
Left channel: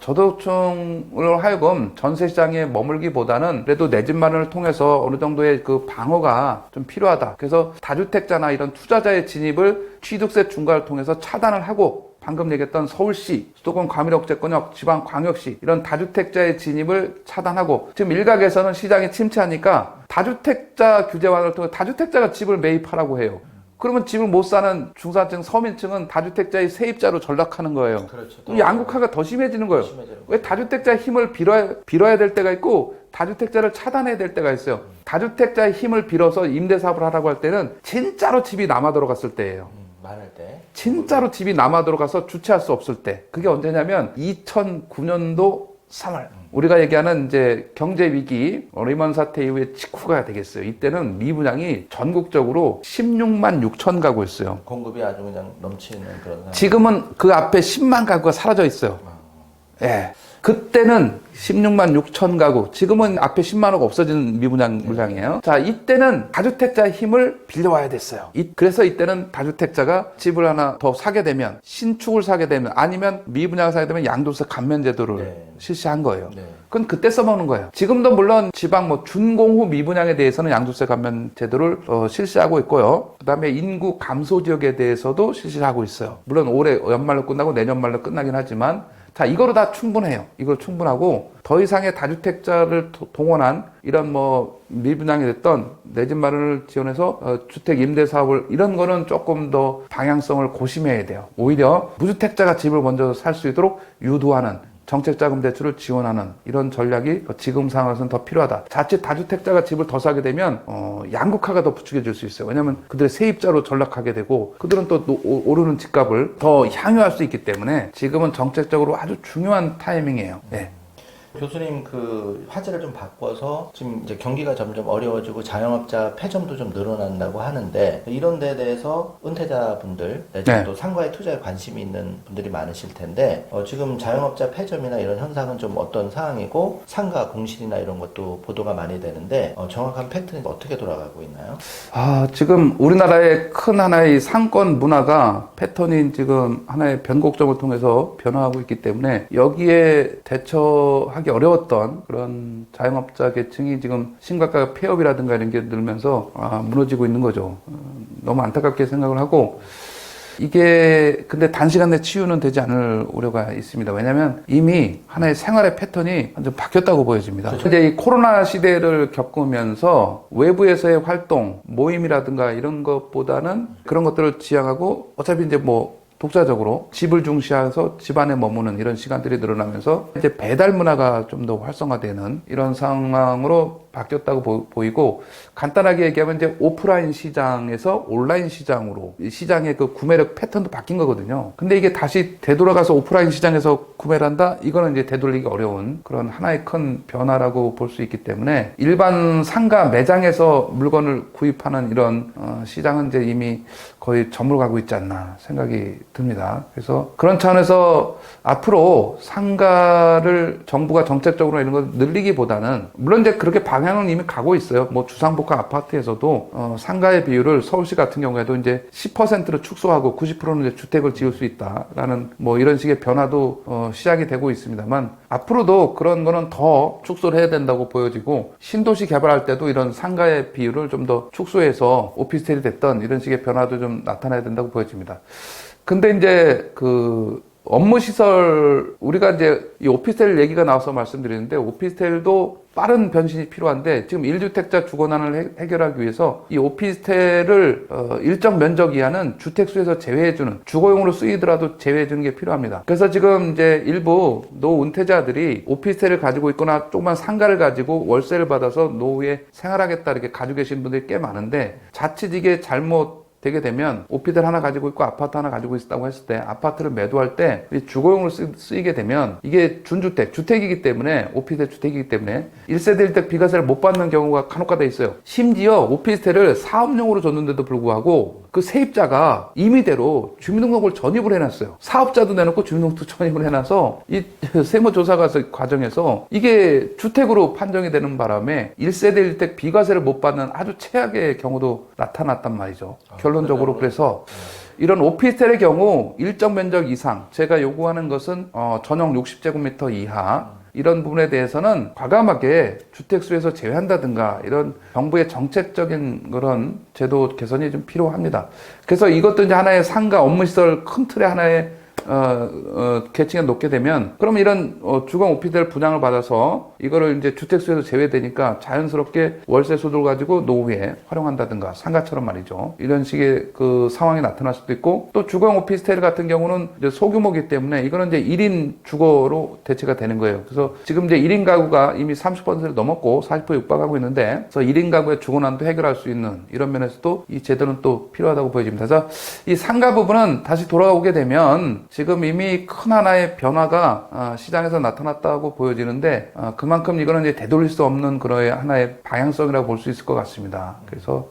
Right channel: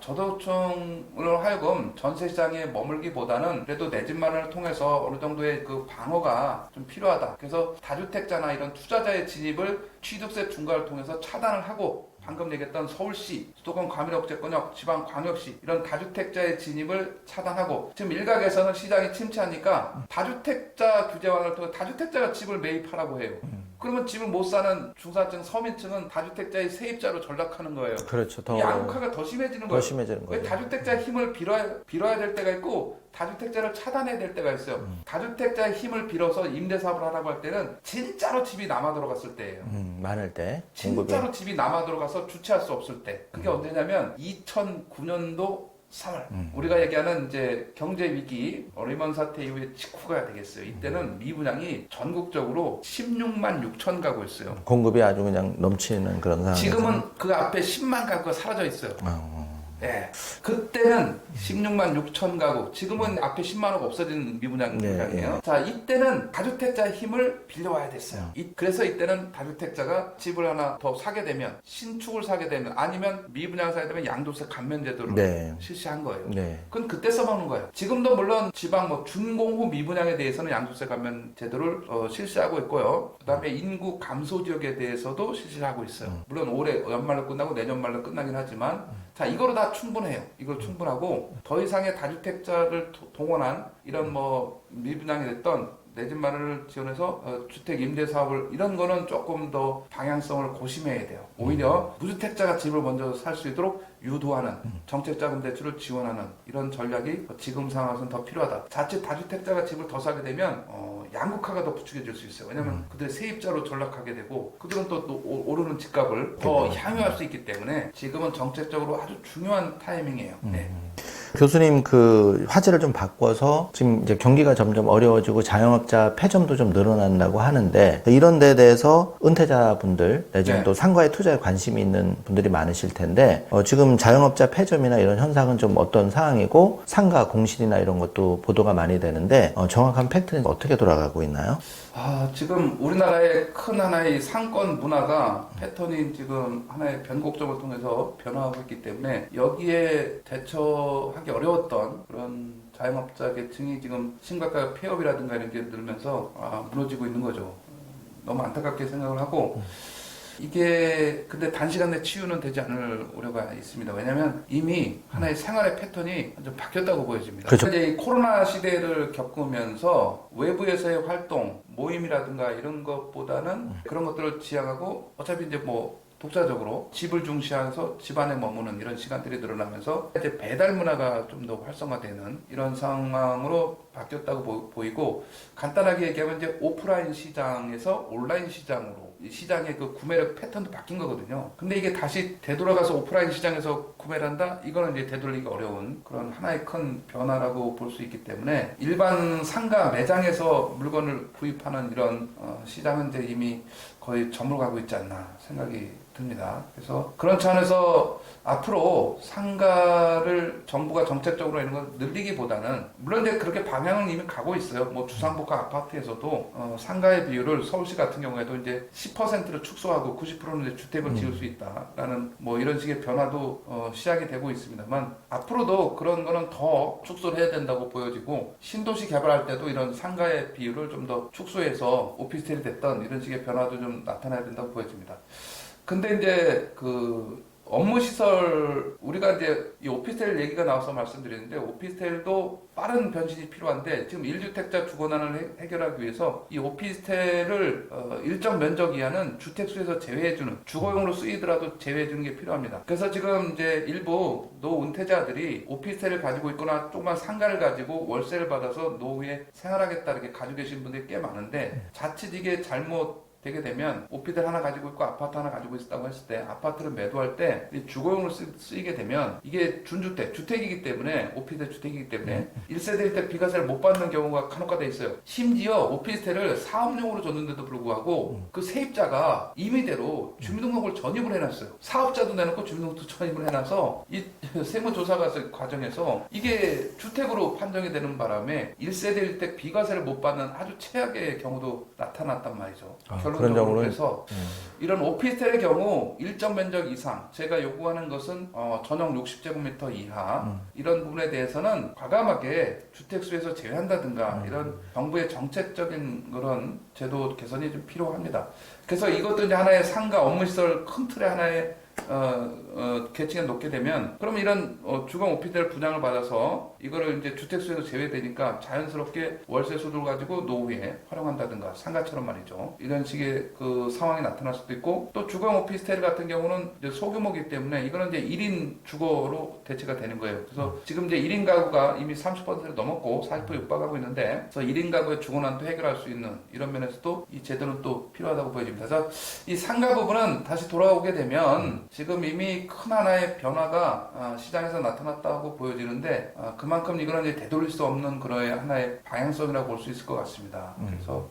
저소득층으로 하여금 전세 시장에 머물기보다는 그래도 내 집 마련을 통해서 어느 정도의 그 방어가 좀 필요하다. 그래서 다주택자나 이런 투자자의 진입을 취득세 중과를 통해서 차단을 하고 방금 얘기했던 서울시, 수도권 과밀억제권역, 지방광역시 이런 다주택자의 진입을 차단하고 지금 일각에서는 시장이 침체하니까 다주택자 규제 완화를 통해 다주택자가 집을 매입하라고 해요. 그러면 집을 못 사는 중산층, 서민층은 다주택자의 세입자로 전락하는 거예요. 그렇죠. 이 양극화가 더 심해지는 거예요. 심해지는 왜 거예요. 다주택자의 힘을 빌어야 될 때가 있고 다주택자를 차단해야 될 때가 있어요. 다주택자의 힘을 빌어서 임대사업을 하라고 할 때는 진짜로 집이 남아 들어갔을 때예요. 많을 때. 진짜로 집이 남아 들어가서 주체할 수 없을 때. 그게 언제냐면 2009년도 3월. 우리가 얘기하는 이제 경제 위기, 리먼 사태 이후에 직후가 되겠어요. 이때는 미분양이 전국적으로 16만 6천 가구였어요. 공급이 아주 그냥 넘치는 그런 상황. 지금은 그 앞에 10만 가구가 사라져 있어요. 예. 그때는 16만 6천 가구, 지금은 앞에 10만호가 없어진 미분양 물량이에요. 자, 이때는 다주택자의 힘을 빌려와야 됐어요. 그래서 이때는 다주택자가 집을 하나 더 사게 되면, 신축을 사게 되면, 아니면 미분양을 사게 되면 양도세 감면 제도를 실시한 거예요. 그건 그때 써먹는 거예요. 지금도 물론 지방 뭐 준공후 미분양에 대해서는 양도세 감면 제도를 실시하고 있고요. 그 다음에 인구 감소 지역에 대해서도 실시하고 있어요. 물론 올해 연말로 끝나고 내년 말로 끝나긴 하지만, 자, 이거로 다 충분해요. 이거 충분하고 더 이상의 다주택자를 동원한 이런 뭐 미분양이 됐던 내 집 마련을 지원해서 주택 임대 사업을 이런 거는 조금 더 방향성을 고심해야 돼요. 오히려 무주택자가 집을 먼저 살 수 있도록 유도하는 정책자금 대출을 지원하는 이런 전략이 지금 상황에서는 더 필요하다. 자칫 다주택자가 집을 더 사게 되면 양극화가 더 부추겨질 수 있어요. 왜냐하면 그들의 세입자로 전락하게 되고 그들은 또 오르는 집값을 더 향유할 수 있기 때문에 지금은 정책적으로 아주 중요한 타이밍이에요. 네. 교수님 그 화제를 좀 바꿔서 지금 이제 경기가 점점 어려워지고 자영업자 폐점도 좀 늘어난다고 하는데 이런 데 대해서 은퇴자분들 내지는 네. 또 상가의 투자에 관심이 있는 분들이 많으실 텐데 지금 자영업자 폐점이나 이런 현상은 좀 어떤 상황이고 상가 공실이나 이런 것도 보도가 많이 되는데 정확한 팩트는 어떻게 돌아가고 있나요? 지금 우리나라의 큰 하나의 상권 문화가 패턴인 지금 하나의 변곡점을 통해서 변화하고 있기 때문에 여기에 대처하기 어려웠던 그런 자영업자 계층이 지금 심각하게 폐업이라든가 이런 게 늘면서 무너지고 있는 거죠. 너무 안타깝게 생각을 하고 이게 근데 단시간 내 치유는 되지 않을 우려가 있습니다. 왜냐하면 이미 하나의 생활의 패턴이 완전 바뀌었다고 보여집니다. 그렇죠. 이제 이 코로나 시대를 겪으면서 외부에서의 활동, 모임이라든가 이런 것보다는 그런 것들을 지향하고 어차피 이제 뭐 독자적으로 집을 중시해서 집 안에 머무는 이런 시간들이 늘어나면서 이제 배달 문화가 좀 더 활성화되는 이런 상황으로 바뀌었다고 보이고 간단하게 얘기하면 이제 오프라인 시장에서 온라인 시장으로 이 시장의 그 구매력 패턴도 바뀐 거거든요. 근데 이게 다시 되돌아가서 오프라인 시장에서 구매를 한다? 이거는 이제 되돌리기 어려운 그런 하나의 큰 변화라고 볼 수 있기 때문에 일반 상가 매장에서 물건을 구입하는 이런 시장은 이제 이미 거의 저물어가고 있지 않나 생각이 듭니다. 그래서 그런 차원에서 앞으로 상가를 정부가 정책적으로 이런 걸 늘리기보다는 물론 이제 그렇게 방향은 이미 가고 있어요. 뭐 주상복합 아파트에서도 상가의 비율을 서울시 같은 경우에도 이제 10%로 축소하고 90%는 이제 주택을 지을 수 있다라는 뭐 이런 식의 변화도 시작이 되고 있습니다만 앞으로도 그런 거는 더 축소를 해야 된다고 보여지고 신도시 개발할 때도 이런 상가의 비율을 좀 더 축소해서 오피스텔이 됐던 이런 식의 변화도 좀 나타나야 된다고 보여집니다. 근데 이제 그 업무 시설 우리가 이제 이 오피스텔 얘기가 나와서 말씀드리는데 오피스텔도 빠른 변신이 필요한데 지금 1주택자 주거난을 해결하기 위해서 이 오피스텔을 일정 면적 이하는 주택수에서 제외해주는 주거용으로 쓰이더라도 제외해주는 게 필요합니다. 그래서 지금 이제 일부 노은퇴자들이 오피스텔을 가지고 있거나 조그만 상가를 가지고 월세를 받아서 노후에 생활하겠다 이렇게 가지고 계신 분들이 꽤 많은데 자칫 이게 잘못 되게 되면 오피스텔 하나 가지고 있고 아파트 하나 가지고 있다고 했을 때 아파트를 매도할 때 주거용으로 쓰이게 되면 이게 준주택, 주택이기 때문에 오피스텔 주택이기 때문에 1세대 1대 비과세를 못 받는 경우가 간혹가다 있어요. 심지어 오피스텔을 사업용으로 줬는데도 불구하고 그 세입자가 임의대로 주민등록을 전입을 해놨어요. 사업자도 내놓고 주민등록도 전입을 해놔서 이 세무조사 과정에서 이게 주택으로 판정이 되는 바람에 1세대 1대 비과세를 못 받는 아주 최악의 경우도 나타났단 말이죠. 결론적으로 그래서 이런 오피스텔의 경우 일정 면적 이상 제가 요구하는 것은 전용 60제곱미터 이하 이런 부분에 대해서는 과감하게 주택수에서 제외한다든가 이런 정부의 정책적인 그런 제도 개선이 좀 필요합니다. 그래서 이것도 이제 하나의 상가 업무시설 큰 틀의 하나의 계층이 높게 되면 그럼 이런 주거 오피스텔 분양을 받아서 이거를 이제 주택수에서 제외되니까 자연스럽게 월세 수도를 가지고 노후에 활용한다든가 상가처럼 말이죠. 이런 식의 그 상황이 나타날 수도 있고 또 주거 오피스텔 같은 경우는 이제 소규모이기 때문에 이거는 이제 1인 주거로 대체가 되는 거예요. 그래서 지금 이제 1인 가구가 이미 30%를 넘었고 40% 육박하고 있는데 그래서 1인 가구의 주거난도 해결할 수 있는 이런 면에서도 이 제도는 또 필요하다고 보여집니다. 그래서 이 상가 부분은 다시 돌아오게 되면 지금 이미 큰 하나의 변화가 시장에서 나타났다고 보여지는데 그만큼 이거는 이제 되돌릴 수 없는 그런 하나의 방향성이라고 볼 수 있을 것 같습니다. 그래서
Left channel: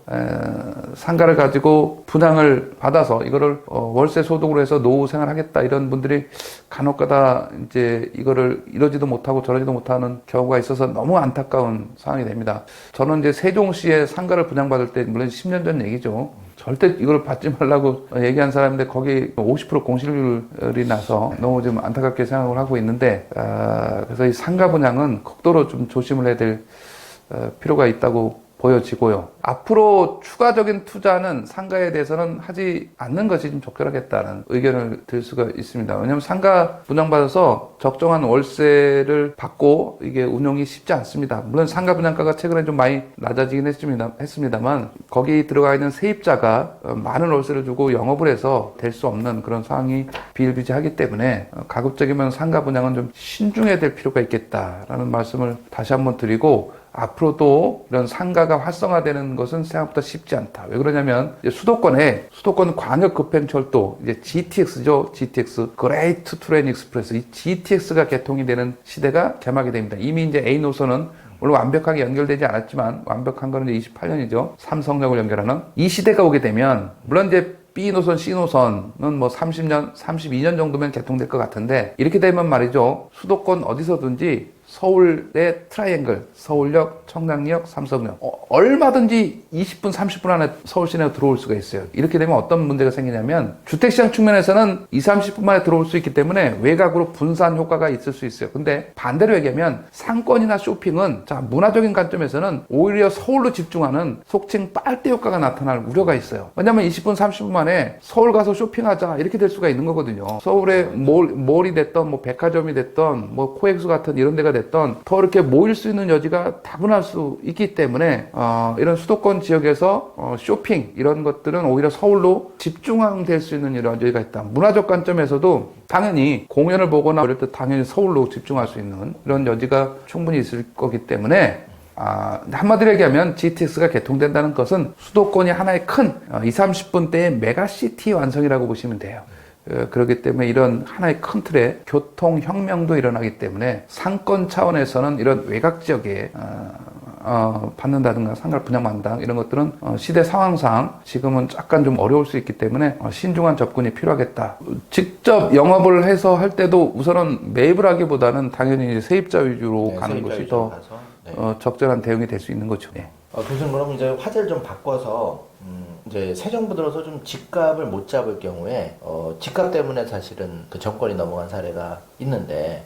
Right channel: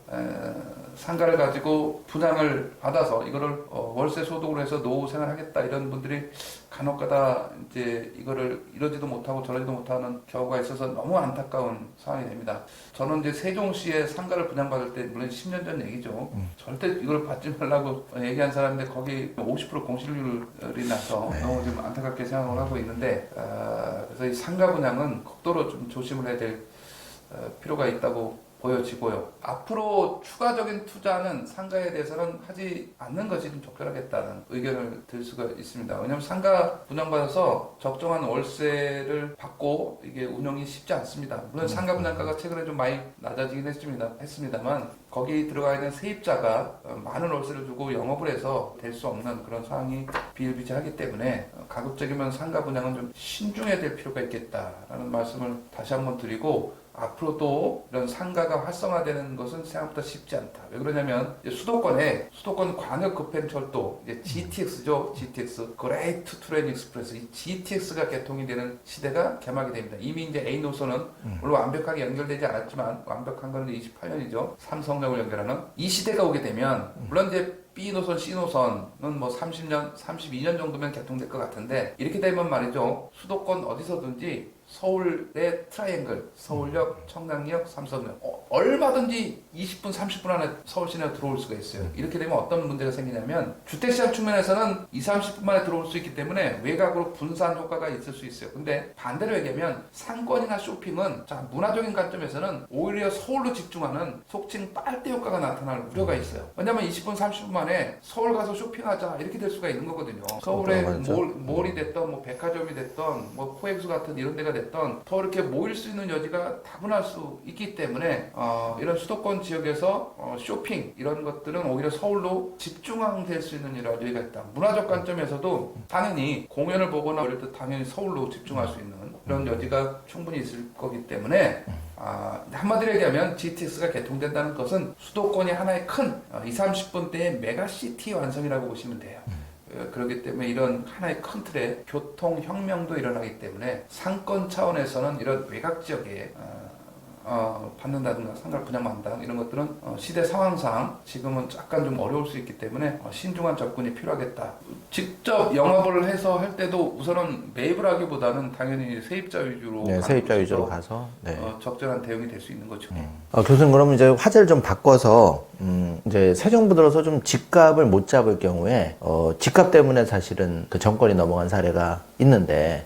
상가를 가지고 분양을 받아서 이거를 월세 소득으로 해서 노후 생활하겠다 이런 분들이 간혹가다 이제 이거를 이러지도 못하고 저러지도 못하는 경우가 있어서 너무 안타까운 상황이 됩니다. 저는 이제 세종시에 상가를 분양받을 때 물론 10년 전 얘기죠. 절대 이걸 받지 말라고 얘기한 사람인데 거기 50% 공실률이 나서 너무 좀 안타깝게 생각을 하고 있는데 그래서 이 상가 분양은 극도로 좀 조심을 해야 될 필요가 있다고 보여지고요. 앞으로 추가적인 투자는 상가에 대해서는 하지 않는 것이 좀 적절하겠다는 의견을 들 수가 있습니다. 왜냐하면 상가 분양받아서 적정한 월세를 받고 이게 운영이 쉽지 않습니다. 물론 상가 분양가가 최근에 좀 많이 낮아지긴 했습니다만 거기 들어가 있는 세입자가 많은 월세를 주고 영업을 해서 될 수 없는 그런 상황이 비일비재하기 때문에 가급적이면 상가 분양은 좀 신중해야 될 필요가 있겠다라는 말씀을 다시 한번 드리고, 앞으로도 이런 상가가 활성화되는 것은 생각보다 쉽지 않다. 왜 그러냐면 수도권 광역급행철도 이제 GTX죠. GTX Great Train Express, 이 GTX가 개통이 되는 시대가 개막이 됩니다. 이미 이제 A 노선은 물론 완벽하게 연결되지 않았지만 완벽한 거는 이제 28년이죠. 삼성역을 연결하는 이 시대가 오게 되면 물론 이제 B 노선, C 노선은 뭐 30년, 32년 정도면 개통될 것 같은데, 이렇게 되면 말이죠. 수도권 어디서든지 서울의 트라이앵글, 서울역, 청량역, 삼성역 얼마든지 20분, 30분 안에 서울 시내로 들어올 수가 있어요. 이렇게 되면 어떤 문제가 생기냐면 주택시장 측면에서는 20, 30분 만에 들어올 수 있기 때문에 외곽으로 분산 효과가 있을 수 있어요. 근데 반대로 얘기하면 상권이나 쇼핑은 문화적인 관점에서는 오히려 서울로 집중하는 속칭 빨대 효과가 나타날 우려가 있어요. 왜냐하면 20분, 30분 만에 서울 가서 쇼핑하자 이렇게 될 수가 있는 거거든요. 서울에 몰이 됐던 뭐 백화점이 됐던 뭐 코엑스 같은 이런 데가 됐던 더 이렇게 모일 수 있는 여지가 다분할 수 있기 때문에 이런 수도권 지역에서 쇼핑 이런 것들은 오히려 서울로 집중될 수 있는 이런 여지가 있다. 문화적 관점에서도 당연히 공연을 보거나 이럴 때 당연히 서울로 집중할 수 있는 이런 여지가 충분히 있을 거기 때문에 한마디로 얘기하면 GTX가 개통된다는 것은 수도권이 하나의 큰 20, 30분대의 메가시티 완성이라고 보시면 돼요. 그렇기 때문에 이런 하나의 큰 틀의 교통혁명도 일어나기 때문에 상권 차원에서는 이런 외곽 지역에 받는다든가 상가 분양받는다 이런 것들은 시대 상황상 지금은 약간 좀 어려울 수 있기 때문에 신중한 접근이 필요하겠다. 직접 영업을 해서 할 때도 우선은 매입을 하기보다는 당연히 이제 세입자 위주로 가는 것이 더 적절한 대응이 될 수 있는 거죠. 네. 교수님, 그럼 이제 화제를 좀 바꿔서 이제 새 정부 들어서 좀 집값을 못 잡을 경우에 집값 때문에 사실은 그 정권이 넘어간 사례가 있는데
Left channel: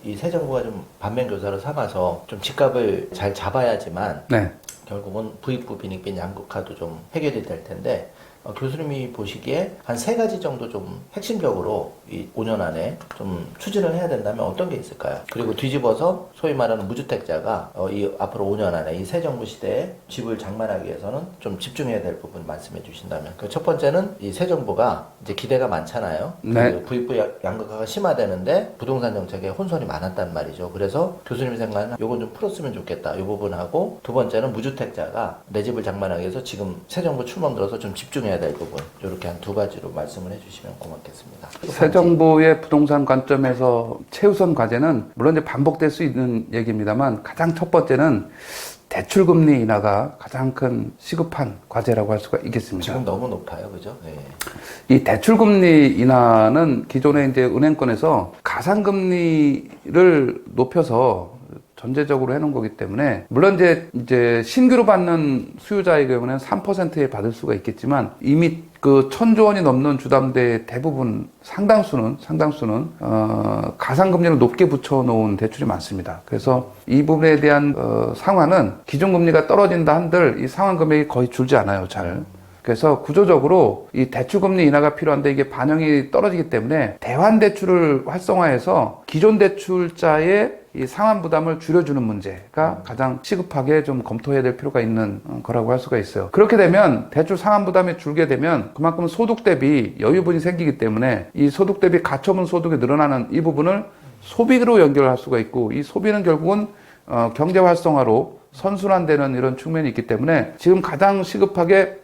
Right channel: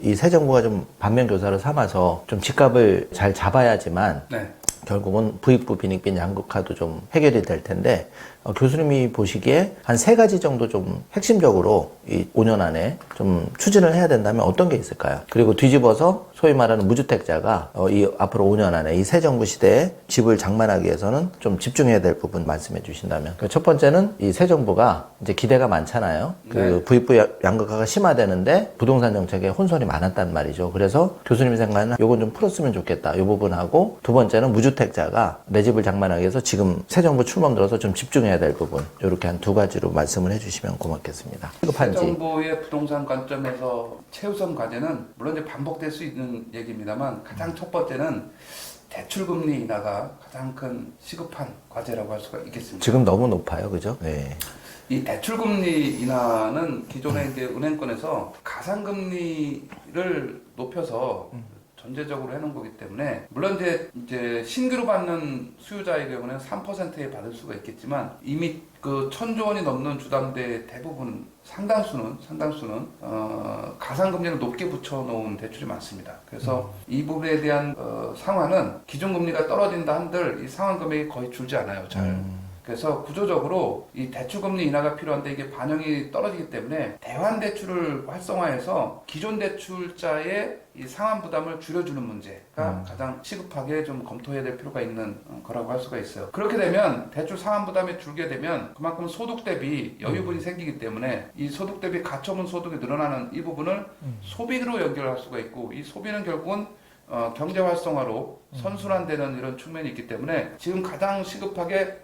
이 새 정부가 좀 반면 교사를 삼아서 좀 집값을 잘 잡아야지만 네. 결국은 부익부 빈익빈 양극화도 좀 해결이 될 텐데 교수님이 보시기에 한 세 가지 정도 좀 핵심적으로 이 5년 안에 좀 추진을 해야 된다면 어떤 게 있을까요? 그리고 뒤집어서 소위 말하는 무주택자가 이 앞으로 5년 안에 이 새 정부 시대에 집을 장만하기 위해서는 좀 집중해야 될 부분 말씀해 주신다면. 첫 번째는 이 새 정부가 이제 기대가 많잖아요. 네. 그 부익부 양극화가 심화되는데 부동산 정책에 혼선이 많았단 말이죠. 그래서 교수님이 생각하는 요건 좀 풀었으면 좋겠다. 이 부분하고 두 번째는 무주택자가 내 집을 장만하기 위해서 지금 새 정부 출범 들어서 좀 집중해야 될 부분, 이렇게 한 두 가지로 말씀을 해주시면 고맙겠습니다. 새 정부의 부동산 관점에서 최우선 과제는 물론 이제 반복될 수 있는 얘기입니다만 가장 첫 번째는 대출금리 인하가 가장 큰 시급한 과제라고 할 수가 있겠습니다. 지금 너무 높아요, 그죠? 네. 이 대출금리 인하는 기존에 이제 은행권에서 가상금리를 높여서 전제적으로 해놓은 거기 때문에 물론 이제 신규로 받는 수요자의 경우는 3%에 받을 수가 있겠지만 이미 그 1,000조 원이 넘는 주담대 대부분 상당수는 가상금리를 높게 붙여놓은 대출이 많습니다. 그래서 이 부분에 대한 상환은 기존금리가 떨어진다 한들 이 상환 금액이 거의 줄지 않아요, 잘. 그래서 구조적으로 이 대출금리 인하가 필요한데 이게 반영이 떨어지기 때문에 대환대출을 활성화해서 기존 대출자의 이 상환 부담을 줄여주는 문제가 가장 시급하게 좀 검토해야 될 필요가 있는 거라고 할 수가 있어요. 그렇게 되면 대출 상환 부담이 줄게 되면 그만큼 소득 대비 여유분이 생기기 때문에 이 소득 대비 가처분 소득이 늘어나는 이 부분을 소비로 연결할 수가 있고, 이 소비는 결국은 경제 활성화로 선순환되는 이런 측면이 있기 때문에 지금 가장 시급하게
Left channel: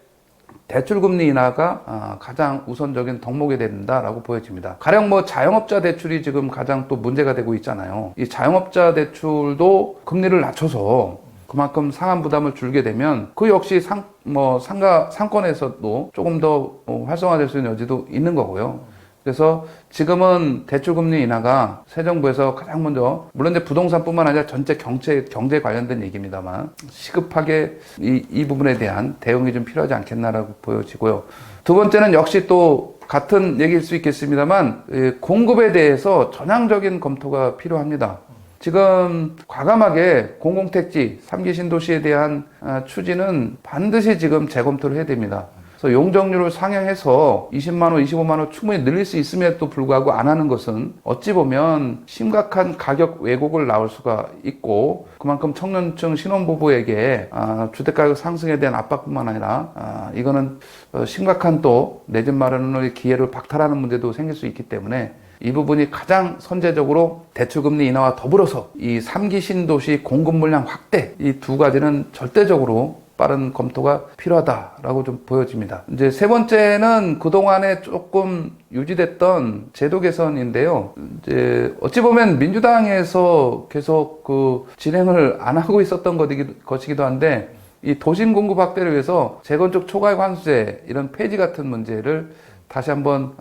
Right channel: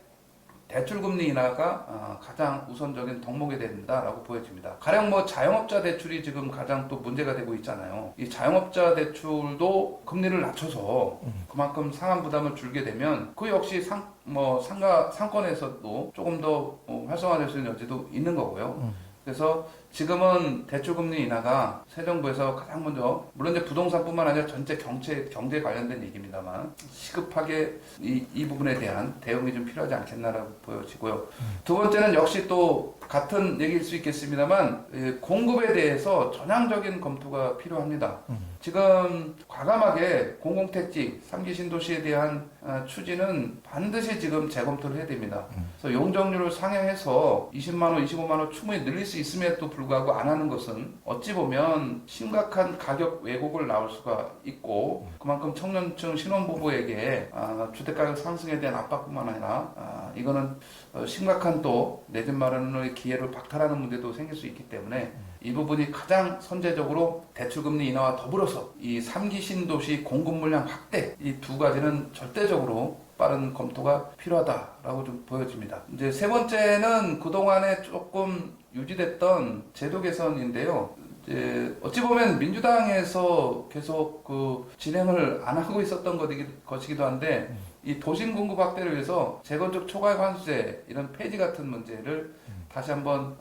대출금리 인하가 가장 우선적인 덕목이 된다라고 보여집니다. 가령 뭐 자영업자 대출이 지금 가장 또 문제가 되고 있잖아요. 이 자영업자 대출도 금리를 낮춰서 그만큼 상환 부담을 줄게 되면 그 역시 상권에서도 조금 더 활성화될 수 있는 여지도 있는 거고요. 그래서 지금은 대출금리 인하가 새 정부에서 가장 먼저, 물론 이제 부동산뿐만 아니라 전체 경제 관련된 얘기입니다만 시급하게 이 부분에 대한 대응이 좀 필요하지 않겠나라고 보여지고요. 두 번째는 역시 또 같은 얘기일 수 있겠습니다만 공급에 대해서 전향적인 검토가 필요합니다. 지금 과감하게 공공택지, 3기 신도시에 대한 추진은 반드시 지금 재검토를 해야 됩니다. 그래서 용적률을 상향해서 20만 호, 25만 호 충분히 늘릴 수 있음에도 불구하고 안 하는 것은 어찌 보면 심각한 가격 왜곡을 낳을 수가 있고 그만큼 청년층 신혼부부에게 주택가격 상승에 대한 압박뿐만 아니라 이거는 심각한 또 내 집 마련의 기회를 박탈하는 문제도 생길 수 있기 때문에 이 부분이 가장 선제적으로 대출금리 인하와 더불어서 이 3기 신도시 공급 물량 확대 이 두 가지는 절대적으로 빠른 검토가 필요하다라고 좀 보여집니다. 이제 세 번째는 그동안에 조금 유지됐던 제도 개선인데요. 이제 어찌 보면 민주당에서 계속 그 진행을 안 하고 있었던 것이기도 한데 이 도심 공급 확대를 위해서 재건축 초과이익 환수제 이런 폐지 같은 문제를 다시 한번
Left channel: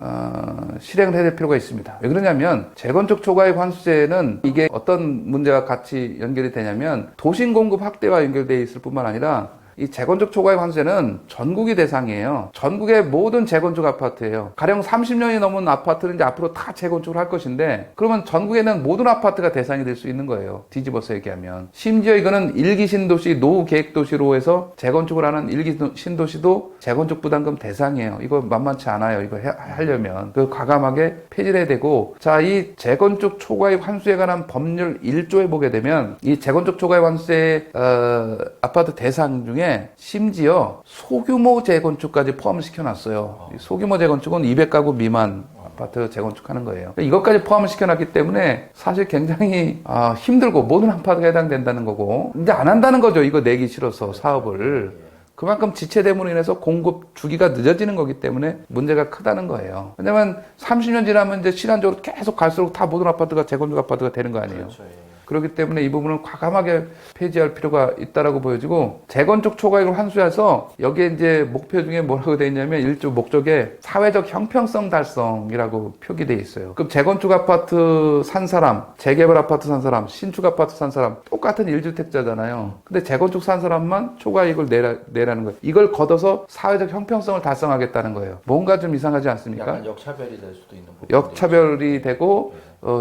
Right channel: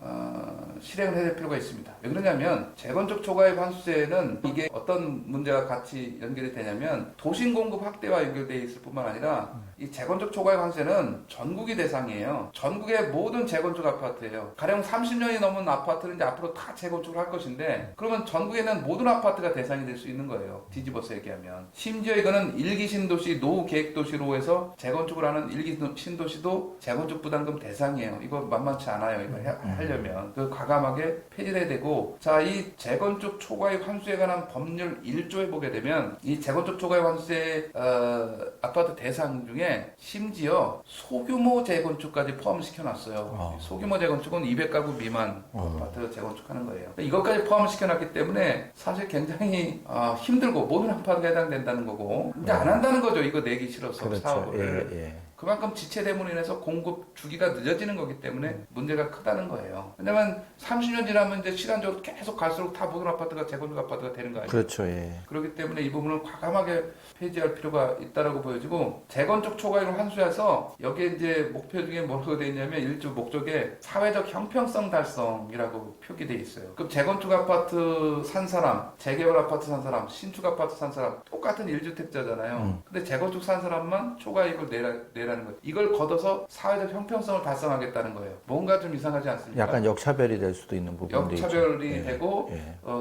실행을 해야 될 필요가 있습니다. 왜 그러냐면 재건축 초과이익 환수제는 이게 어떤 문제가 같이 연결이 되냐면 도심 공급 확대와 연결되어 있을 뿐만 아니라 이 재건축 초과이익 환수제는 전국이 대상이에요. 전국의 모든 재건축 아파트예요. 가령 30년이 넘은 아파트는 이제 앞으로 다 재건축을 할 것인데 그러면 전국에 있는 모든 아파트가 대상이 될 수 있는 거예요. 뒤집어서 얘기하면. 심지어 이거는 1기 신도시, 노후 계획 도시로 해서 재건축을 하는 1기 신도시도 재건축 부담금 대상이에요. 이거 만만치 않아요. 이거 하려면. 그 과감하게 폐지를 해야 되고 자, 이 재건축 초과이익 환수에 관한 법률 1조에 보게 되면 이 재건축 초과이익 환수의 아파트 대상 중에 심지어 소규모 재건축까지 포함을 시켜놨어요. 소규모 재건축은 200가구 미만 아파트 재건축하는 거예요. 이것까지 포함을 시켜놨기 때문에 사실 굉장히 힘들고 모든 아파트가 해당된다는 거고 근데 안 한다는 거죠. 이거 내기 싫어서 그렇죠. 사업을. 예, 예. 그만큼 지체됨으로 인해서 공급 주기가 늦어지는 거기 때문에 문제가 크다는 거예요. 왜냐면 30년 지나면 이제 시간적으로 계속 갈수록 다 모든 아파트가 재건축 아파트가 되는 거 아니에요. 그렇죠. 예. 그렇기 때문에 이 부분을 과감하게 폐지할 필요가 있다라고 보여지고 재건축 초과이익을 환수해서 여기에 이제 목표 중에 뭐라고 되어 있냐면 1조 목적에 사회적 형평성 달성이라고 표기되어 있어요. 그럼 재건축 아파트 산 사람, 재개발 아파트 산 사람, 신축 아파트 산 사람 똑같은 1주택자잖아요. 근데 재건축 산 사람만 초과이익을 내라는 거예요. 이걸 걷어서 사회적 형평성을 달성하겠다는 거예요. 뭔가 좀 이상하지 않습니까? 약간 역차별이 될 수도 있는 부분도 역차별이 있죠. 되고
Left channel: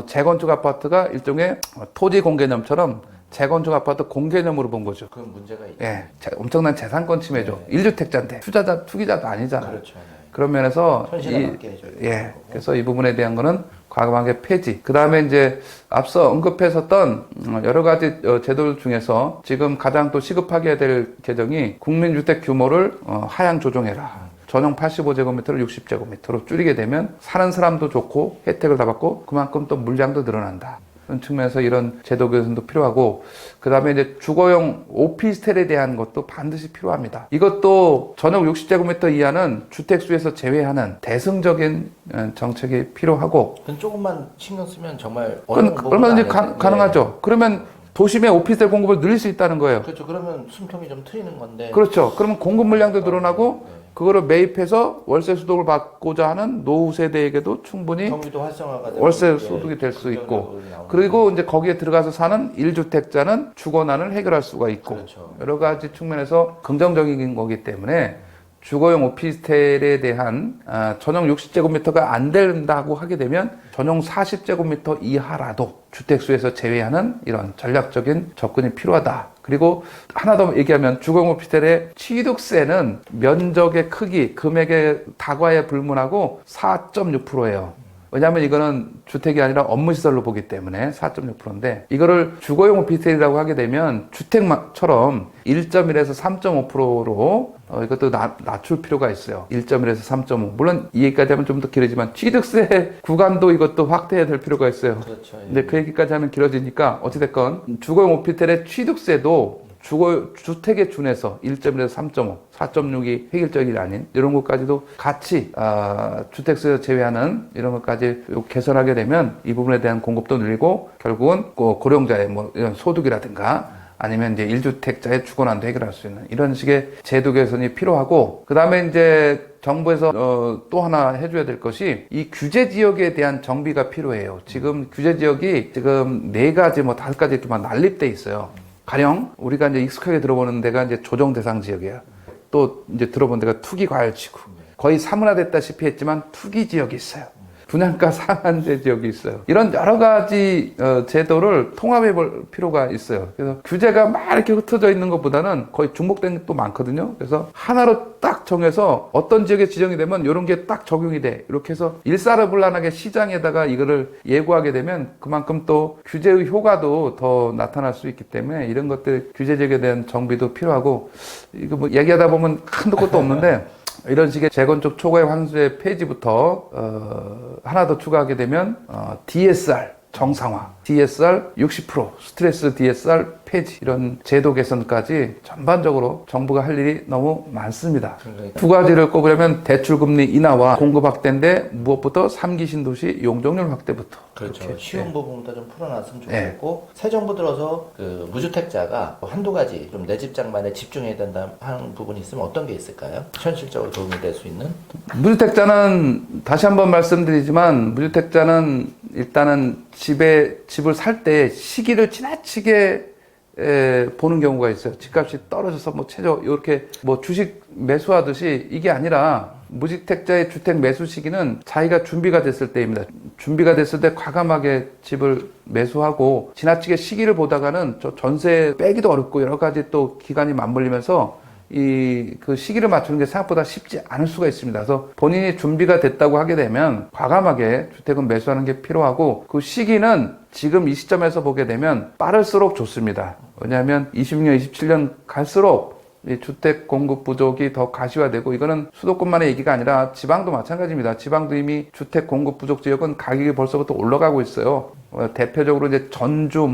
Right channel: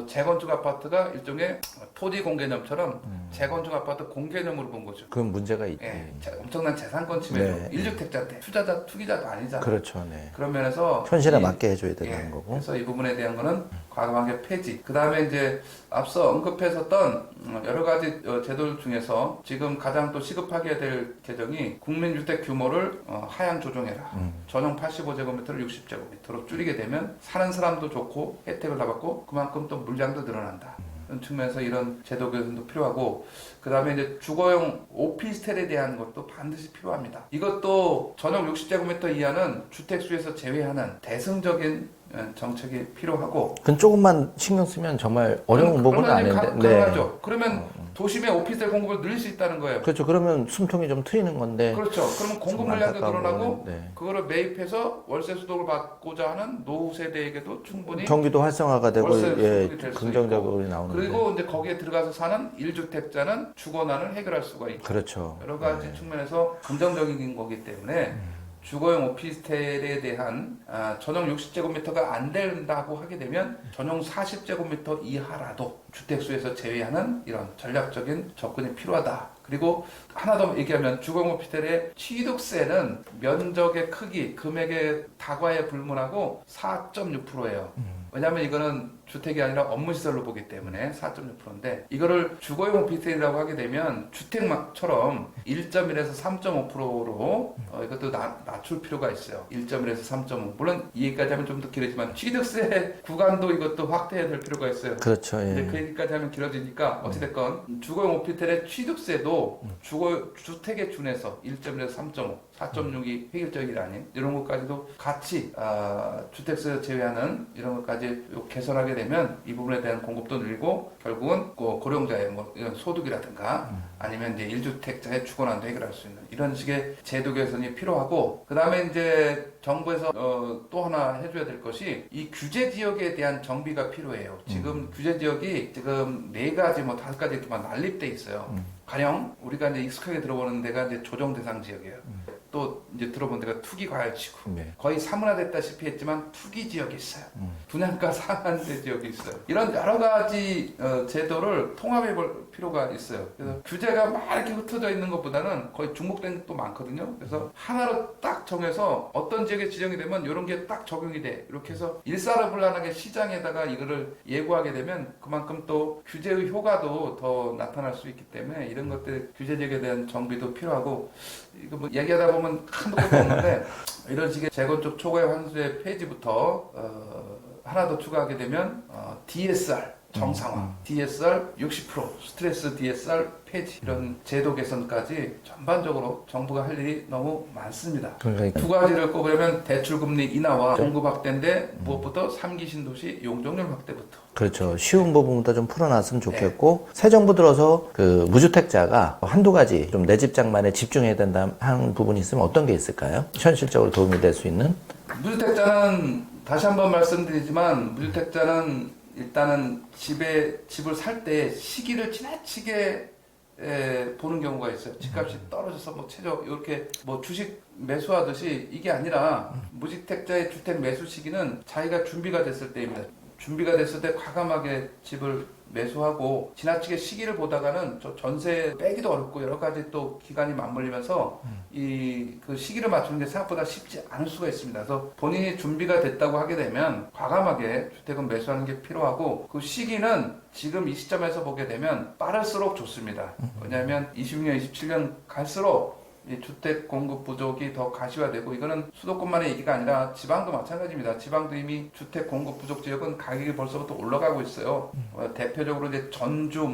재건축 아파트가 일종의 토지 공개념처럼 재건축 아파트 공개념으로 본 거죠. 그건 문제가 있죠. 예, 엄청난 재산권 침해죠. 1주택자인데 투기자도 아니잖아. 그렇죠. 네. 그런 면에서 현실에 맞게 해줘야 되는 예, 거고. 그래서 이 부분에 대한 거는 과감하게 폐지. 그 다음에 이제 앞서 언급했었던 여러 가지 제도들 중에서 지금 가장 또 시급하게 해야 될 개정이 국민주택 규모를 하향 조정해라. 전용 85제곱미터를 60제곱미터로 줄이게 되면 사는 사람도 좋고 혜택을 다 받고 그만큼 또 물량도 늘어난다. 그런 측면에서 이런 제도 개선도 필요하고 그 다음에 이제 주거용 오피스텔에 대한 것도 반드시 필요합니다. 이것도 전용 60제곱미터 이하는 주택수에서 제외하는 대승적인 정책이 필요하고 그건 조금만 신경 쓰면 정말 어려운 부분은 얼마든지 아닌데. 가능하죠. 네. 그러면 도심의 오피스텔 공급을 늘릴 수 있다는 거예요. 그렇죠. 그러면 숨통이 좀 트이는 건데. 그렇죠. 그러면 공급 물량도 늘어나고 네. 그거를 매입해서 월세 수독을 받고자 하는 노후 세대에게도 충분히 경기도 활성화가 되고 월세 수득이 될 수 있고 그리고 이제 거기에 들어가서 사는 1주택자는 주거난을 해결할 수가 있고 그렇죠. 여러 가지 측면에서 긍정적인 거기 때문에 주거용 오피스텔에 대한 전용 60제곱미터가 안 된다고 하게 되면 전용 40제곱미터 이하라도 주택수에서 제외하는 이런 전략적인 접근이 필요하다. 그리고 하나 더 얘기하면 주거용 오피스텔의 취득세는 면적의 크기, 금액의 다과에 불문하고 4.6%예요. 왜냐하면 이거는 주택이 아니라 업무시설로 보기 때문에 4.6%인데 이거를 주거용 오피스텔이라고 하게 되면 주택처럼 1.1에서 3.5%로 이것도 낮출 필요가 있어요. 1.1에서 3.5. 물론 이 얘기까지 하면 좀 더 길어지만 취득세 구간도 이것도 확대해야 될 필요가 있어요. 그렇죠. 예. 근데 그 얘기까지 하면 길어지니까 어찌됐건 주거용 오피스텔의 취득세도 주택에 준해서 1.1에서 3.5, 4.6이 획일적이 아닌 이런 것까지도 같이 주택세 제외하는 이런 것까지 개선하게 되면 이 부분에 대한 공급도 늘리고 결국은 고령자의 뭐 이런 소득이라든가 아니면 이제 1주택자의 주거난도 해결할 수 있는 이런 식의 제도 개선이 필요하고 그 다음에 이제 정부에서 또 하나 해줘야 될 것이 이 규제 지역에 대한 정비가 필요해요. 지금 규제 지역이 지금 4가지 뭐 5가지 이렇게 막 난립돼 있어요. 가령 우리가 이제 익숙하게 들어보는 데가 이제 조정 대상 지역이에요. 또 이제 들어본 데가 투기 과열지구. 네. 거의 사문화됐다시피 했지만 투기 지역이 있어요. 분양가 상한제 지역이 있어요. 이런 여러 가지 제도를 통합해 볼 필요가 있어요. 그래서 규제가 막 이렇게 흩어져 있는 것보다는 거의 중복된 게 또 많거든요. 그래서 하나로 딱 정해서 어떤 지역에 지정이 되면 이런 게 딱 적용이 돼. 이렇게 해서 일사불란하게 시장에다가 이거를 예고하게 되면 그만큼 또 규제의 효과도 더 나타날 수 있기 때문에 이런 것들 규제 제기에 대한 정비도 필요하고, 이거 뭐 얘기하다 보면 한도 끝도 없는데 이런 식의 재건축 초과의 환수의 폐지부터 하나 더 추가하게 되면 DSR 정상화, DSR 60%, 스트레스 DSR 폐지, 이런 제도 개선까지 전반적으로 정부가 할 일이 너무 많습니다. 그러니까. 두 가지를 꼽으려면 대출금리 인하와 공급 확대인데 무엇부터 3기 신도시 용적률 확대부터. 그렇죠. 이렇게. 쉬운 부분부터 좀 풀어놨으면 좋겠고, 새 정부 들어서 그 무주택자가 한두 가지 좀 내 집장만에 집중해야 된다 하는 부분이 있으면 어떤 게 있을까요? 현실적으로 도움이 될 수 있는? 무주택자는 다시 한번 말씀드리지만, 무주택자는 일단은 집을 살 때 시기를 지나치게 보는 경우가 있어요. 집값이 떨어져서 뭐 최저 이렇게 뭐 주식 매수하듯이, 이게 아니라 무주택자의 주택 매수 시기는 자기가 준비가 됐을 때입니다. 준비가 됐을 때 과감하게 집을 매수하고, 지나치게 시기를 보다가는 저 전세 빼기도 어렵고 여러 가지 또 기간이 맞물리면서 그 시기를 맞추는 게 생각보다 쉽지 않을 수가 있습니다. 그래서 본인이 준비가 됐다고 하게 되면 과감하게 주택은 매수하는 게 필요하고, 그 시기는 지금 이 시점에서 보게 되면 빠를수록 좋습니다. 왜냐하면 26년, 27년 갈수록 이 주택 공급 부족이 더 가시화되고, 이거는 수도권만의 얘기가 아니라 지방도 마찬가지입니다. 지방도 이미 주택 공급 부족 지역은 가격이 벌써부터 올라가고 있어요. 대표적으로 이제 전주,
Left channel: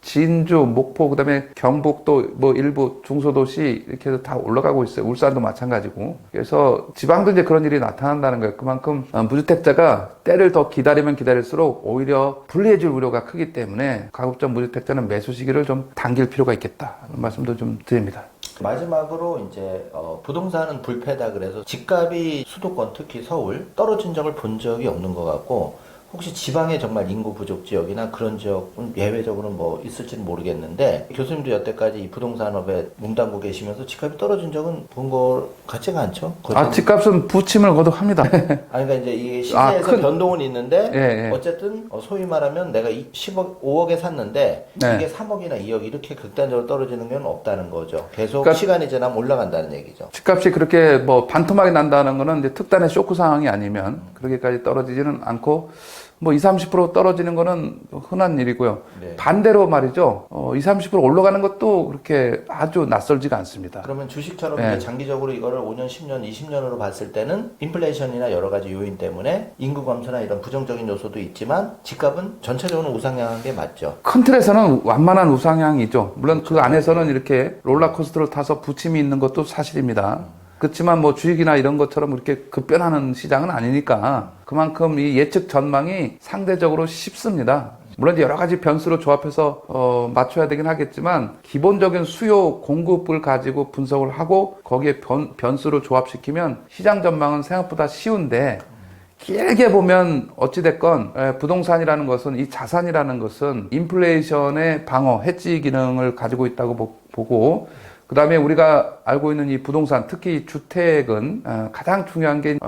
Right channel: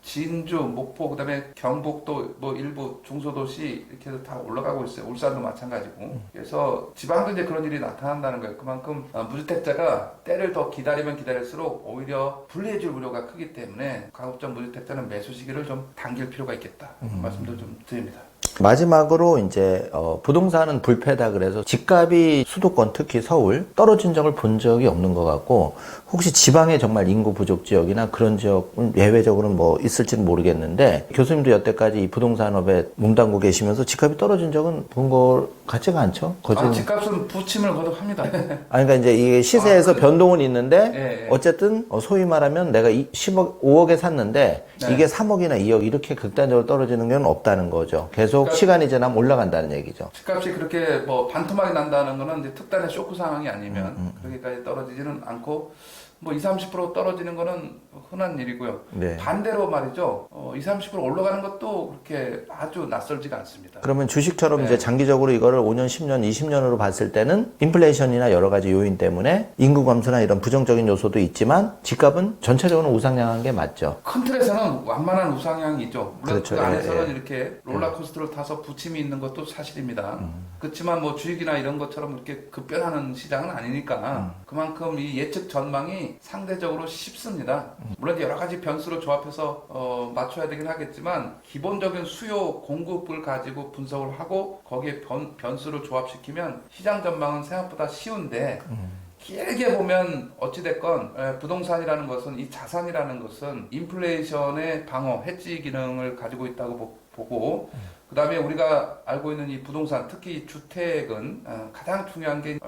진주, 목포, 그다음에 경북도 뭐 일부 중소도시 이렇게 해서 다 올라가고 있어요. 울산도 마찬가지고. 그래서 지방도 이제 그런 일이 나타난다는 거예요. 그만큼 무주택자가 때를 더 기다리면 기다릴수록 오히려 불리해질 우려가 크기 때문에 가급적 무주택자는 매수 시기를 좀 당길 필요가 있겠다. 말씀도 좀 드립니다. 마지막으로 이제 부동산은 불패다 그래서 집값이 수도권 특히 서울 떨어진 적을 본 적이 없는 것 같고, 혹시 지방에 정말 인구 부족 지역이나 그런 지역은 예외적으로는 뭐 있을지는 모르겠는데, 교수님도 여태까지 이 부동산업에 몸담고 계시면서 집값이 떨어진 적은 본 것 같지가 않죠? 집값은 부침을 거듭합니다. 그러니까 이제 이게 시세에서 변동은 있는데, 예. 어쨌든 소위 말하면 내가 5억에 샀는데 네. 이게 3억이나 2억 이렇게 극단적으로 떨어지는 건 없다는 거죠. 계속 그러니까 시간이 지나면 올라간다는 얘기죠. 집값이 그렇게 뭐 반토막이 난다는 거는 이제 특단의 쇼크 상황이 아니면 그렇게까지 떨어지지는 않고, 뭐 20, 30% 떨어지는 거는 흔한 일이고요. 네. 반대로 말이죠. 20, 30% 올라가는 것도 그렇게 아주 낯설지가 않습니다. 그러면 주식처럼 네. 이제 장기적으로 이거를 5년, 10년, 20년으로 봤을 때는 인플레이션이나 여러 가지 요인 때문에 인구 감소나 이런 부정적인 요소도 있지만 집값은 전체적으로 우상향한 게 맞죠. 큰 틀에서는 완만한 우상향이죠. 물론 그렇죠. 그 안에서는 네. 이렇게 롤러코스터를 타서 부침이 있는 것도 사실입니다. 그렇지만 뭐 주식이나 이런 것처럼 그렇게 급변하는 시장은 아니니까 그만큼 이 예측 전망이 상대적으로 쉽습니다. 물론 이제 여러 가지 변수를 조합해서 맞춰야 되긴 하겠지만, 기본적인 수요 공급을 가지고 분석을 하고 거기에 변수를 조합시키면 시장 전망은 생각보다 쉬운데, 길게 보면 어찌됐건 부동산이라는 것은, 이 자산이라는 것은 인플레이션의 방어, 해지 기능을 가지고 있다고 보고, 그 다음에 우리가 알고 있는 이 부동산, 특히 주택은 가장 중요한 게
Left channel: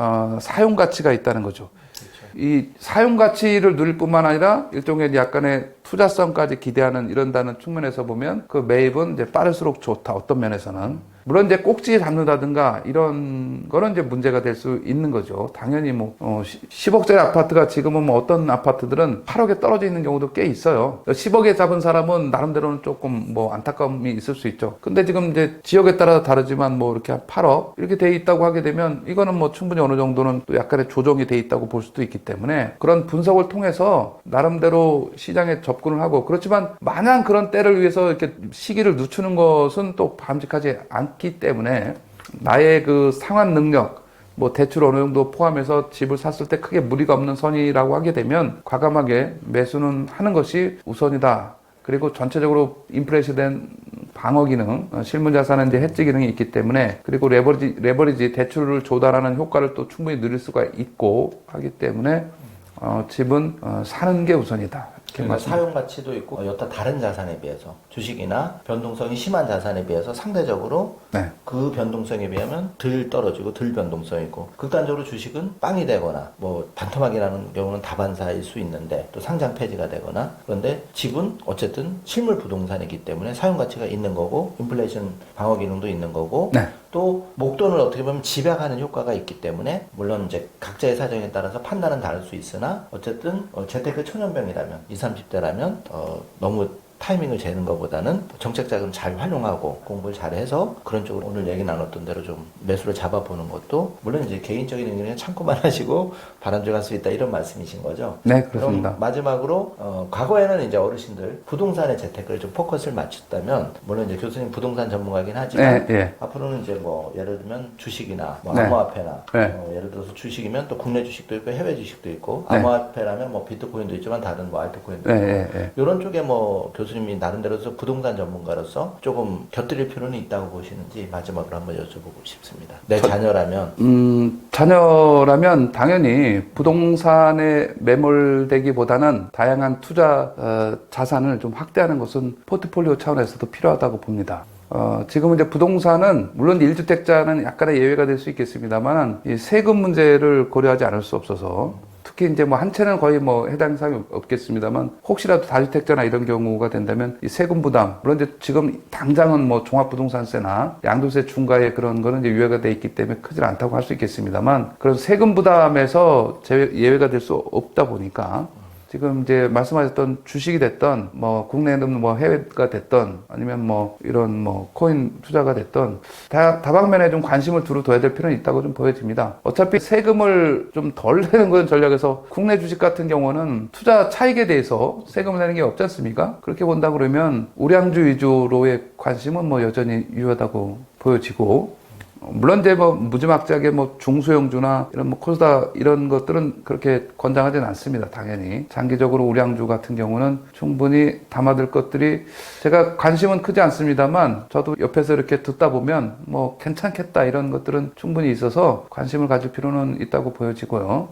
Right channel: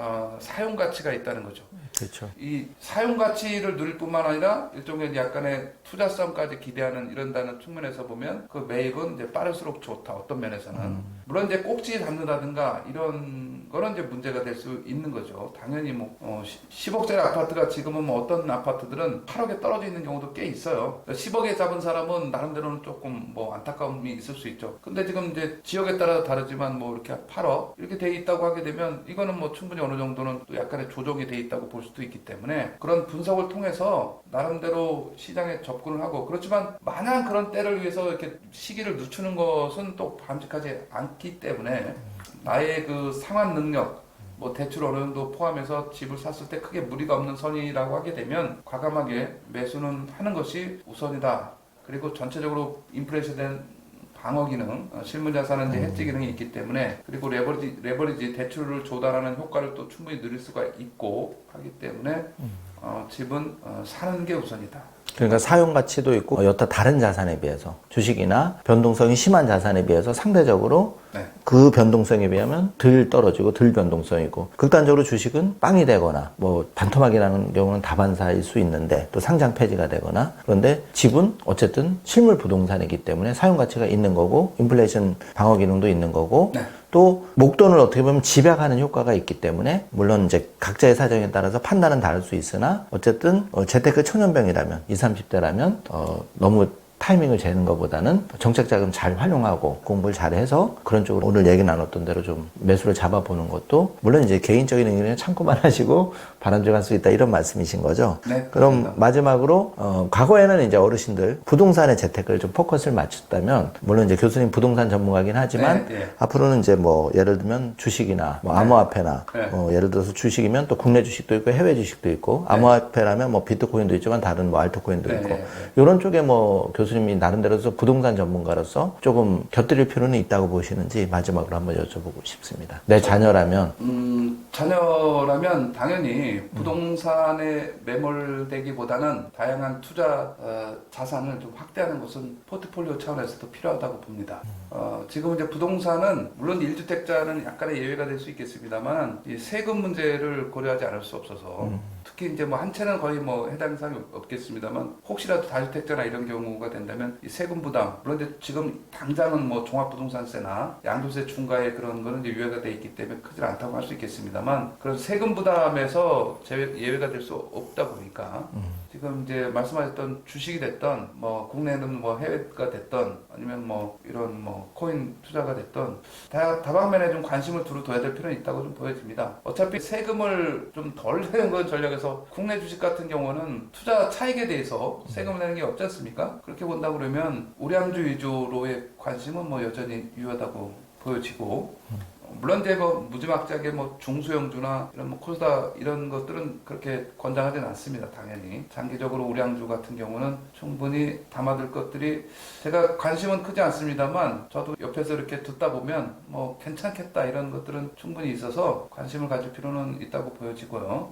사용 가치가 있다는 거죠. 그렇죠. 이 사용 가치를 누릴 뿐만 아니라 일종의 약간의 투자성까지 기대하는 이런다는 측면에서 보면 그 매입은 이제 빠를수록 좋다. 어떤 면에서는. 물론 이제 꼭지 잡는다든가 이런 거는 이제 문제가 될 수 있는 거죠. 당연히 뭐 10억짜리 아파트가 지금은 뭐 어떤 아파트들은 8억에 떨어져 있는 경우도 꽤 있어요. 10억에 잡은 사람은 나름대로는 조금 뭐 안타까움이 있을 수 있죠. 근데 지금 이제 지역에 따라 다르지만 뭐 이렇게 8억 이렇게 돼 있다고 하게 되면 이거는 뭐 충분히 어느 정도는 또 약간의 조정이 돼 있다고 볼 수도 있기 때문에, 그런 분석을 통해서 나름대로 시장에 접근을 하고, 그렇지만 마냥 그런 때를 위해서 이렇게 시기를 늦추는 것은 또 바람직하지 않기 때문에, 나의 그 상환 능력, 뭐 대출 어느 정도 포함해서 집을 샀을 때 크게 무리가 없는 선이라고 하게 되면 과감하게 매수는 하는 것이 우선이다. 그리고 전체적으로 인플레이션된 방어 기능, 실물 자산은 이제 해지 기능이 있기 때문에, 그리고 레버리지 대출을 조달하는 효과를 또 충분히 누릴 수가 있고 하기 때문에 집은 사는 게 우선이다. 그러니까 사용 가치도 있고 여타 다른 자산에 비해서 주식이나 변동성이 심한 자산에 비해서 상대적으로 네. 그 변동성에 비하면 덜 떨어지고 덜 변동성이고 극단적으로 주식은 빵이 되거나 뭐 반토막이 나는 경우는 다반사일 수 있는데 또 상장 폐지가 되거나 그런데 집은 어쨌든 실물 부동산이기 때문에 사용 가치가 있는 거고 인플레이션 방어 기능도 있는 거고 네. 또 목돈을 어떻게 보면 집약하는 효과가 있기 때문에 물론 이제 각자의 사정에 따라서 판단은 다를 수 있으나 어쨌든 재테크 초년병이라면 20, 30대라면 너무 타이밍을 재는 것보다는 정책 자금 잘 활용하고 공부를 잘해서 그런 쪽으로 오늘 얘기 나눴던 대로 좀 매수를 잡아보는 것도 물론 이제 개인적인 의견에 참고만 하시고 바람직할 수 있다 이런 말씀이신 거죠. 네, 그렇습니다. 그럼 마지막으로 과거에는 이제 어르신들 부동산에 재테크를 좀 포커스를 맞췄다면 물론 이제 교수님 부동산 전문가긴 하지만 네, 예. 앞으로는 이제 뭐 예를 들면 주식이나 뭐 네. 암호화폐나 네. 예를 들어서 주식이면 또 국내 주식도 있고 해외 주식도 있고 네. 암호화폐라면 뭐 비트코인도 있지만 다른 뭐 알트코인도 네, 있고 네, 네. 이런 쪽에 뭐 교수님이 나름대로서 부동산 전문가로서 조금 곁들일 필요는 있다고 보시는지 마지막으로 한번 여쭤보고 싶습니다. 내 자녀라면 자녀라면 당연히 부동산에 매몰되기보다는 다양한 투자 자산을 좀 확대하는 것은 포트폴리오 차원에서도 필요하다고 봅니다. 지금은 이제 부동산은 물론 1주택자는 약간의 예외가 될 수 있겠습니다만 이 세금 문제를 고려하지 않을 수 없어서 특히 이제 뭐 한 채는 거의 뭐 해당 사항이 없겠습니다만 혹시라도 다주택자나 이런 경우가 된다면 이 세금 부담 물론 이제 지금 당장은 뭐 종합부동산세나 양도세 중과에 그런 거는 이제 유예가 돼 있기 때문에 크지 않다고 할 수 있겠습니다만 그런 세금 부담에서 예외가 될 수 없다 보니까 지금 이제 말씀하셨던 주식이 됐던 뭐 국내는 뭐 해외가 됐던 아니면 뭐 이런 뭐 코인 투자가 됐던 다방면에 좀 관심을 두어둬야 될 필요는 있다고 좀 보여집니다. 어차피 세금을 좀 덜 내는 그런 전략에서 국내 주식 같은 경우는 투자 차익에 대해서 세금을 내는 게 없지 않습니까? 그렇게 본다 그러면 우량주 위주로의 관심은 뭐 여전히 유효하다고 보여지고 물론 이제 뭐 무지막지하게 뭐 중소형주나 이런 뭐 코스다 이런 것들은 그렇게 권장하지는 않습니다. 당연히 장기적으로 우량주 같은 경우는 충분히 담아둘 것들이 제가 관심은 크지 않습니다만 저도 옆에서 이렇게 듣다 보면 뭐 괜찮겠다 이런 것들은 충분히 있어서 관심을 가질 필요는 있다고 보여지고요.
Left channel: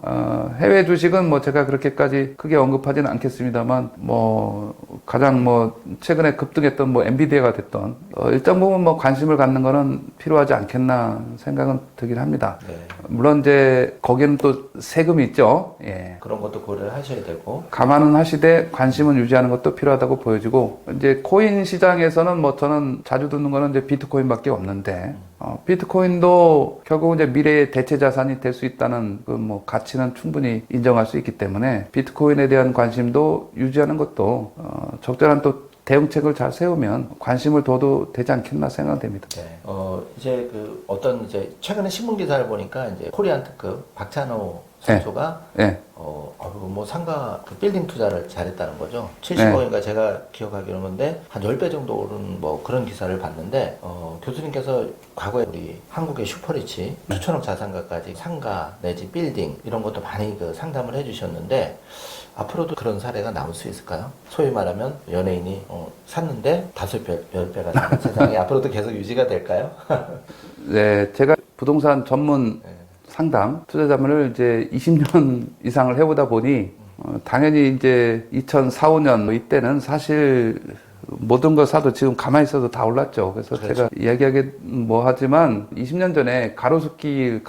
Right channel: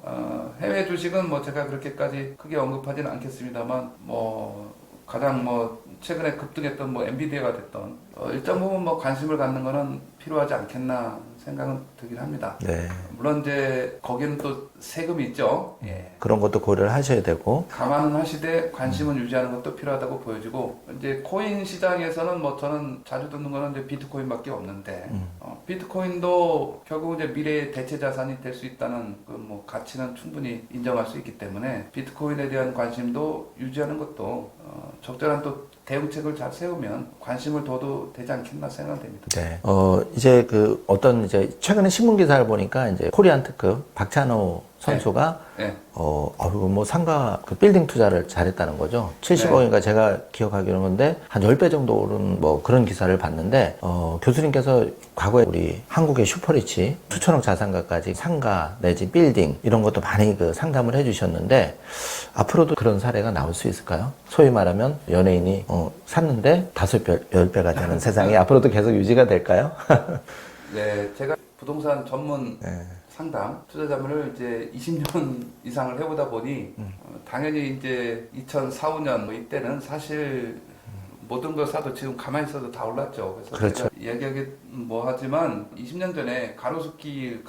해외 주식은 뭐 제가 그렇게까지 크게 언급하지는 않겠습니다만 뭐 가장 뭐 최근에 급등했던 뭐 엔비디아가 됐던 일정 부분 뭐 관심을 갖는 거는 필요하지 않겠나 생각은 들긴 합니다. 네. 물론 이제 거기는 또 세금이 있죠. 예. 그런 것도 고려를 하셔야 되고 감안은 하시되 관심은 유지하는 것도 필요하다고 보여지고 이제 코인 시장에서는 뭐 저는 자주 듣는 거는 이제 비트코인밖에 없는데 비트코인도 결국 이제 미래의 대체 자산이 될 수 있다는 그 뭐 가치는 충분히 인정할 수 있기 때문에 비트코인에 대한 관심도 유지하는 것도 적절한 또 대응책을 잘 세우면 관심을 둬도 되지 않겠나 생각됩니다. 네. 이제 그 어떤 이제 최근에 신문 기사를 보니까 이제 코리안 특급 박찬호 선수가 네. 뭐 상가 그 빌딩 투자를 잘했다는 거죠. 70억인가 제가 기억하기로는 건데 한 10배 정도 오른 뭐 그런 기사를 봤는데 교수님께서 과거에 우리 한국의 슈퍼리치 수천억 자산가까지 상가 내지 빌딩 이런 것도 많이 그 상담을 해주셨는데 앞으로도 그런 사례가 나올 수 있을까요? 소위 말하면 연예인이 샀는데 5배, 10배가 되는 세상이 앞으로도 계속 유지가 될까요? 네, 제가 부동산 전문 상담, 투자 자문을 이제 20년 이상을 해보다 보니 당연히 이제 2004, 5년 이때는 사실 모든 걸 사도 지금 가만히 있어도 다 올랐죠. 그래서 그렇죠. 제가 이야기하기 뭐 하지만 20년 전에 가로수길이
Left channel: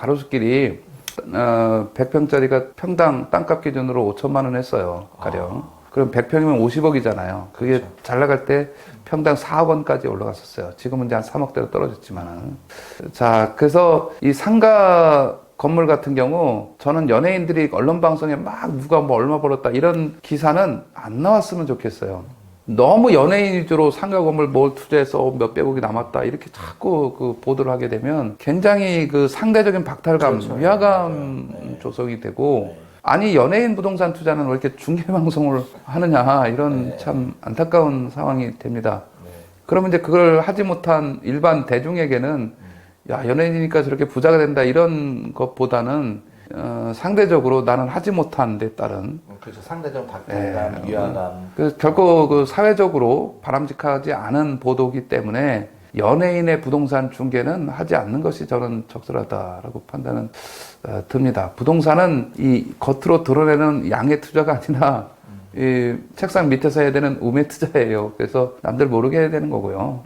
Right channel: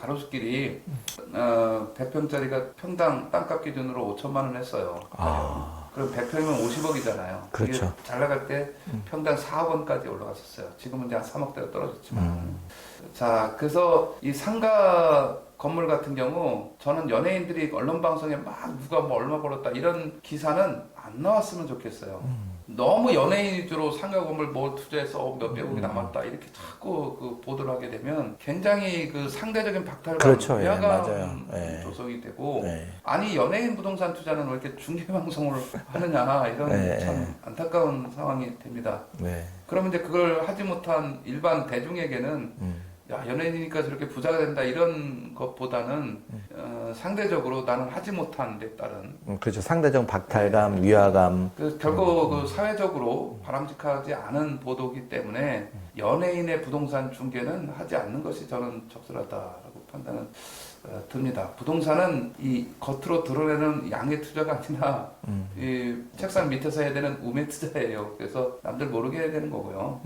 100평짜리가 평당 땅값 기준으로 5천만 원 했어요. 가령. 그럼 100평이면 50억이잖아요. 그게 그렇죠. 잘 나갈 때 평당 4억 원까지 올라갔었어요. 지금은 이제 한 3억대로 떨어졌지만. 자, 그래서 이 상가 건물 같은 경우 저는 연예인들이 언론 방송에 막 누가 뭐 얼마 벌었다 이런 기사는 안 나왔으면 좋겠어요. 너무 연예인 위주로 상가 건물 뭘 투자해서 몇백억이 남았다 이렇게 자꾸 그 보도를 하게 되면 굉장히 그 상대적인 박탈감, 그렇죠. 위화감 네, 조성이 되고 네. 아니 연예인 부동산 투자는 왜 이렇게 중계 방송을 하느냐 이런 네. 참 안타까운 상황이 됩니다. 네. 그러면 이제 그걸 하지 못한 일반 대중에게는 야 연예인이니까 저렇게 부자가 된다 이런 것보다는 상대적으로 나는 하지 못한 데 따른 그렇죠. 상대적 박탈감, 위화감. 결코 그 사회적으로 바람직하지 않은 보도기 때문에 연예인의 부동산 중개는 하지 않는 것이 저는 적절하다라고 판단은 듭니다. 부동산은 이 겉으로 드러내는 양의 투자가 아니라 이 책상 밑에서 해야 되는 우매 투자예요. 그래서 남들 모르게 해야 되는 거고요.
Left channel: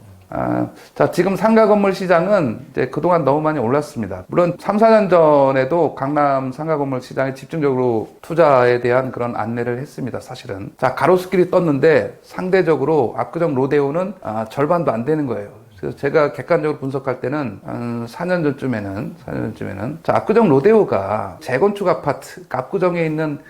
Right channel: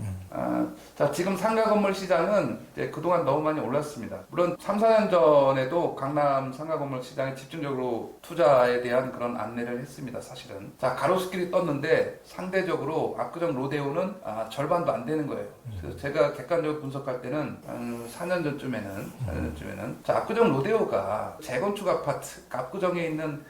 자, 지금 상가 건물 시장은 이제 그동안 너무 많이 올랐습니다. 물론 3, 4년 전에도 강남 상가 건물 시장에 집중적으로 투자에 대한 그런 안내를 했습니다. 사실은. 자, 가로수길이 떴는데 상대적으로 압구정 로데오는 절반도 안 되는 거예요. 그래서 제가 객관적으로 분석할 때는 한 4년 전쯤에는 자, 압구정 로데오가 재건축 아파트, 압구정에 있는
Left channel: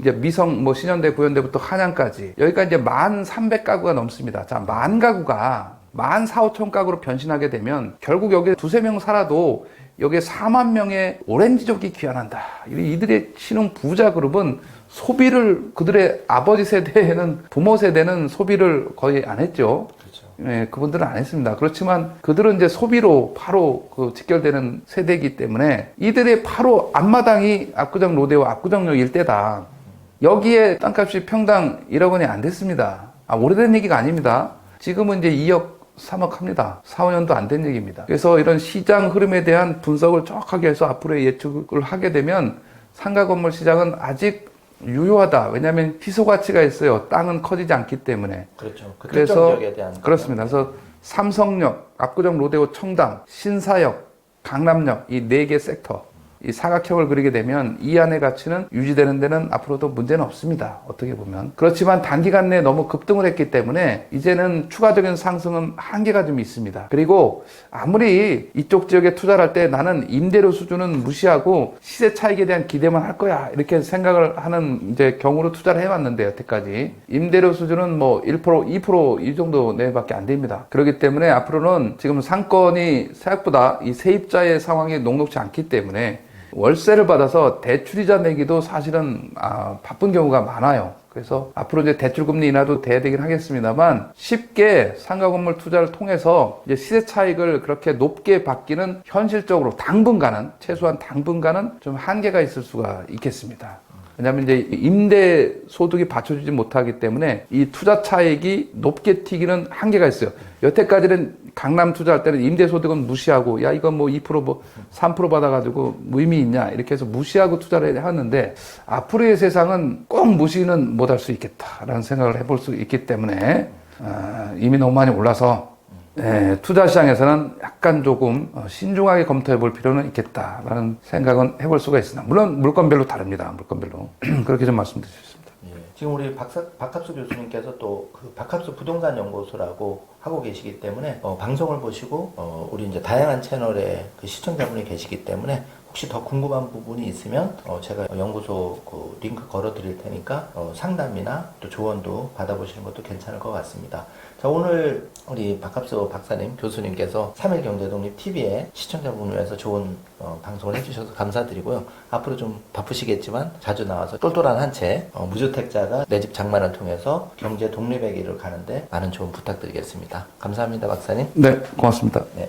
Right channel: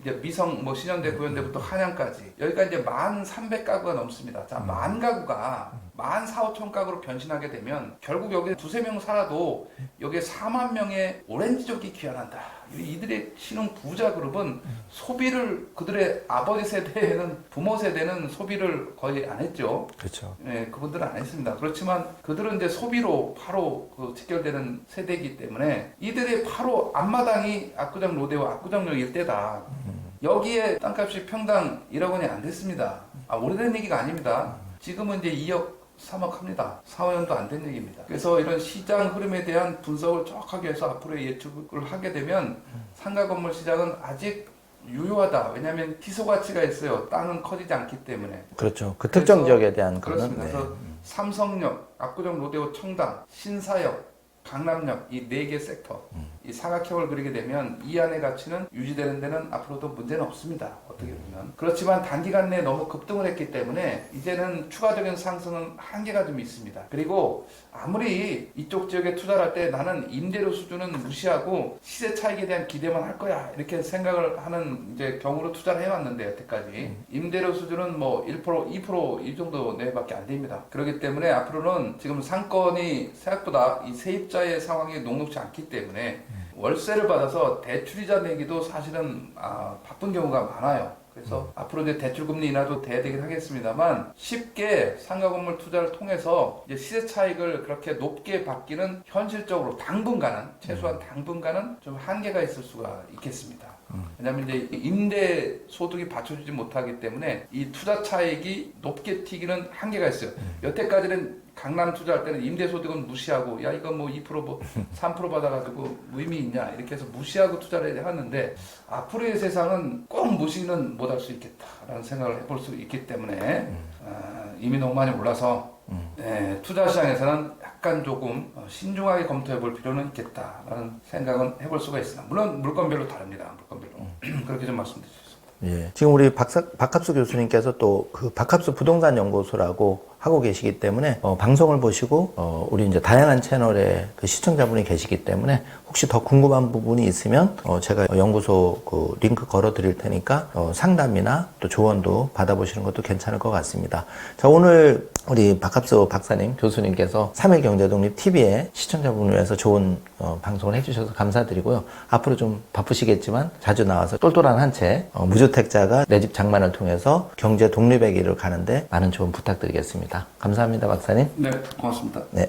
이제 미성 뭐 신현대, 구현대부터 한양까지 여기가 이제 1,300가구가 넘습니다. 자, 10,000가구가 14,5천 가구로 변신하게 되면 결국 여기에 2-3명 살아도 여기에 4만 명의 오렌지족이 귀환한다. 이들의 신흥 부자 그룹은 소비를 그들의 아버지 세대에는 부모 세대는 소비를 거의 안 했죠. 그렇죠. 네, 그분들은 안 했습니다. 그렇지만 그들은 이제 소비로 바로 그 직결되는 세대이기 때문에 이들의 바로 앞마당이 압구정 로데오 압구정역 일대다. 여기에 땅값이 평당 1억 원이 안 됐습니다. 오래된 얘기가 아닙니다. 지금은 이제 2억 3억 합니다. 4, 5년도 안 된 얘기입니다. 그래서 이런 시장 흐름에 대한 분석을 정확하게 해서 앞으로의 예측을 하게 되면 상가 건물 시장은 아직 유효하다. 왜냐하면 희소 가치가 있어요. 땅은 커지지 않기 때문에. 그렇죠. 그 특정 지역에 대한. 그렇습니다. 그래서 삼성역, 압구정 로데오 청담, 신사역, 강남역 이 4개 섹터. 이 사각형을 그리게 되면 이 안의 가치는 유지되는 데는 앞으로도 문제는 없습니다. 어떻게 보면. 그렇지만 단기간 내에 너무 급등을 했기 때문에 이제는 추가적인 상승은 한계가 좀 있습니다. 그리고 아무리 이쪽 지역에 투자를 할 때 나는 임대료 수준은 무시하고 시세 차익에 대한 기대만 할 거야. 이렇게 생각을 하는 이제 경우로 투자를 해왔는데 여태까지. 임대료 수준은 뭐 1%, 2% 이 정도 내밖에 안 됩니다. 그렇기 때문에 앞으로는 지금 상권이 생각보다 이 세입자의 상황이 녹록지 않기 때문에 월세를 받아서 대출이자 내기도 사실은 바쁜 경우가 많아요. 그래서 앞으로 이제 대출금리 인하도 돼야 되긴 하겠습니다만 쉽게 상가 건물 투자를 통해서 이제 시세 차익을 그렇게 높게 받기는 현실적으로 당분간은 최소한 당분간은 좀 한계가 있을 수가 있겠습니다. 왜냐하면 이제 임대 소득이 받쳐주지 못하기 때문에 이 투자 차익이 높게 튀기는 한계가 있어요. 여태까지는 강남 투자할 때는 임대소득은 무시하고 야 이건 뭐 2% 뭐 3% 받아가지고 무의미 있냐 이렇게 해서 무시하고 투자를 해왔는데 앞으로의 세상은 꼭 무시는 못할 수 있겠다라는 생각을 해볼 수 있기 때문에 이미 너무 많이 올라서 투자 시장에서는 약간 조금 신중하게 검토해 볼 필요는 있겠다라는 생각은 해볼 수가 있습니다. 물론 물건별로 다릅니다. 물건별로 그렇게 좀 말씀드릴 수 있습니다. 예. 지금 우리 박합수 교수님께서 또 그 박합수 부동산 연구소라고 하고 계시기 때문에 방송을 보시고 우리 이제 다양한 채널에 그 시청자분이 계시기 때문에 혹시 더 궁금한 부분이 있으면 제가 연구소 그 링크 걸어 드릴 테니까 상담이나 또 조언도 받아보시는 것도 괜찮을 것 같습니다. 자, 오늘 우리 박합수 박사님 교수님께서 3일 경제독립 TV에 시청자분을 위해서 좋은 방송을 해주셔서 감사드리고요. 앞으로 좀 바쁘시겠지만 자주 나와서 똘똘한 한 채 무주택자가 내 집 장만을 통해서 경제 독립의 길을 가는데 많은 조언 부탁드리겠습니다. 감사합니다, 박사님. 네, 고맙습니다. 네.